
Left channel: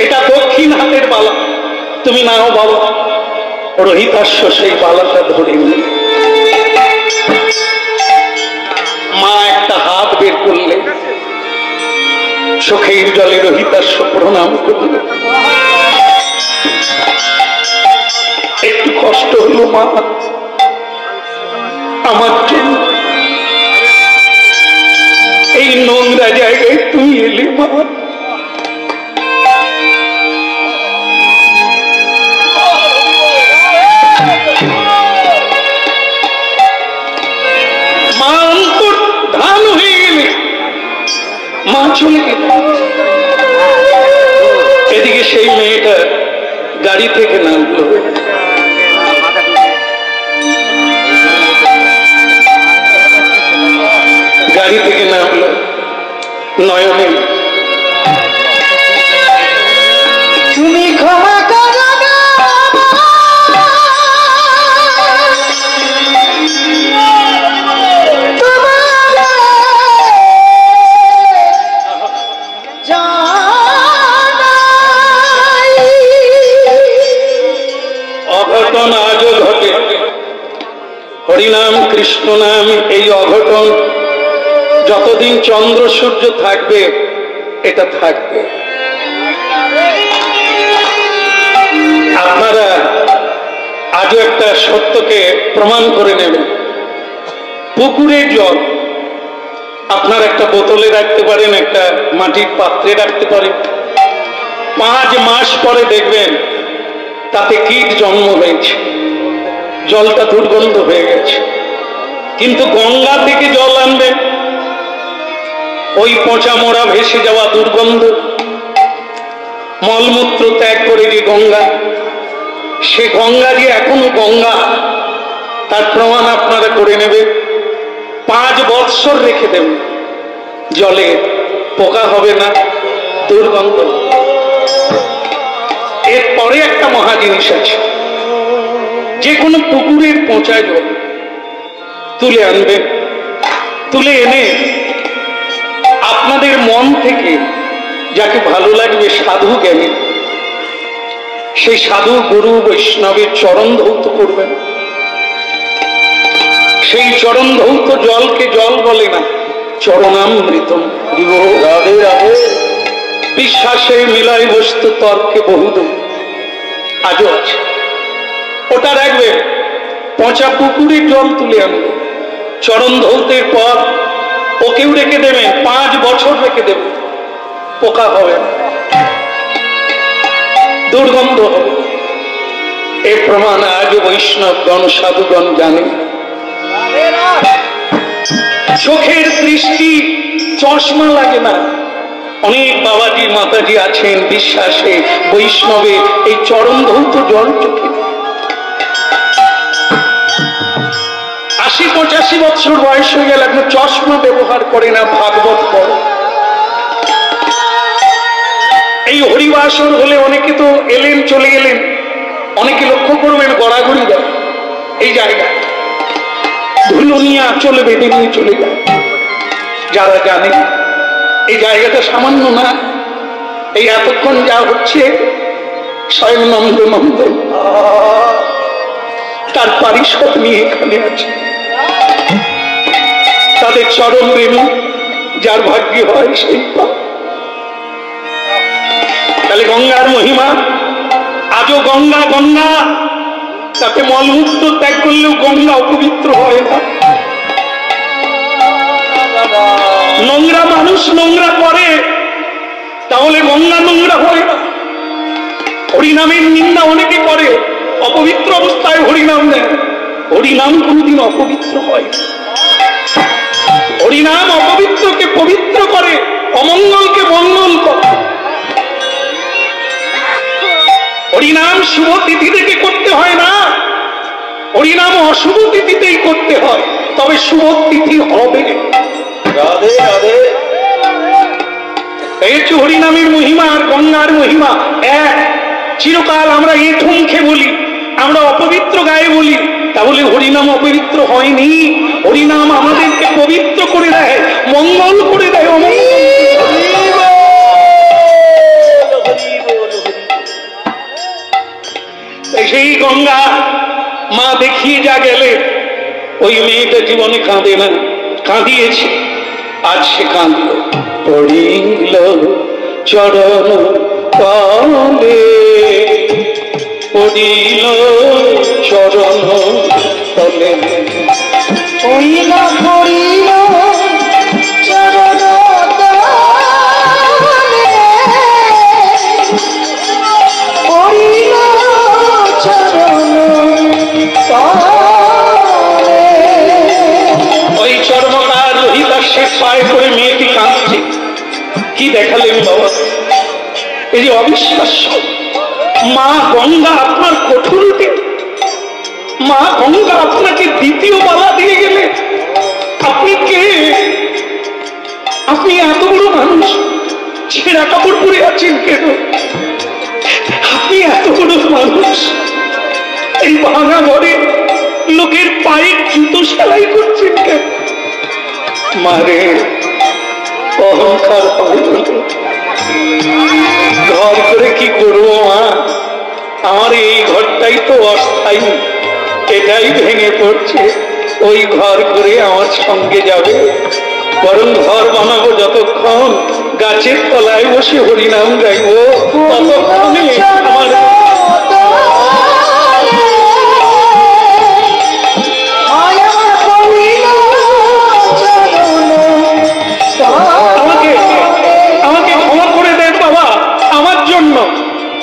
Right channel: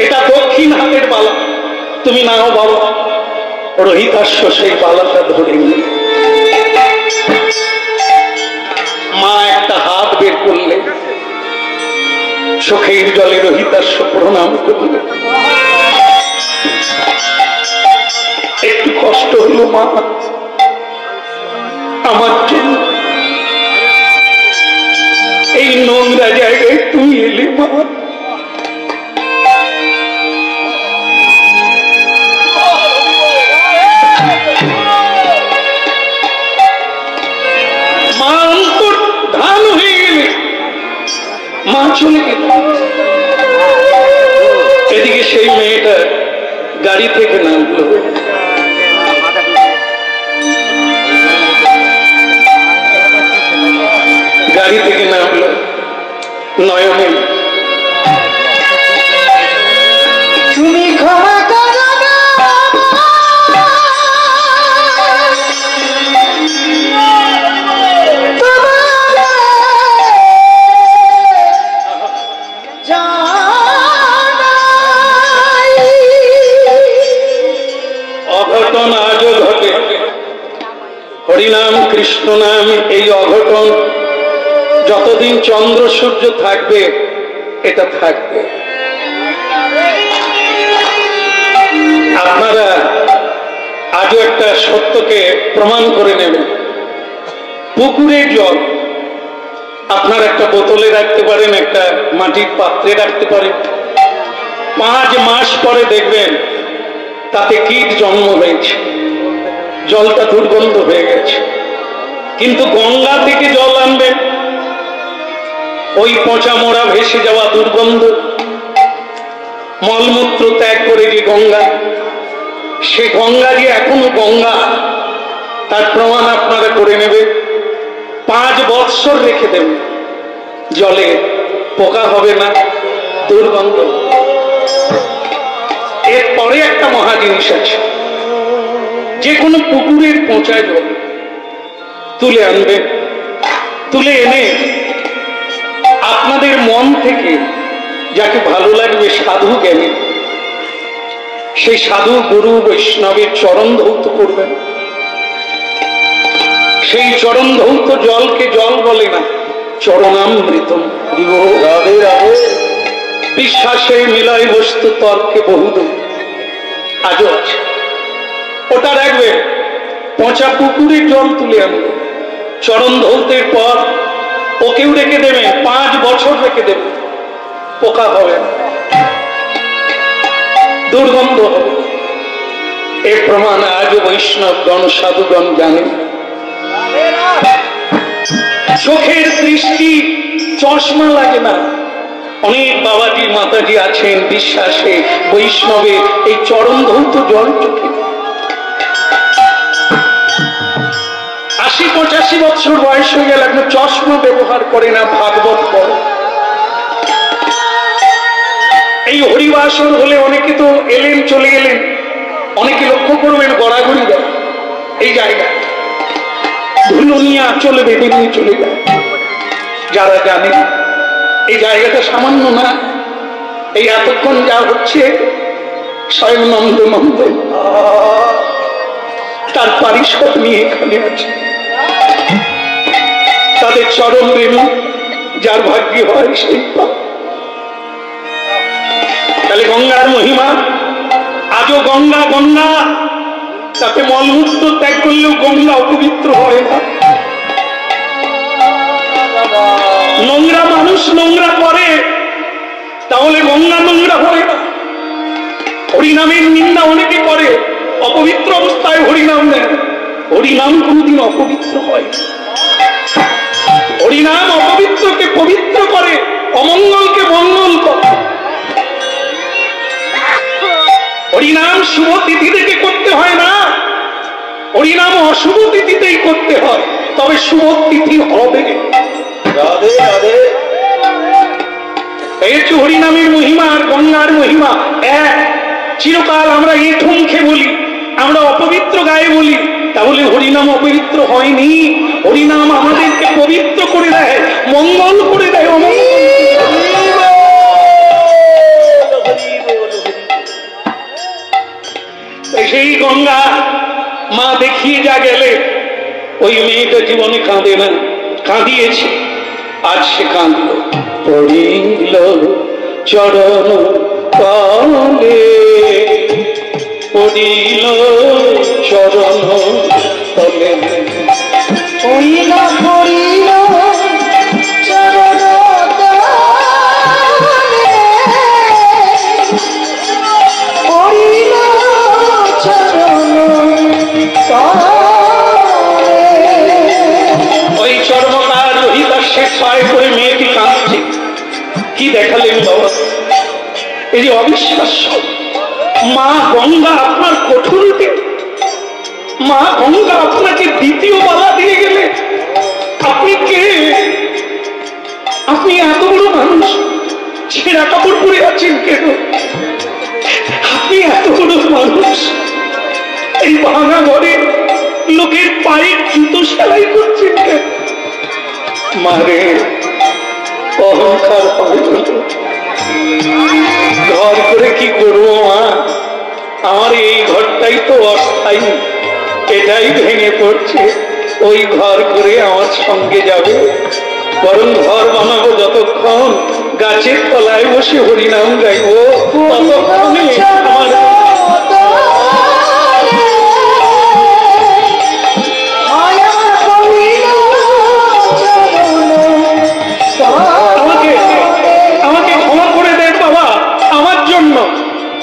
এটা দক্ষিণ হাতের বালা, তুমি নাও বাবা। রহিতাস্য সেই বালাটা ধরে নিল। মা একটা হাত বের করলে, চোখের জলে রহিতাস্য প্রণাম করলে। একটু কষ্ট হলো মা, আমার জন্য এই নোংরা জায়গায় তুমি এলে মা। মা চলে গেল। এদিকে সেই মেয়েটা গাড়ি থেকে নামলো, গাড়ি থেকে নামলো, নয়নে তুমি ক্ষমা করো না, তোমার জানাই অঘটন আজও ঘটে। হরিনাম কৃষ্ণ নাম এই অঘটন যতদিন চন্দ্র সূর্য থাকবে এটা থাকবে। আপনারা আজও একটা সত্যকে প্রমাণ করে নেবেন। পুকুরের জল আপনার একটা বোতলে রাখতে পারেন, একটা মাটির পাত্রে রাখতে পারেন, 5 মাস পরে দেখবেন তাতে কীট জন্ম হয়েছে, জলটা দুর্গন্ধ হয়ে গেছে। কিন্তু গঙ্গা থেকে জল আনবেন, ওই পচা মোড়া ভেসে যাওয়া দুর্গন্ধ মলমূত্র ত্যাগ করে যে গঙ্গা, সে গঙ্গা যে এখনো গঙ্গা তার প্রমাণ আপনারা করে নেবেন। 5 বৎসর রেখে দেবেন, জলে পোকা হবে না, দুর্গন্ধ। এরপরে একটা মহা জিনিস আছে, যে কোনো পুকুরের পচা জল তুলে আনবেন, তুলে এনে আপনাদের মন থেকে যাকে ভালো লাগবে সাধু জ্ঞানী, সেই সাধু গুরু বৈষ্ণবের চরণ ধৌত করবেন। সেই চরণ ধৌত জলকে জল বলে না, চরণামৃতম। রাধে রাধে। বিশ্বাসে মিলাই বস্তু তর্কে বহুদূর, আজও আছে। ওটা রাখবেন, পচা পুকুরের জল তুলে আনবেন, চরণ ধৌতের পর ওকেও রেখে দেবেন, 5 বছর রেখে দেবেন, পোকা হবে না, দুর্গন্ধ হবে। এ প্রমাণ আজও বৈষ্ণবগণ সাধুগণ জানে। চোখের দৃষ্টি চশমা লাগে না। অনেক বাবাজি মাতাজি আছেন বিশ্বাসে বৈষ্ণবে এই চরণ ধৌত জল চোখে। 80-85 বছর বয়স হয়ে গেলে এখন চশমা ব্যবহার করে না, ভাগবত পড়ে। এই হরিবাসর হলে অনেকে তো এলেন চলে গেলেন, অনেকে লক্ষ্য করবেন গড়াগড়ি দেয় এই জায়গা, ধুলো নিয়ে চলে বেঁধে নিয়ে চলে যায়। যারা জানে এই জায়গাটা সামান্য না, এই এতক্ষণ যা হচ্ছে স্বয়ং নন্দ তার পারিষদ নিয়ে এখানে আছে। তাদের চরণ রেণু যার ভাগ্যে হয় সেই পায়। তাহলে গঙ্গার মহিমা আজও গঙ্গা গঙ্গা, তাতে মলমূত্র ত্যাগ করলেও গঙ্গা অপবিত্র হয় না। নোংরা মানুষ নোংরা করে, তাহলে গঙ্গা নোংরা হয় না। হরিনামের নিন্দা অনেকে করে, অপবিত্র অবস্থায় হরিনাম দেয়, হরিনাম কোনদিন অপবিত্র হয়। হরিনাম অপবিত্রকে পবিত্র করে, অমঙ্গলকে মঙ্গল করে। হরিনাম শুভ তিথি থেকে করতে হয় না, হরিনাম অশুভ তিথিতেই করতে হয়, তবে শুভ তিথি হবে। রাধে রাধে। এই হচ্ছে হরিনামের মহিমা আর গঙ্গার মহিমা এক। চিরকাল আমরা এঁঠো মুখে বলি, আমরা অপবিত্র গায়ে বলি, তাহলে হরিনাম অপবিত্র হয়নি। হরিনাম আমাদেরকে পবিত্র করে দেয়, মঙ্গল করে দেয়, অমঙ্গল। সেই গঙ্গা মা দেখিয়ে যা গেলে, ওই মেয়েটা জীবনে কাঁদে না, কাঁদিয়েছে, আজ সে কাঁদল। পড়িল চরণ তলে, পড়িল চরণ তলে, পড়িল পড়িল চরণ তলে, পড়িল চরণ তলে। ওই চর্মকার রোহিতার শেষ পায়ে করে মেয়েটি কাঁদছে। কি দেখালেন বাবা, এই যে অবিশ্বাস্য। মা গঙ্গা আপনার কঠোর দিন, মা গঙ্গা আপনাকে দ্বিতীয় বালা দিয়ে গেলে। আপনি কে? আপনি এত বড় মানুষ, ছেঁড়া কাপড় পরে আছেন কেন? আপনি এত বড় মানুষ, এই ভাঙা ঘরে লোকের পায়ের জুতো সেলাই করছেন কেন? মারে অহংকার ঘর করে কি করবো মা? আমার এই ঘরটাই তো অস্থায়ী, এটাই ভেঙে পড়ছে। ওই ঘর করে আমার সঙ্গে যাবে? বরং ঘর বানাবো যতক্ষণ গাছের তলায় বসে হরিনাম গাইবো, ততক্ষণে আমার আমাকে ক্ষমা করে দেন বাবা। আমার জন্য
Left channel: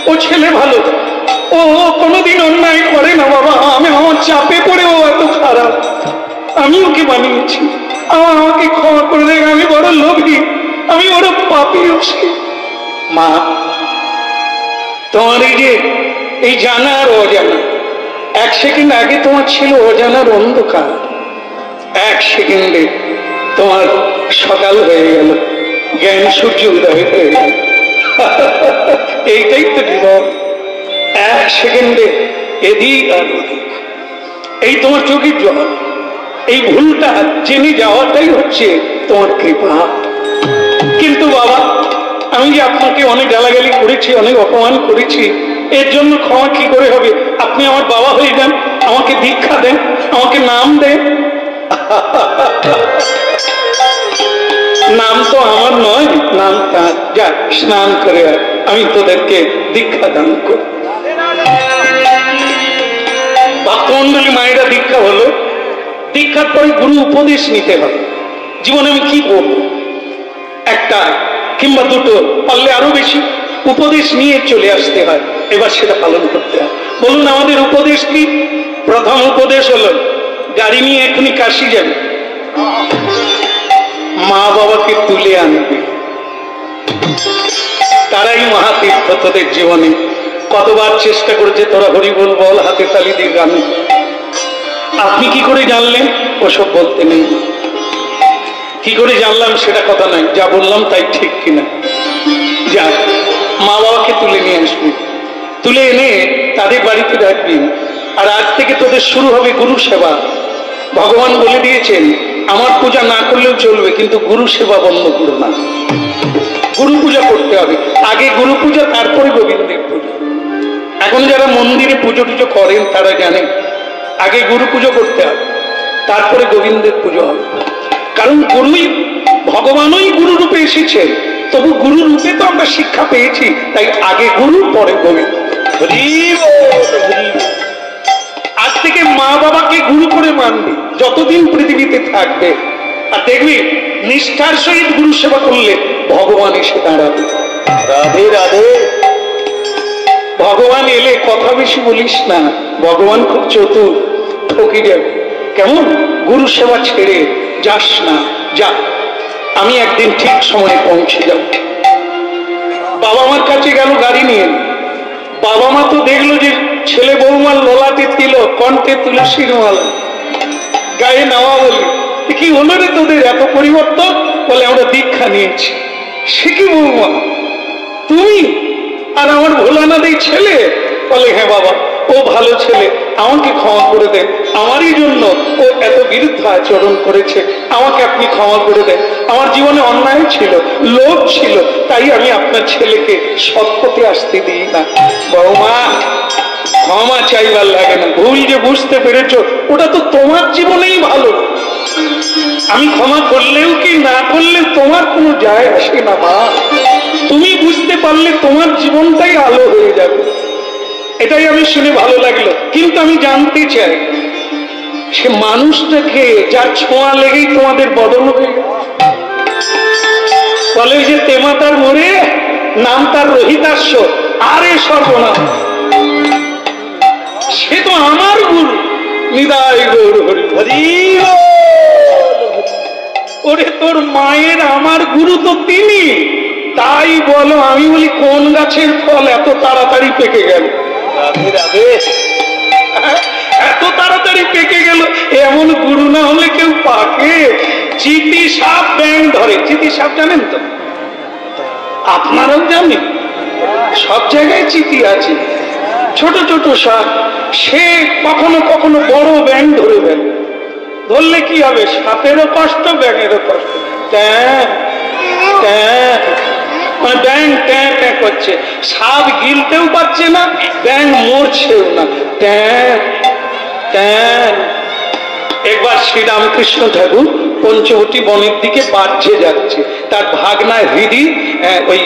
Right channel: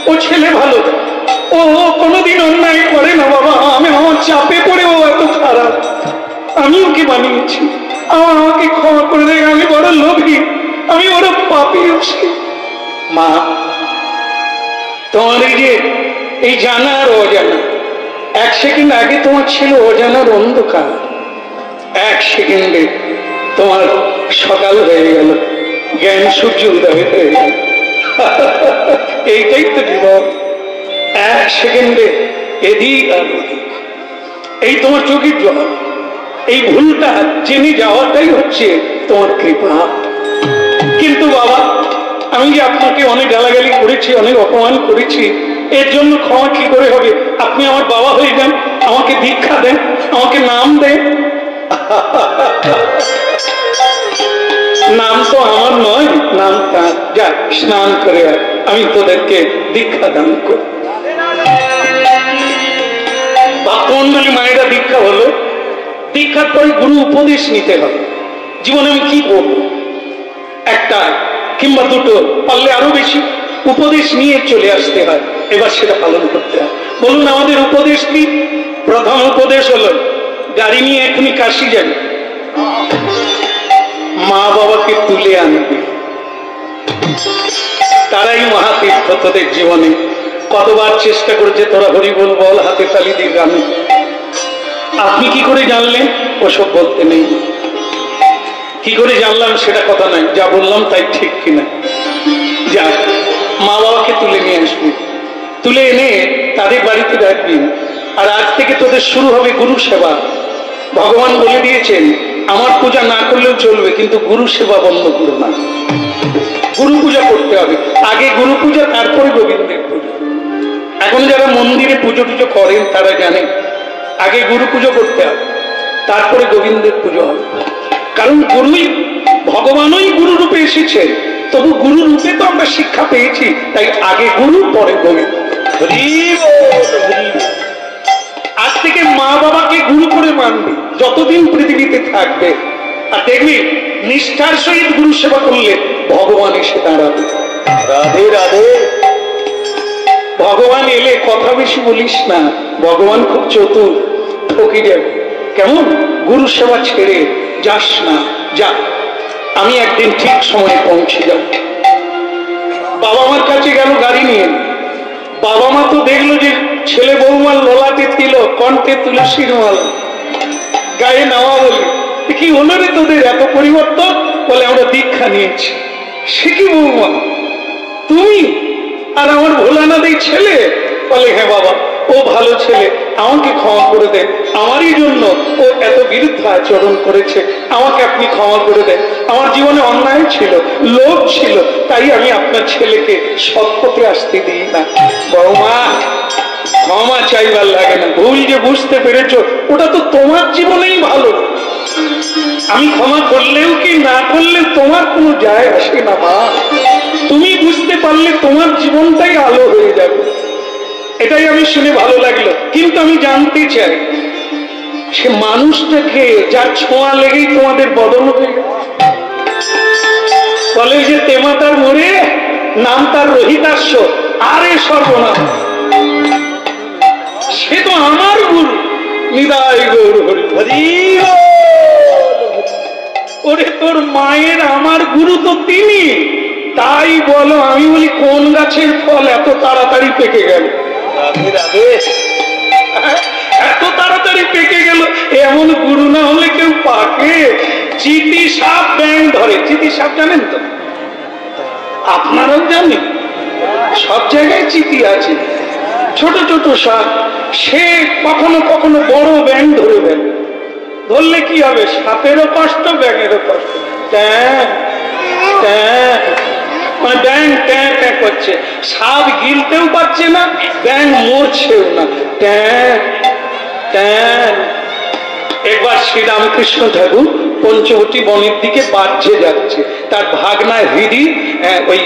ও ছেলে ভালো, ও কোনোদিন অন্যায় করে না বাবা। আমার চাপে পড়ে ও এত খারাপ, আমি ওকে বানিয়েছি। আমাকে ক্ষমা করে দেন, আমি বড় লোভী, আমি বড় পাপী। মা, তোমার এই যে এই জানা আর অজানা, এক সেকেন্ড আগে তোমার ছিল অজানার অন্ধকার, এক সেকেন্ডে তোমার সকাল হয়ে গেল, জ্ঞান সূর্য উদয় হয়ে গেল। এইটাই তো জীবন, এক সেকেন্ডে এদিক আর ওদিক। এই তোমার চোখের জল, এই ভুলটা জেনে যাওয়াটাই হচ্ছে তোমার কৃপা। কিন্তু বাবা, আমি যে আপনাকে অনেক গালাগালি করেছি, অনেক অপমান করেছি, এর জন্য ক্ষমা কি করে হবে? আপনি আমার বাবা হয়ে যান, আমাকে দীক্ষা দেন, আমাকে নাম দেন। নাম তো আমার নয়, নাম তার। যা স্নান করে আর আমি তোদেরকে দীক্ষা দান করি। ভক্তমন্ডলী মায়েরা দীক্ষা হলো, দীক্ষার পরে গুরু উপদেশ নিতে হবে। জীবনে আমি কি করব, একটা কিংবা দুটো, পারলে আরো বেশি উপদেশ নিয়ে চলে আসতে হয়, এবার সেটা পালন করতে হয়। বলুন আমাদের উপদেশ কি? প্রথম উপদেশ হলো, গাড়ি নিয়ে এখনই কাশি যাবে, মা বাবাকে তুলে আনবে, তারাই মহাতীর্থ তোদের জীবনে। কতবার চেষ্টা করেছে তোরা হরি বল বল, হাতে তালি দিয়ে গানে। আপনি কি করে জানলেন? ওসব বলতে নেই। কি করে জানলাম সেটা কথা নয়, যা বললাম তাই ঠিক কিনা। যা মা বাবাকে তুলে নিয়ে আসবি, তুলে এনে তাদের বাড়িতে রাখবি। আর আজ থেকে তোদের শুরু হবে গুরু সেবা। ভগবান বলে দিয়েছেন, আমার পূজা না করলেও চলবে, কিন্তু গুরু সেবা বন্ধ করো না। গুরু পূজা করতে হবে, আগে গুরু পূজা, তারপরে গোবিন্দের পূজা। এখন যারা মন্দিরে পুজো টুজো করেন তারা জানেন, আগে গুরু পুজো করতে হবে, তারপরে গোবিন্দের পুজো হবে। কারণ গুরুই, ভগবানই গুরু রূপে এসেছে, তবু গুরু রূপে তো আমরা শিক্ষা পেয়েছি, তাই আগে গুরু পরে গোবিন্দ। আজ থেকে মা বাবাকে গুরু করে মানবি যতদিন পৃথিবীতে থাকবে। আর দেখবি নিষ্ঠার সহিত গুরু সেবা করলে ভগবান এসে দাঁড়াবে। রাধে রাধে। ভগবান এলে কথা বেশি বলিস না, ভগবান খুব চতুর, ঠকে যাবে। কেমন? গুরু সেবা ছেড়ে যাস না, যা। আমি একদিন ঠিক সময়ে পৌঁছে যাব। বাবা মার কাছে গেল গাড়ি নিয়ে, বাবা মা তো দেখলো যে ছেলে বৌমার ললাটে তিলক, কণ্ঠে তুলসীর মালা, গায়ে নেওয়া। বলি কি হলো রে তোদের এত পরিবর্তন? বলে আমরা দীক্ষা নিয়েছি। সে কি বৌমা তুমি? আর আমার ভোলানাথ এই ছেলে? বলে হ্যাঁ বাবা, ও ভালো ছেলে, আমাকে ক্ষমা করে দেন, আমারই জন্য ও এত বিরুদ্ধাচরণ করেছে, আমাকে আপনি ক্ষমা করে দেন। আমার জীবনে অন্যায় ছিল, লোভ ছিল, তাই আমি আপনার ছেলেকে সৎ পথে আসতে দিই না। বৌমা, ক্ষমা চাইবার লাগে না, ভুল যে বুঝতে পেরেছ ওটা তো তোমার জীবনেই ভালো। আমি ক্ষমা করলেও কি না করলে তোমার কোনো যায় আসে না মা। তুমি বুঝতে পারলে তোমার জীবনটাই আলো হয়ে যাবে। এটাই আমি শুনে ভালো লাগলো। কিন্তু আমি জানতে চাই, সে মানুষটাকে যার ছোঁয়া লেগেই তোমাদের বদল হয়ে গেল। বলে যে তেমাতার মোড়ে নাম তার রোহিতাস্য, আরে সর্বনাম, সে তো আমার গুরু, নিদায় গৌর হরি হরি। ওরে তোর মায়ের আমার গুরু তো তিনি, তাই বলো। আমি বলি কোন গাছের ফল এত তাড়াতাড়ি পেকে গেল? রাধে রাধে। এত তাড়াতাড়ি পেকে গেল, এমন গুরু না হলে কেউ পাকে? চিতি সাপ ব্যাং ধরে। চিতি সাপ জানেন তো? আপনারাও জানেন, সব জায়গায় চিতি আছে। ছোট ছোট সাপ, সে কখনো কখনো বড় ব্যাং ধরে দেন। ধরলে কি হবে? সাপেরও কষ্ট, ব্যাঙেরও কষ্ট। মানে ব্যাং ট্যাঁ ট্যাঁ করছে, সাপ গিলতেও পারছে না, ব্যাং মরছেও না। একবার শ্রীরামকৃষ্ণ ঠাকুর পঞ্চবটী বনের দিকে বাহ্যে যাচ্ছে, তার ভাগনা হৃদি ওই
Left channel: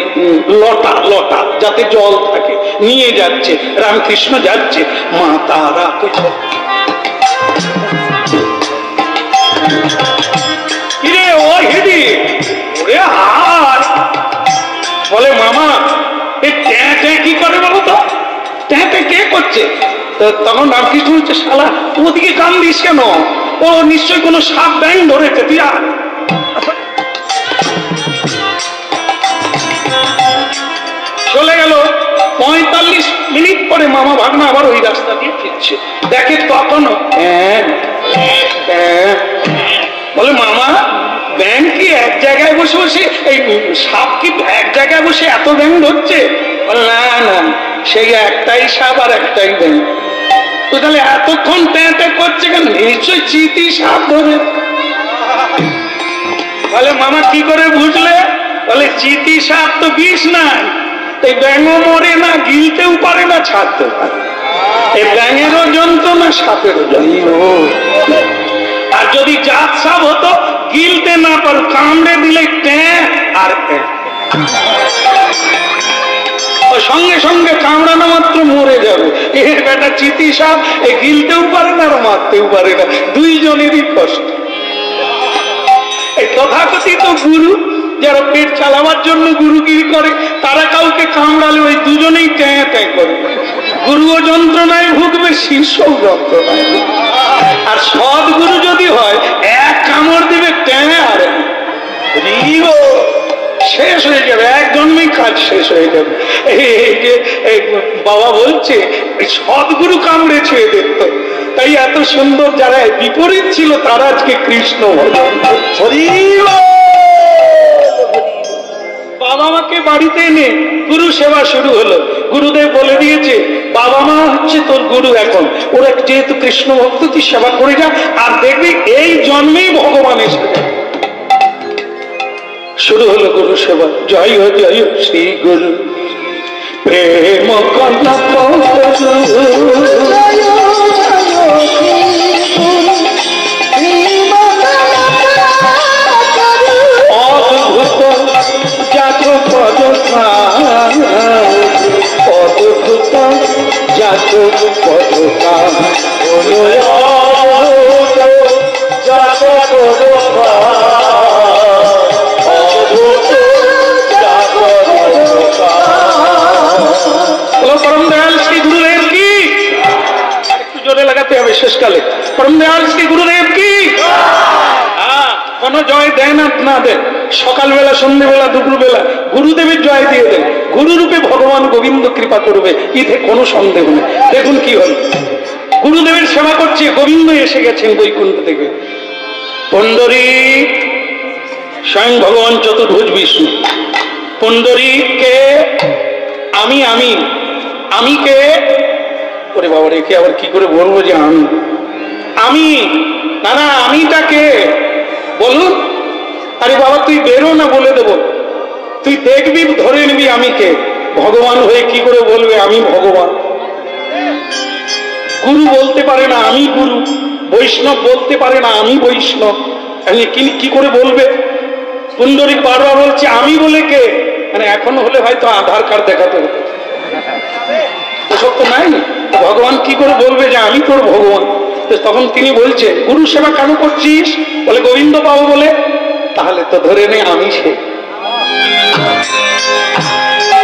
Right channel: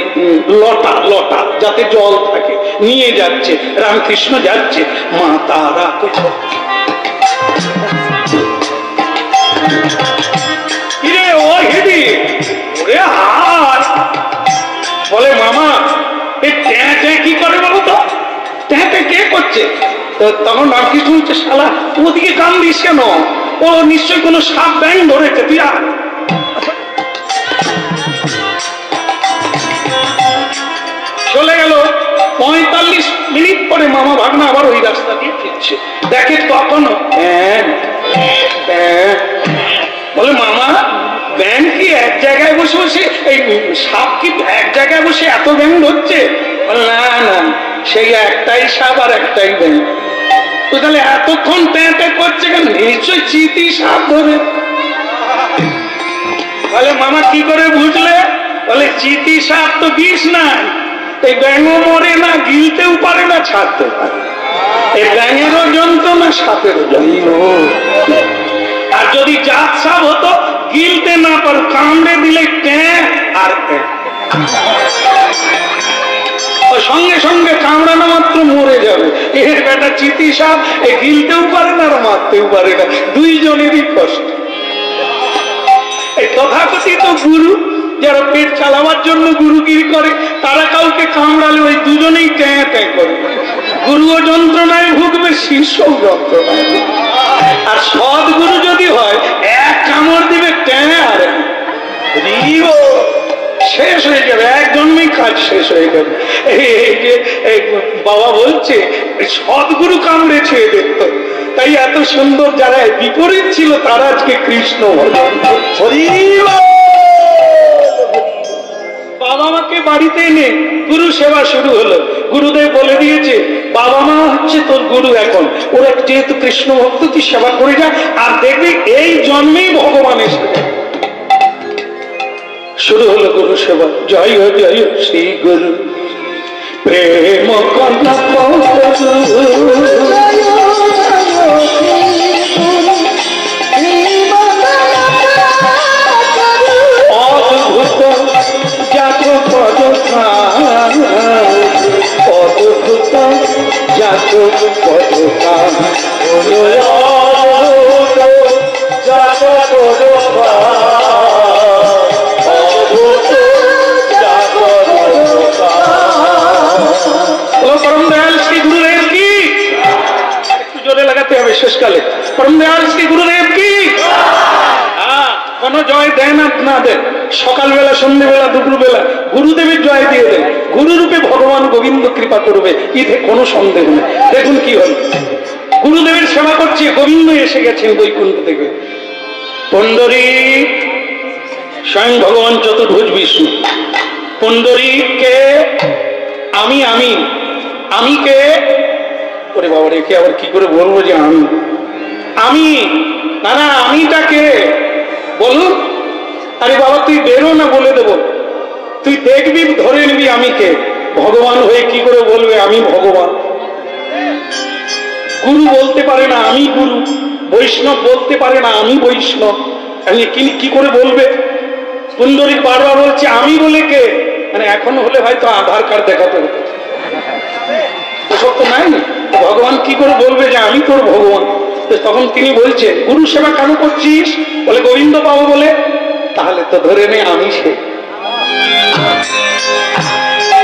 লটা লটা যাতে জল থাকে নিয়ে যাচ্ছে। রামকৃষ্ণ যাচ্ছে, মা তারা কিরে ও হৃদি, ওরে হার বলে মামা এই ট্যাঁ ট্যাঁ কি করে বলো তো? ট্যাঁ ট্যাঁ কে করছে? তো তখন রামকৃষ্ণ বলছে, শালা ওদিকে কান দিস কেন? ও নিশ্চয়ই কোনো সাপ ব্যাং ধরেছে, তুই আর। চলে গেল। 45 মিনিট পরে মামা ভাগনা আবার ওই রাস্তা দিয়ে ফিরছে, দেখে তখনও বলে মামা ব্যাং কি এক জায়গায় বসে বসে, এই সাপ কি এক জায়গায় বসে এত ব্যাং ধরছে? না না, সেই একটাই সাপ আর একটাই ব্যাং। তো তাহলে এতক্ষণ ট্যাঁ ট্যাঁ করছে কেন? নিশ্চয় চিতি সাপ ধরে। বলে মামা কি করে বুঝলে? বলে চিতি সাপ তো বিষ নাই, এই ব্যাঙও মরে না, গিলতেও পারে না, ছাড়তে পারে। এই ব্যাঙেরও যন্ত্রণা, সাপেরও যন্ত্রণা। আর যদি জাত সাপ হতো, গিলতে না পারো, কামড়ে দিলে ট্যাঁ আর সঙ্গে সঙ্গে কামড়ানো মাত্র মরে যাবে। এর বেটা চিতি সাপ, এ গিলতেও পারে না আর মারতেও পারে না, দুইজনেরই কষ্ট। এই তথাকথিত গুরু যারা পেট চালাবার জন্য গুরুগিরি করে, তারা কাউকে কামড়ালে ওই দুজনেই ট্যাঁ ট্যাঁ করে। গুরুও যন্ত্রণায় ভুগবে, শিষ্যও যন্ত্রণায় ভুগবে। আর সদ্গুরু যদি হয়, এক কামড় দিবে ট্যাঁ আর শেষ হয়ে যাবে, এক জন্মেই কাজ শেষ হয়ে যাবে। এই যে বাবা বলছে সদ্গুরু কামড়েছে এদের, তো তাই এত সুন্দর। যারা বিপরীত ছিল তারা আজকে কৃষ্ণ ভজন। বাবা মাকে বাড়িতে এনে গুরু সেবা শুরু হলো। গুরুদেব বলে দিয়েছে বাবা মা হচ্ছে তোর গুরু, এখন ওরা যেহেতু কৃষ্ণ ভক্ত, তুই সেবা করে যা, আর দেখবি এই জন্মেই ভগবান এসে। শুরু হলো গুরু সেবা। জয় জয় শ্রী গুরু প্রেম কন্যা অদ্ভুত জাত পদ, অদ্ভুত জাত পদ জাত পদ। परम दयाल श्री गुरुदेव की, একটু জোরে লাগাতে হবে শেষকালে। परम दयाल श्री गुरुदेव की। কোন জয় দেন আর না দেন, সকালবেলা, সন্ধ্যেবেলা, দুপুরবেলা গুরুদেবের জয় দিয়ে দেন। গুরুরূপে ভগবান গোবিন্দ কৃপা করবে, এতে কোনো সন্দেহ নেই। দেখুন কি হল, গুরুদেবের সেবা করছে, গোবিন্দ এসে গেছেন বৈকুণ্ঠ থেকে। পণ্ডরীক, স্বয়ং ভগবান চতুর্ভুজ বিষ্ণু। পণ্ডরীককে আমি আমি আমি কে? ওরে বাবা রেখে আবার কি করে বলবো যে আমি আমি না না, আমিটা কে বলুন? আরে বাবা তুই বেরো না, বলে দেবো। তুই দেখবি, ধরে নিবি আমি কে। ভগবান হয়ে কি করে বলবে আমি ভগবান? গুরু বলতে পারে না আমি গুরু, বৈষ্ণব বলতে পারে না আমি বৈষ্ণব, কি করে বলবে? পুণ্ডরীক বারবার বলছে আমি বলে কে? মানে এখন হলে হয়তো আধার কার্ড দেখাতে হতো, ওসব তো নাই। ভগবান কি করে বলবে যে আমি তোর ভগবান? তখন তিনি বলছেন গুরু সেবা কেন করছিস? বলে গোবিন্দ পাবো বলে। তাহলে তো ধরে নে আমি সে।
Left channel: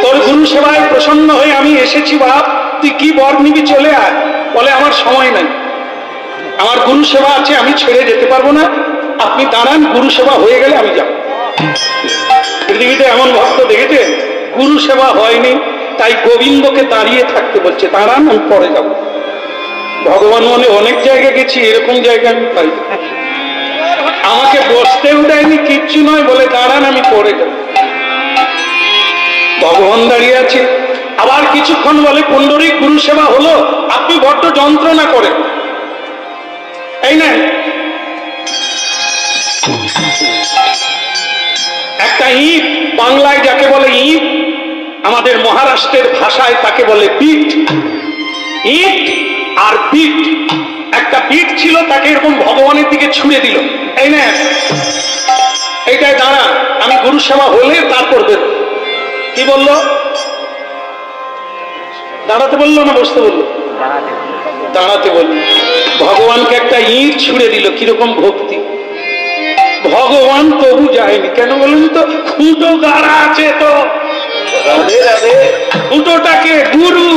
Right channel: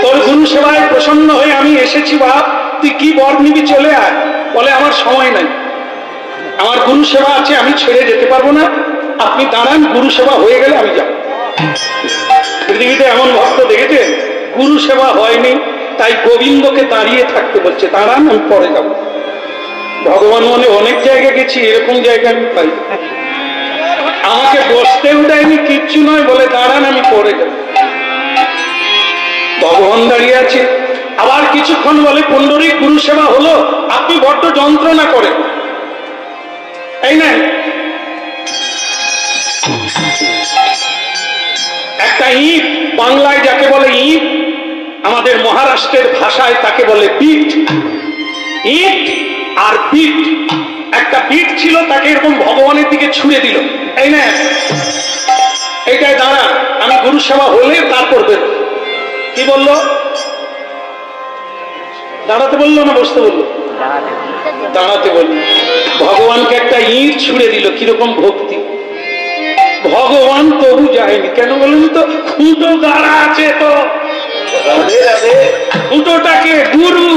তোর গুরু সেবায় প্রসন্ন হয়ে আমি এসেছি বাপ, তুই কি বর নিবি চলে আয়। বলে আমার সময় নাই, আমার গুরু সেবা আছে, আমি ছেড়ে যেতে পারবো না। আপনি দাঁড়ান, গুরু সেবা হয়ে গেলে আমি যাব। পৃথিবীতে এমন ভক্ত দেখেছেন গুরু সেবা হয়নি, তাই গোবিন্দকে দাঁড়িয়ে থাকতে বলছে, দাঁড়ান আমি পরে যাব। ভগবান মনে অনেক জায়গায় গেছি, এরকম জায়গা আমি পাই, আমাকে বসতেও দেয়নি, কিচ্ছু নয়, বলে দাঁড়ান আমি পরে যাব। ভগবান দাঁড়িয়ে আছে, আবার কিছুক্ষণ বলে পুণ্ডরীক গুরু সেবা হলো, আপনি বড্ড যন্ত্রণা করেন, এই নেন একটা ইট, বাংলায় যাকে বলে ইট, আমাদের মহারাষ্ট্রের ভাষায় তাকে বলে বিট। ইট আর বিট, একটা বিট ছিল, তাকে এরকম ভগবানের দিকে ছুঁড়ে দিল, এই না এইটাই দাঁড়া, আমি গুরু সেবা হলে তারপর দেব। কি বললো? দাঁড়াতে বললো না বসতে বললো? দাঁড়াতে বললো। ভগবানকে একটা ইট ছুঁড়ে দিল, কিরকম ভক্তি! ভগবান তবু যায়নি, কেন বলুন তো? খুঁটো গাড়া আছে তো, খুঁটোটাকে গুরু,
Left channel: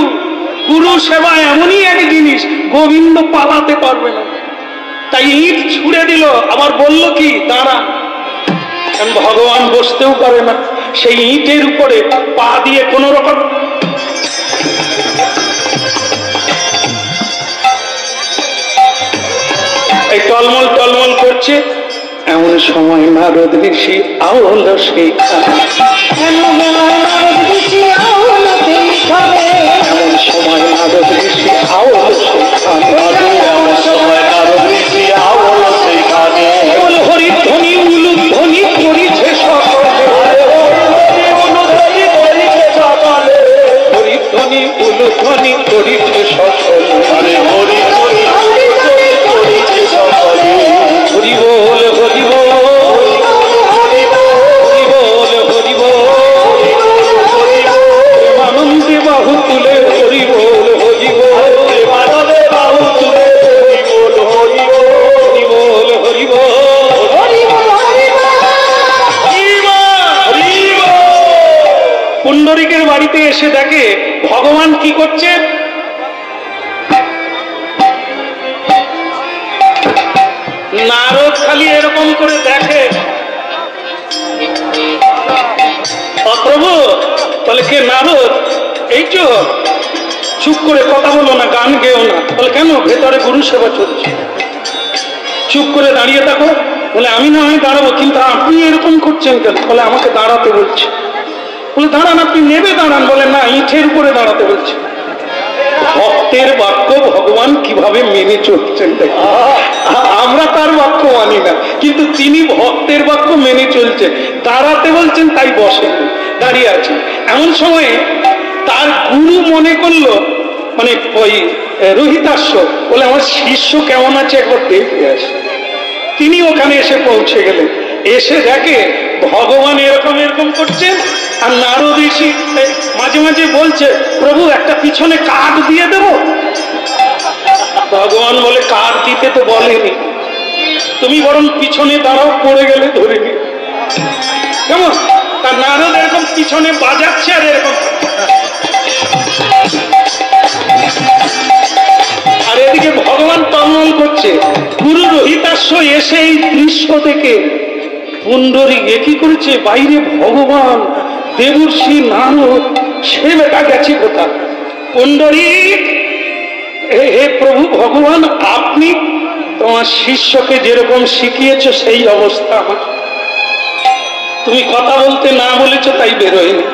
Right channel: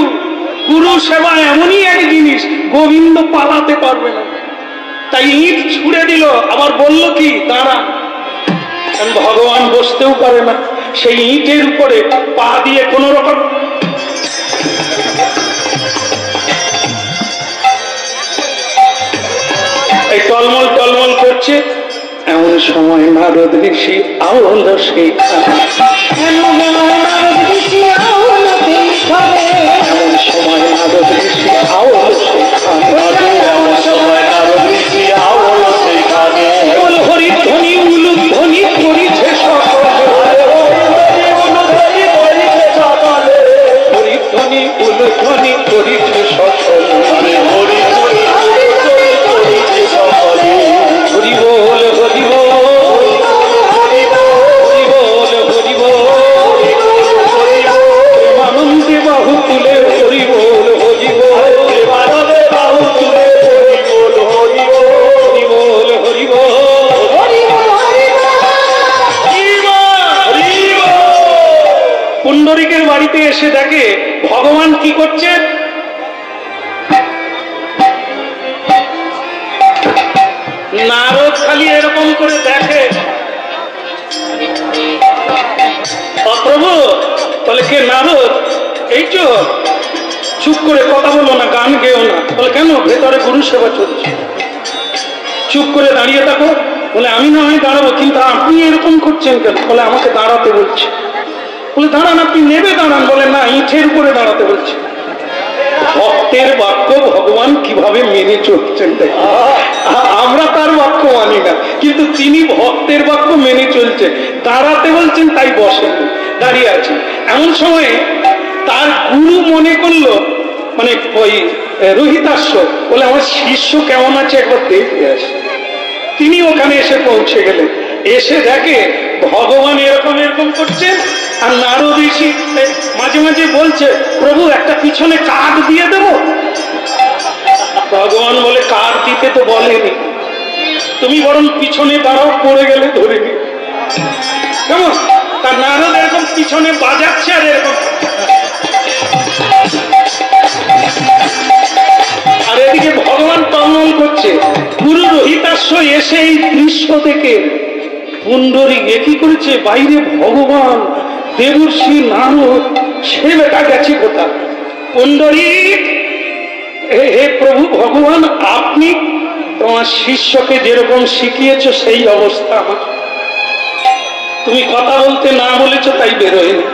গুরু সেবা এমনই এক জিনিস, গোবিন্দ পালাতে পারবে না, তাই ইট ছুঁড়ে দিল, আবার বলল কি দাঁড়া। ভগবান বসতেও পারে না, সেই ইটের উপরে পা দিয়ে কোন রকম এই টলমল টলমল করছে। এমন সময় নারদ ঋষি আওল সেইখানে, এমন সময় নারদ ঋষি আওল সেইখানে, হরিধ্বনি উলুধ্বনি করিছে সকলে, হরিধ্বনি উলুধ্বনি করিছে সকলে, হরি বল হরি বল হরি বল হরি বল, প্রেমানন্দে বাহু তুলে হরি বল হরি বল, প্রেমানন্দে বাহু তুলে হরি বল হরি বল, হরি বল হরি বল। পুণ্ডরীকের বাড়িতে এসে দেখে ভগবান কি করছে। নারদ খালি এরকম করে দেখে, প্রভু বলে কে? নারদ। এই তো, চুপ করে কথা বলো না, গান গেও না। বলে কেন? ভেতরে গুরু সেবা চলছে, চুপ করে দাঁড়িয়ে থাকো। বলে আমি না হয় দাঁড়াবো, কিন্তু আপনি এরকম করছেন কেন? বলে আমাকে দাঁড়াতে বলছে। বলে দাঁড়ান, আপনি নেবে দাঁড়ান। বলে না, ইটের উপরে দাঁড়াতে বলছে। ভক্তের বাক্য ভগবান কিভাবে মেনে চলছেন, আমরা তার বাক্য মানি না, কিন্তু তিনি ভক্তের বাক্য মেনে চলছেন। দাঁড়াতে বলছেন তাই বসেন, দাঁড়িয়ে আছেন। এমন সময়ে তার গুরু মনে করলো, মানে ওই রোহিতাশ্ব, বলে আমার শিষ্য কেমন আছে একবার দেখে আসে। তিনি ওখানে এসে পৌঁছে গেলেন, এসে দেখে ভগবান এরকম এরকম করছেন, আর নারদ ঋষি মাঝে মাঝে বলছে, প্রভু একটা পিছনে কাঠ দিয়ে দেব। ভগবান বলে কাঠ দিতে তো বলেনি, তুমি বরং পিছনে দাঁড়াও, পড়ে গেলে ধরে নি। কেমন? তার নারদ এরকম পিছনে বাজাচ্ছে আর এরকম, আর এদিকে ভগবান টলমল করছে। গুরু রোহিতাশ্ব এসে এই দৃশ্য দেখে পুণ্ডরীক কি করেছে, বাইরে ভগবান, দেবর্ষি নারদ, সে বেটা গেছে কোথায়? পুণ্ডরীক, হে প্রভু ভগবান, আপনি তোমার শিষ্যকে যেরকম শিখিয়েছ সেই অবস্থা আমার। তুমি কথা বলতে না বলেছ তাই বেরোয়নি,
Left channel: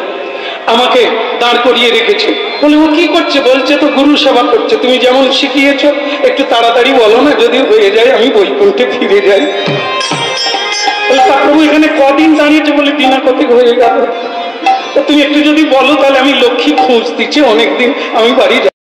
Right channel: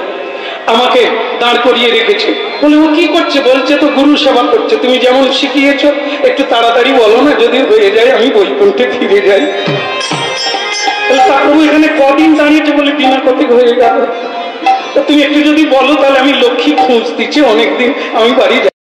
আমাকে দাঁড় করিয়ে রেখেছে। বলে ও কি করছে? বলছে তো গুরু সেবা করছে, তুমি যেমন শিখিয়েছ একটু তাড়াতাড়ি বলো না, যদি হয়ে যায় আমি বৈকুণ্ঠে ফিরে যাই। তা প্রভু এখানে কদিন দাঁড়িয়েছে? বলে দিনা কতক হয়ে গেল। তুমি একটু যদি বলো তাহলে আমি লক্ষ্মী খোঁজ দিচ্ছি, অনেকদিন আমি বাড়ি